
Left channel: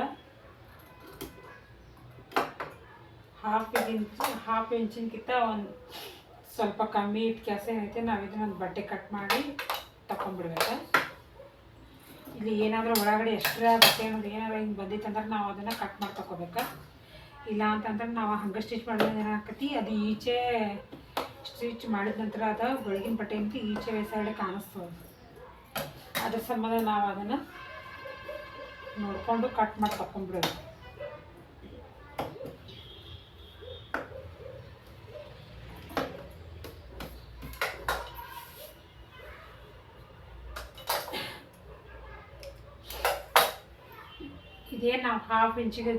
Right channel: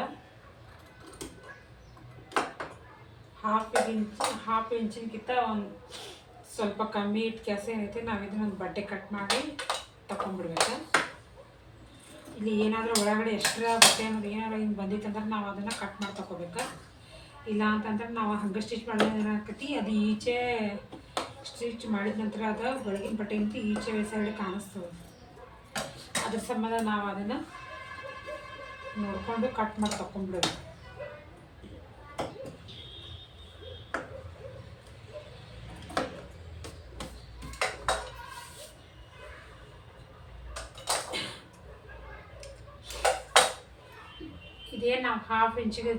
1/2 ಇಂಚಿನಕ್ಕಿಂತ ಒಂದು ಸ್ವಲ್ಪ ಕಮ್ಮಿ ಇಟ್ಟು ಕೆಲಸ ಏನೈತೆ ನಾವು ಇದನ್ನೊಂದು ಬಟ್ಟೆ ಕಟ್ ಮಾಡಿ ತಗೊಂಡ್ಬಿಡ್ಬೇಕು. ಇಲ್ಲಿ ಏನಾದರೂ ಒಳಗಡೆ ಎಕ್ಸ್ಟ್ರಾ ಬಟ್ಟೆ ಅನ್ನೋದು ಏನಾದ್ರು ಹಿಂಗೆ ಬಂದಿತ್ತಂದ್ರೆ ನಾವು ಅದನ್ನು ಕಟ್ ಮಾಡಿ ತಗೋಬೇಕು. ಇಲ್ಲ ಅಂತಂದ್ರೆ ನಾವು ಹಂಗೆ ಸ್ಟಿಚ್ ಮಾಡೋದು ಏನಾಗ್ತೈತಿ ಅದು ಈಚೆ ಸ್ಟಿಚ್ ಮಾಡಿದ ನಂತರ ಅದು ಒಳಗಿನ ಬಟ್ಟೆ ಅಂತ ಈಚೆ ಸೈಡ್ ಕಾಣಿಸ್ತದೆ. ಅದ್ರ ಸಂಬಂಧ ನಾವು ಅದನ್ನು ನೋಡಿಕೊಂಡು ಕಟ್ ಮಾಡಿ ತಗೊಂಡ್ಬಿಡೋದು. ಇದೇನು ನಾವು 1/2 ಇಂಚಿಗೆ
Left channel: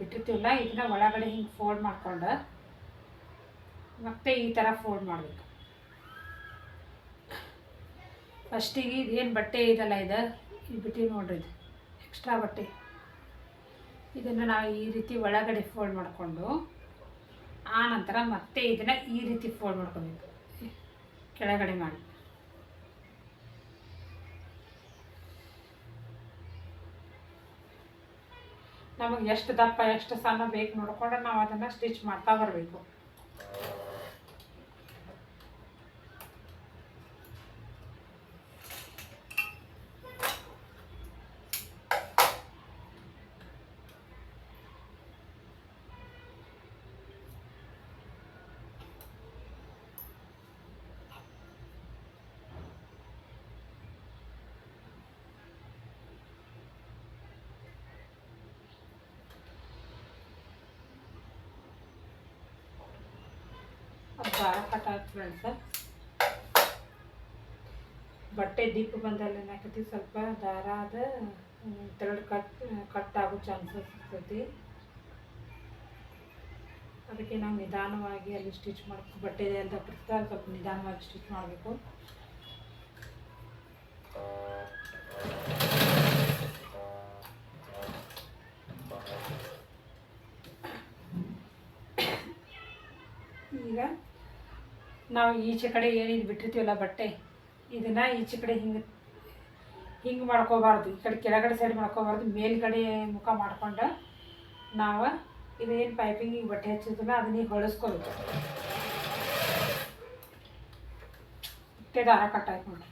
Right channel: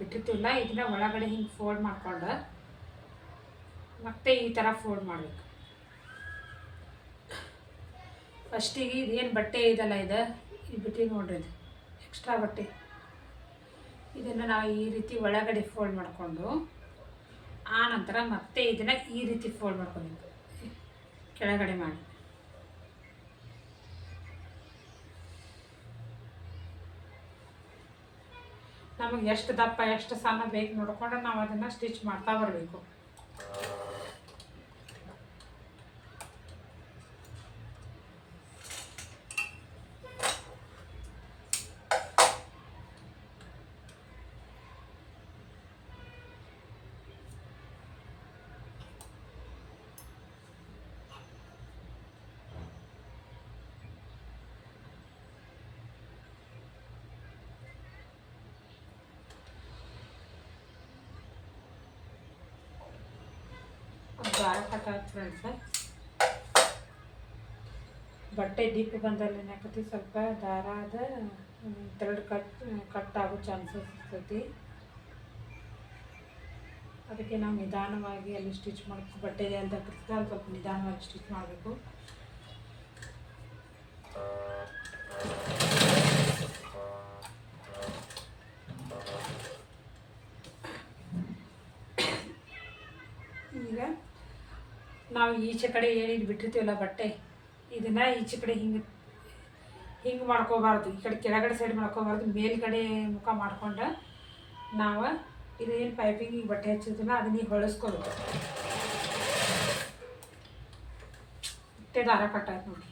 ಬಿಟ್ಟಿರ್ತೀವಲ್ಲ ಇದನ್ನ ಒಳಗಡೆ ಹಿಂಗೆ ಫೋಲ್ಡ್ ಮಾಡ್ಕೊಂಡು ಮತ್ತೆ ಈ ಥರ ಫೋಲ್ಡ್ ಮಾಡಬೇಕು. ಫಸ್ಟಿಗೆ ಇದೇನು ಬಟ್ಟೆ ಇದೆಲ್ಲ ಇದು ಬಿಟ್ಟು ನೋಡ್ರಿ, ಇದು ಎಕ್ಸ್ಟ್ರಾ ಬಟ್ಟೆ ಇದನ್ನು ನಾವು ಈ ರೀತಿ ಒಳಗಡೆ ಫೋಲ್ಡ್ ಮಾಡಿಕೊಂಡು ಆ ನಂತರ ಮತ್ತೆ ಇದನ್ನು ಈ ರೀತಿ ಫೋಲ್ಡ್ ಮಾಡ್ಕೊಬೇಕು ಕೆಳಗಡೆ ಮಾಡಿ. ನಮಗೆ ಎಷ್ಟು ದಪ್ಪ ಎಷ್ಟು ಸಣ್ಣ ಬೇಕು ನೋಡಿಕೊಂಡು ನಾವು ಅದನ್ನು ಸ್ಟಿಚ್ ಮಾಡ್ತಾ ಬರಬೇಕು. ದಾರ ಕಟ್ ಆಯ್ತು ಫ್ರೆಂಡ್ಸ್. ಬಟ್ಟೆ ದೀಪ ಬಂದಲ್ಲಿ ಏನಾಕತಿ ಸ್ವಲ್ಪ ದಾರ ಅದ ಥ್ರೆಡ್ ಕಟ್ ಆಗೋ ಚಾನ್ಸಸ್ ಇರ್ತೈತಿ. ಅದಕ್ಕೆ ನಾವು ನಿಧಾನವಾಗಿ ಅಲ್ಲಿ ಸ್ಟಿಚ್ ಮಾಡಬೇಕು. ಬಟ್ಟೆ ಅಂತ ಸ್ವಲ್ಪ ನಿಧಾನವಾಗಿ ಸ್ಟಿಚ್ ಮಾಡಬೇಕು. ಈಗ ನಾವು ಈಚೆ ಕಡೆ ಏನಿದು ಬಿಟ್ಟಿರ್ತೀವಲ್ಲ ಬಟ್ಟೆ, ಇದನ್ನು ಈಚೆ ಕಡೆ ಹಿಂಗೆ ಮಾಡ್ಕೋಬಾರ್ದು. ಈ ಕಡೆ ಕೆಳಗಡೆ ಸೈಡ್ ಮಾಡ್ಕೋಬಾರ್ದು, ಮೇಲ್ಗಡೆ ಮುಖ ಮಾಡ್ಕೊಂಡು ನಾವು ಇದೇನು ಪೈಪಿಂಗಿಗೆ ಬಟ್ಟೆ ಹಚ್ಚಿದ್ರಲ್ಲ ಅದನ್ನ ಹೊಳಿಸ್ಕೋಬೇಕು. ಇಷ್ಟೇ ದಾರ ಕಟ್ಟಾಯ್ತು ನೋಡಿ.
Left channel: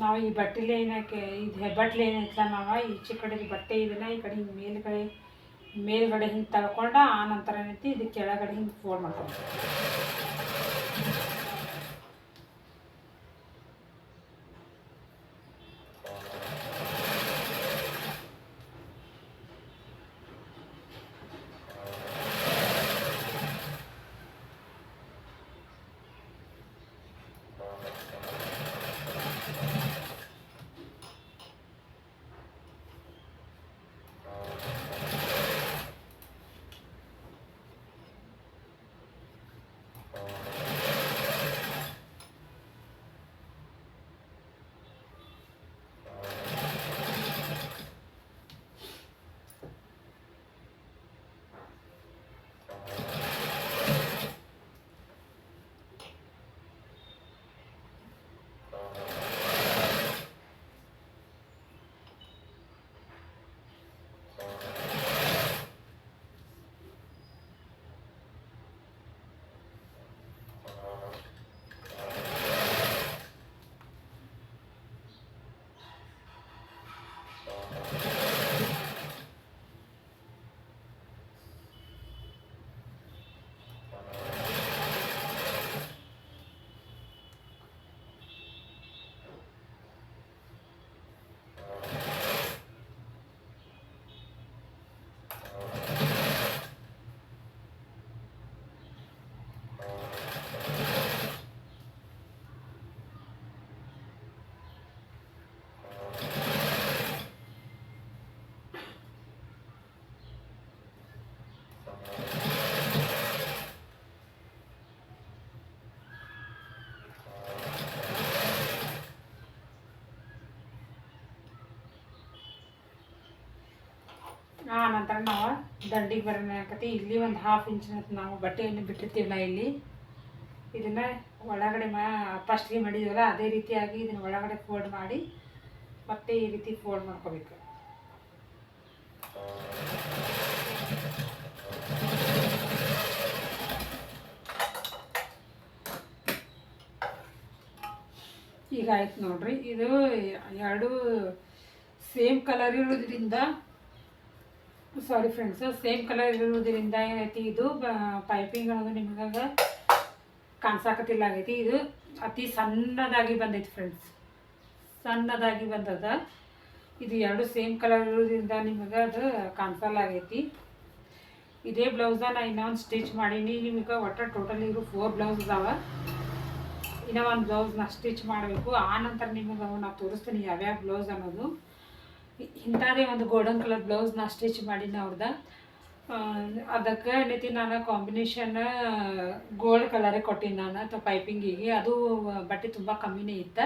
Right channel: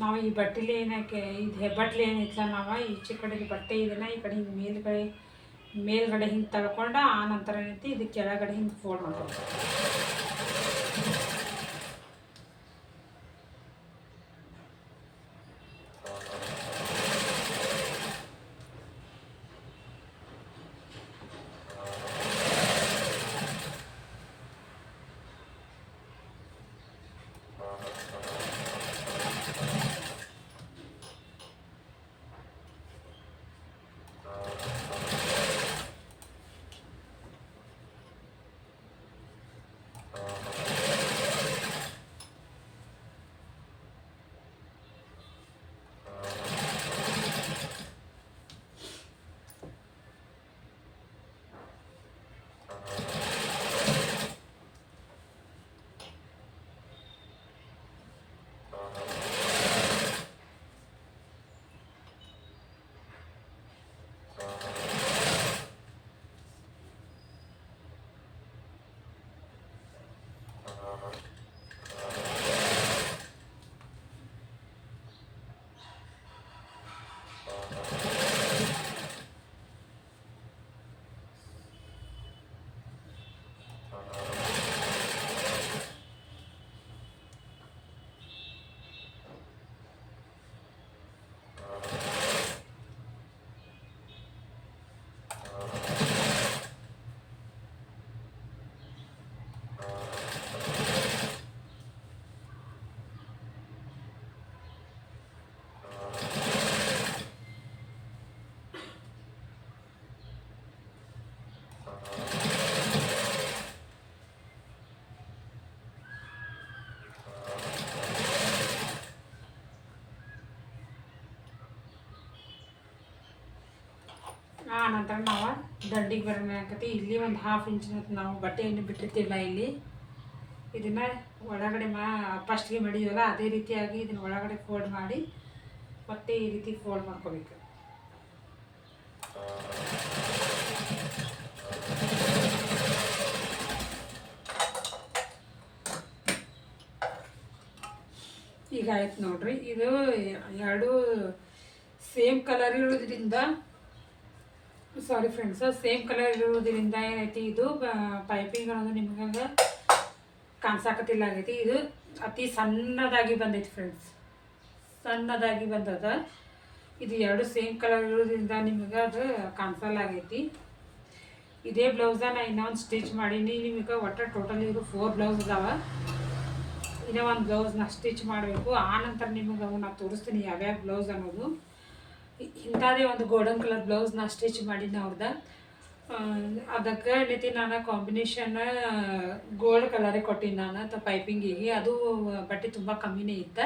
ನಾವು ಈ ಬಟ್ಟೆಲಿ ಏನಕ್ಕೆ ಇದು ಹೆಬ್ಬಟ್ಲೆ ಏನೈತಲ್ಲ, ನಾವು ಈಚೆ ಕಡೆದು ಬಟ್ಟೆ ಇದನ್ನು ಈ ಕಡೆ ಹಿಂಗೆ ಮೇಲ್ಗಡೆ ಹಿಂಗೆ ತಳ್ಕೊಂಡು ಆ ನಂತರ ಏನೈತಿ ಇದು ಕೆಳಗಡೆ ಹಿಂಗೆ ಫೋಲ್ಡ್ ಮಾಡ್ಕೊಂಡು ಆ ನಂತರ ನಾವು ದಂಡಿಗೆ ಬರೋಣಕತಿ. ಇಲ್ಲಿ ಒಂದು 1/2 ಇಂಚ್ ನಾವು ಬಟ್ಟೆಯನ್ನು ಬಿಟ್ಟಿರ್ತೀವಲ್ಲ, ಇಲ್ಲಿ ಇದನ್ನು ಒಳಗಡೆ ಫಸ್ಟ್ಗೆ ಮಡಿದೀವಲ್ಲ ಅದೇ ರೀತಿಯಾಗಿ ಇದನ್ನು ಒಳಗಡೆ ಫೋಲ್ಡ್ ಮಾಡಿ ಮತ್ತೆ ಈ ರೀತಿ ಫೋಲ್ಡ್ ಮಾಡ್ಕೋಬೇಕು. ಈಗ ಆಯ್ತು ನೋಡ್ರಿ. ಇದು ಎರಡು ಸೇಮ್ ಕಲರ್ ಇರೋದ್ರಿಂದ ಸಾರಿ ಫ್ರೆಂಡ್ಸ್, ಸೇಮ್ ಕಲರ್ ಇರುವುದರಿಂದ ಏನೈತಿ ಇದು ಪೈಪಿಂಗ್ ಅನ್ನೋದು ನಿಮಗೆ ಕಾಣಿಸಾಕತ್ತಿಲ್ಲ ಆಗೈತಿ. ಇದು ಅತಿ ಸಣ್ಣದಾಗಿ ಬಂದೈತಿ ಫ್ರೆಂಡ್ಸ್, ಸಣ್ಣದಾಗಿ ಬಂದದ. ಇದು ಎರಡು ಸೇಮ್ ಕಲರ್ ಇರೋದ್ರಿಂದ ನಿಮಗೆ ಅದು ಕಾಣಿಸಲ್ಲ ಆಗೈತಿ. ಇದೇ ಬ್ಲೌಸನ್ನ ನಾನು ಇನ್ನೊಂದು ಸ್ಟಿಚ್ ಮಾಡೀನಿ. ನಿಮಗೆ ಒಟ್ಟು ಟೋಟಲಿ ಇದು 4 ಬ್ಲೌಸ್ ಅದಾವ. ಇನ್ನೂ ಒಂದು ಬ್ಲೌಸ್ನ ಸ್ಟಿಚ್ ಮಾಡಬೇಕು. ಆ ನಂತರ ನಿಮಗೆ ನಾವು ತೋರಿಸ್ತೀನಿ ಯಾವ್ಯಾವ ಬ್ಲೌಸ್ ಅನ್ನೋದು. ಇಂಥದೇ ಒಂದು ಗೋಲ್ಡನ್ ಕಲರ್ ಬ್ಲೌಸ್ನ ಸ್ಟಿಚ್ ಮಾಡೀನಿ ಅವ್ರದ್ದು. ಅದಕ್ಕೆ ಏನೈತಿ ನಾನು ಕಾಂಬಿನೇಷನ್ ಗೋಲ್ಡ್ ಕಲರೇ ಕೊಟ್ಟೀನಿ ನಾನು ಪೈಪಿಂಗಿಗೆ. ಅದು ಬಟ್ಟೆ ತುಂಬ ಕಮ್ಮಿನೇ ಇತ್ತು,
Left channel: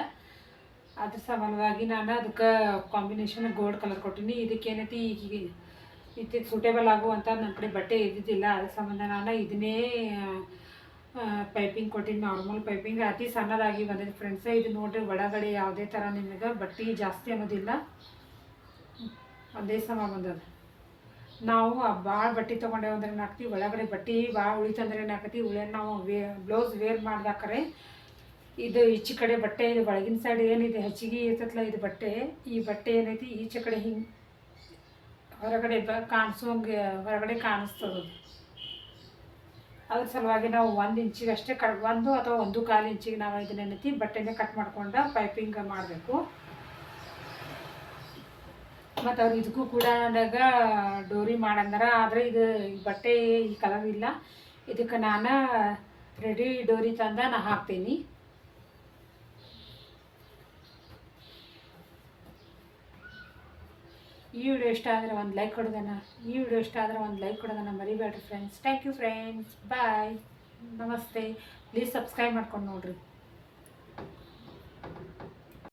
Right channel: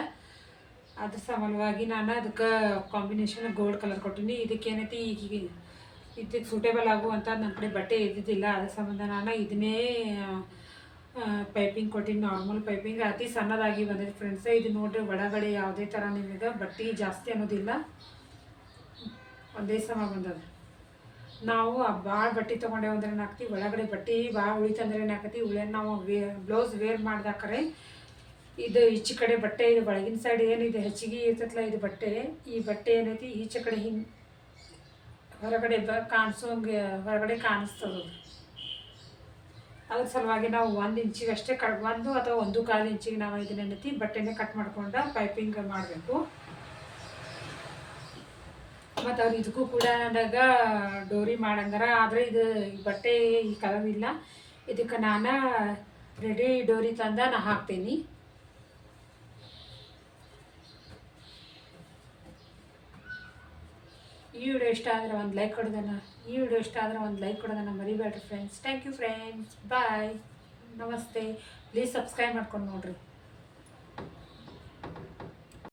ಅದ್ರ ಸಮಾನವಾಗಿ ನಾನು ಅದಕ್ಕೆ ಕಾಂಬಿನೇಷನ್ ಗೋಲ್ಡ್ ಕಲರ್ ಕೊಟ್ಟೀನಿ. ಇದಕ್ಕೇನೈತಿ ಈಗ ಇದಕ್ಕೆ ಸೂಟೇಬಲ್ ಆಗುವಂಥ ನನ್ನ ಕಡೆ ಬಟ್ಟೆ ಇದ್ದಿದ್ದಿಲ್ಲ, ಅದ್ರ ಸಂಬಂಧ ನಾನು ಇದನ್ನೇ ಪೈಪಿಂಗ್ ಕೊಟ್ಟಿನಿ. ನಾರ್ಮಲ್ ಪೈಪಿಂಗ್ ಅತಿ ಸಣ್ಣದಾಗಿ ಬಂದಿದೆ ಫ್ರೆಂಡ್ಸ್. ಇದು ನೋಡ್ರಿ, ಒಳಗಡೆ ಯಾವುದೇ ಥರ ನಿಮಗೆ ಬಟ್ಟೆ ಜಾಸ್ತಿ ಅನ್ನೋದಿಲ್ಲ, ಒಂದೇ ಸಮ ಬಂದದ. ನಾವು ಭಾಳ ಬಟ್ಟೆ ತೊಗೊಂಡೇವು ಅಂದ್ರೆ ಏನಾಗ್ತಿ, ಒಳಗಡೆ ಬಟ್ಟೆ ಭಾಳ ಉಳಿತಂದ್ರೆ ಏನಾಗ್ತಿ, ನಾವು ಬ್ಲೌಸ್ ವೇರ್ ಮಾಡ್ದಾಕರೆ ಇದು ಈಚೆ ಕಡೆ ಬಟ್ಟೆ, ಇದು ಒಳಗಿನ ಸೈಡ್ ಏನಿದೆ ಹೆಚ್ಚಿಗೆ ಇರ್ತೈತಲ್ಲ ಇದು ಬಟ್ಟೆ, ಈ ಬಟ್ಟೆ ಏನೈತಿ ಈಚೆ ಕಡೆ ಹಿಂಗೆ ಹೊರಗಡೆ ಕಾಣಿಸೋಂಗೆ ಹೊರಗಡೆ ಕಾಣಿಸ್ತದೆ. ಅದ್ರ ಸಲುವಾಗಿ ನಾವು 1 ಇಂಚಿಗೆ ಅಷ್ಟೇ 1 ಅಥವಾ 1.25 ಇಂಚಿಗೆ ನಾವು ಇದನ್ನೇನೈತಿ ಬಟ್ಟೆನೇ ಕಟ್ ಮಾಡ್ಕೊಂಡು ಪೈಪಿಂಗ್ ಮಾಡಬೇಕು. ಮತ್ತು ಅವ್ರು ಇದಕ್ಕೂ ಕೂಡ ನನಗೆ ಡೋರಿ ಮಾಡಂಗಾರ, ಆದರೆ ಇದು ಈ ಬಟ್ಟೆ ಈ ಕಲರ್ ಇಲ್ಲ, ಇದಕ್ಕೆ ನಾನು ರೆಡಿ ಡೋರಿ ತಂದು ನಾನು ಹಾಕ್ತೀನಿ. ಈ ವಿಡಿಯೋ ಇಷ್ಟ ಆದರೆ ಒಂದು ಲೈಕ್ ಕೊಡೋದನ್ನು ಮರಿಬೇಡ್ರಿ friends. Thank you friends, bye, ನಮಸ್ತೆ. ಪ್ಲೀಸ್ ಸಬ್ಸ್ಕ್ರೈಬ್ ಮಾಡ್ಕೊಂಡು ನೋಡಿರಿ.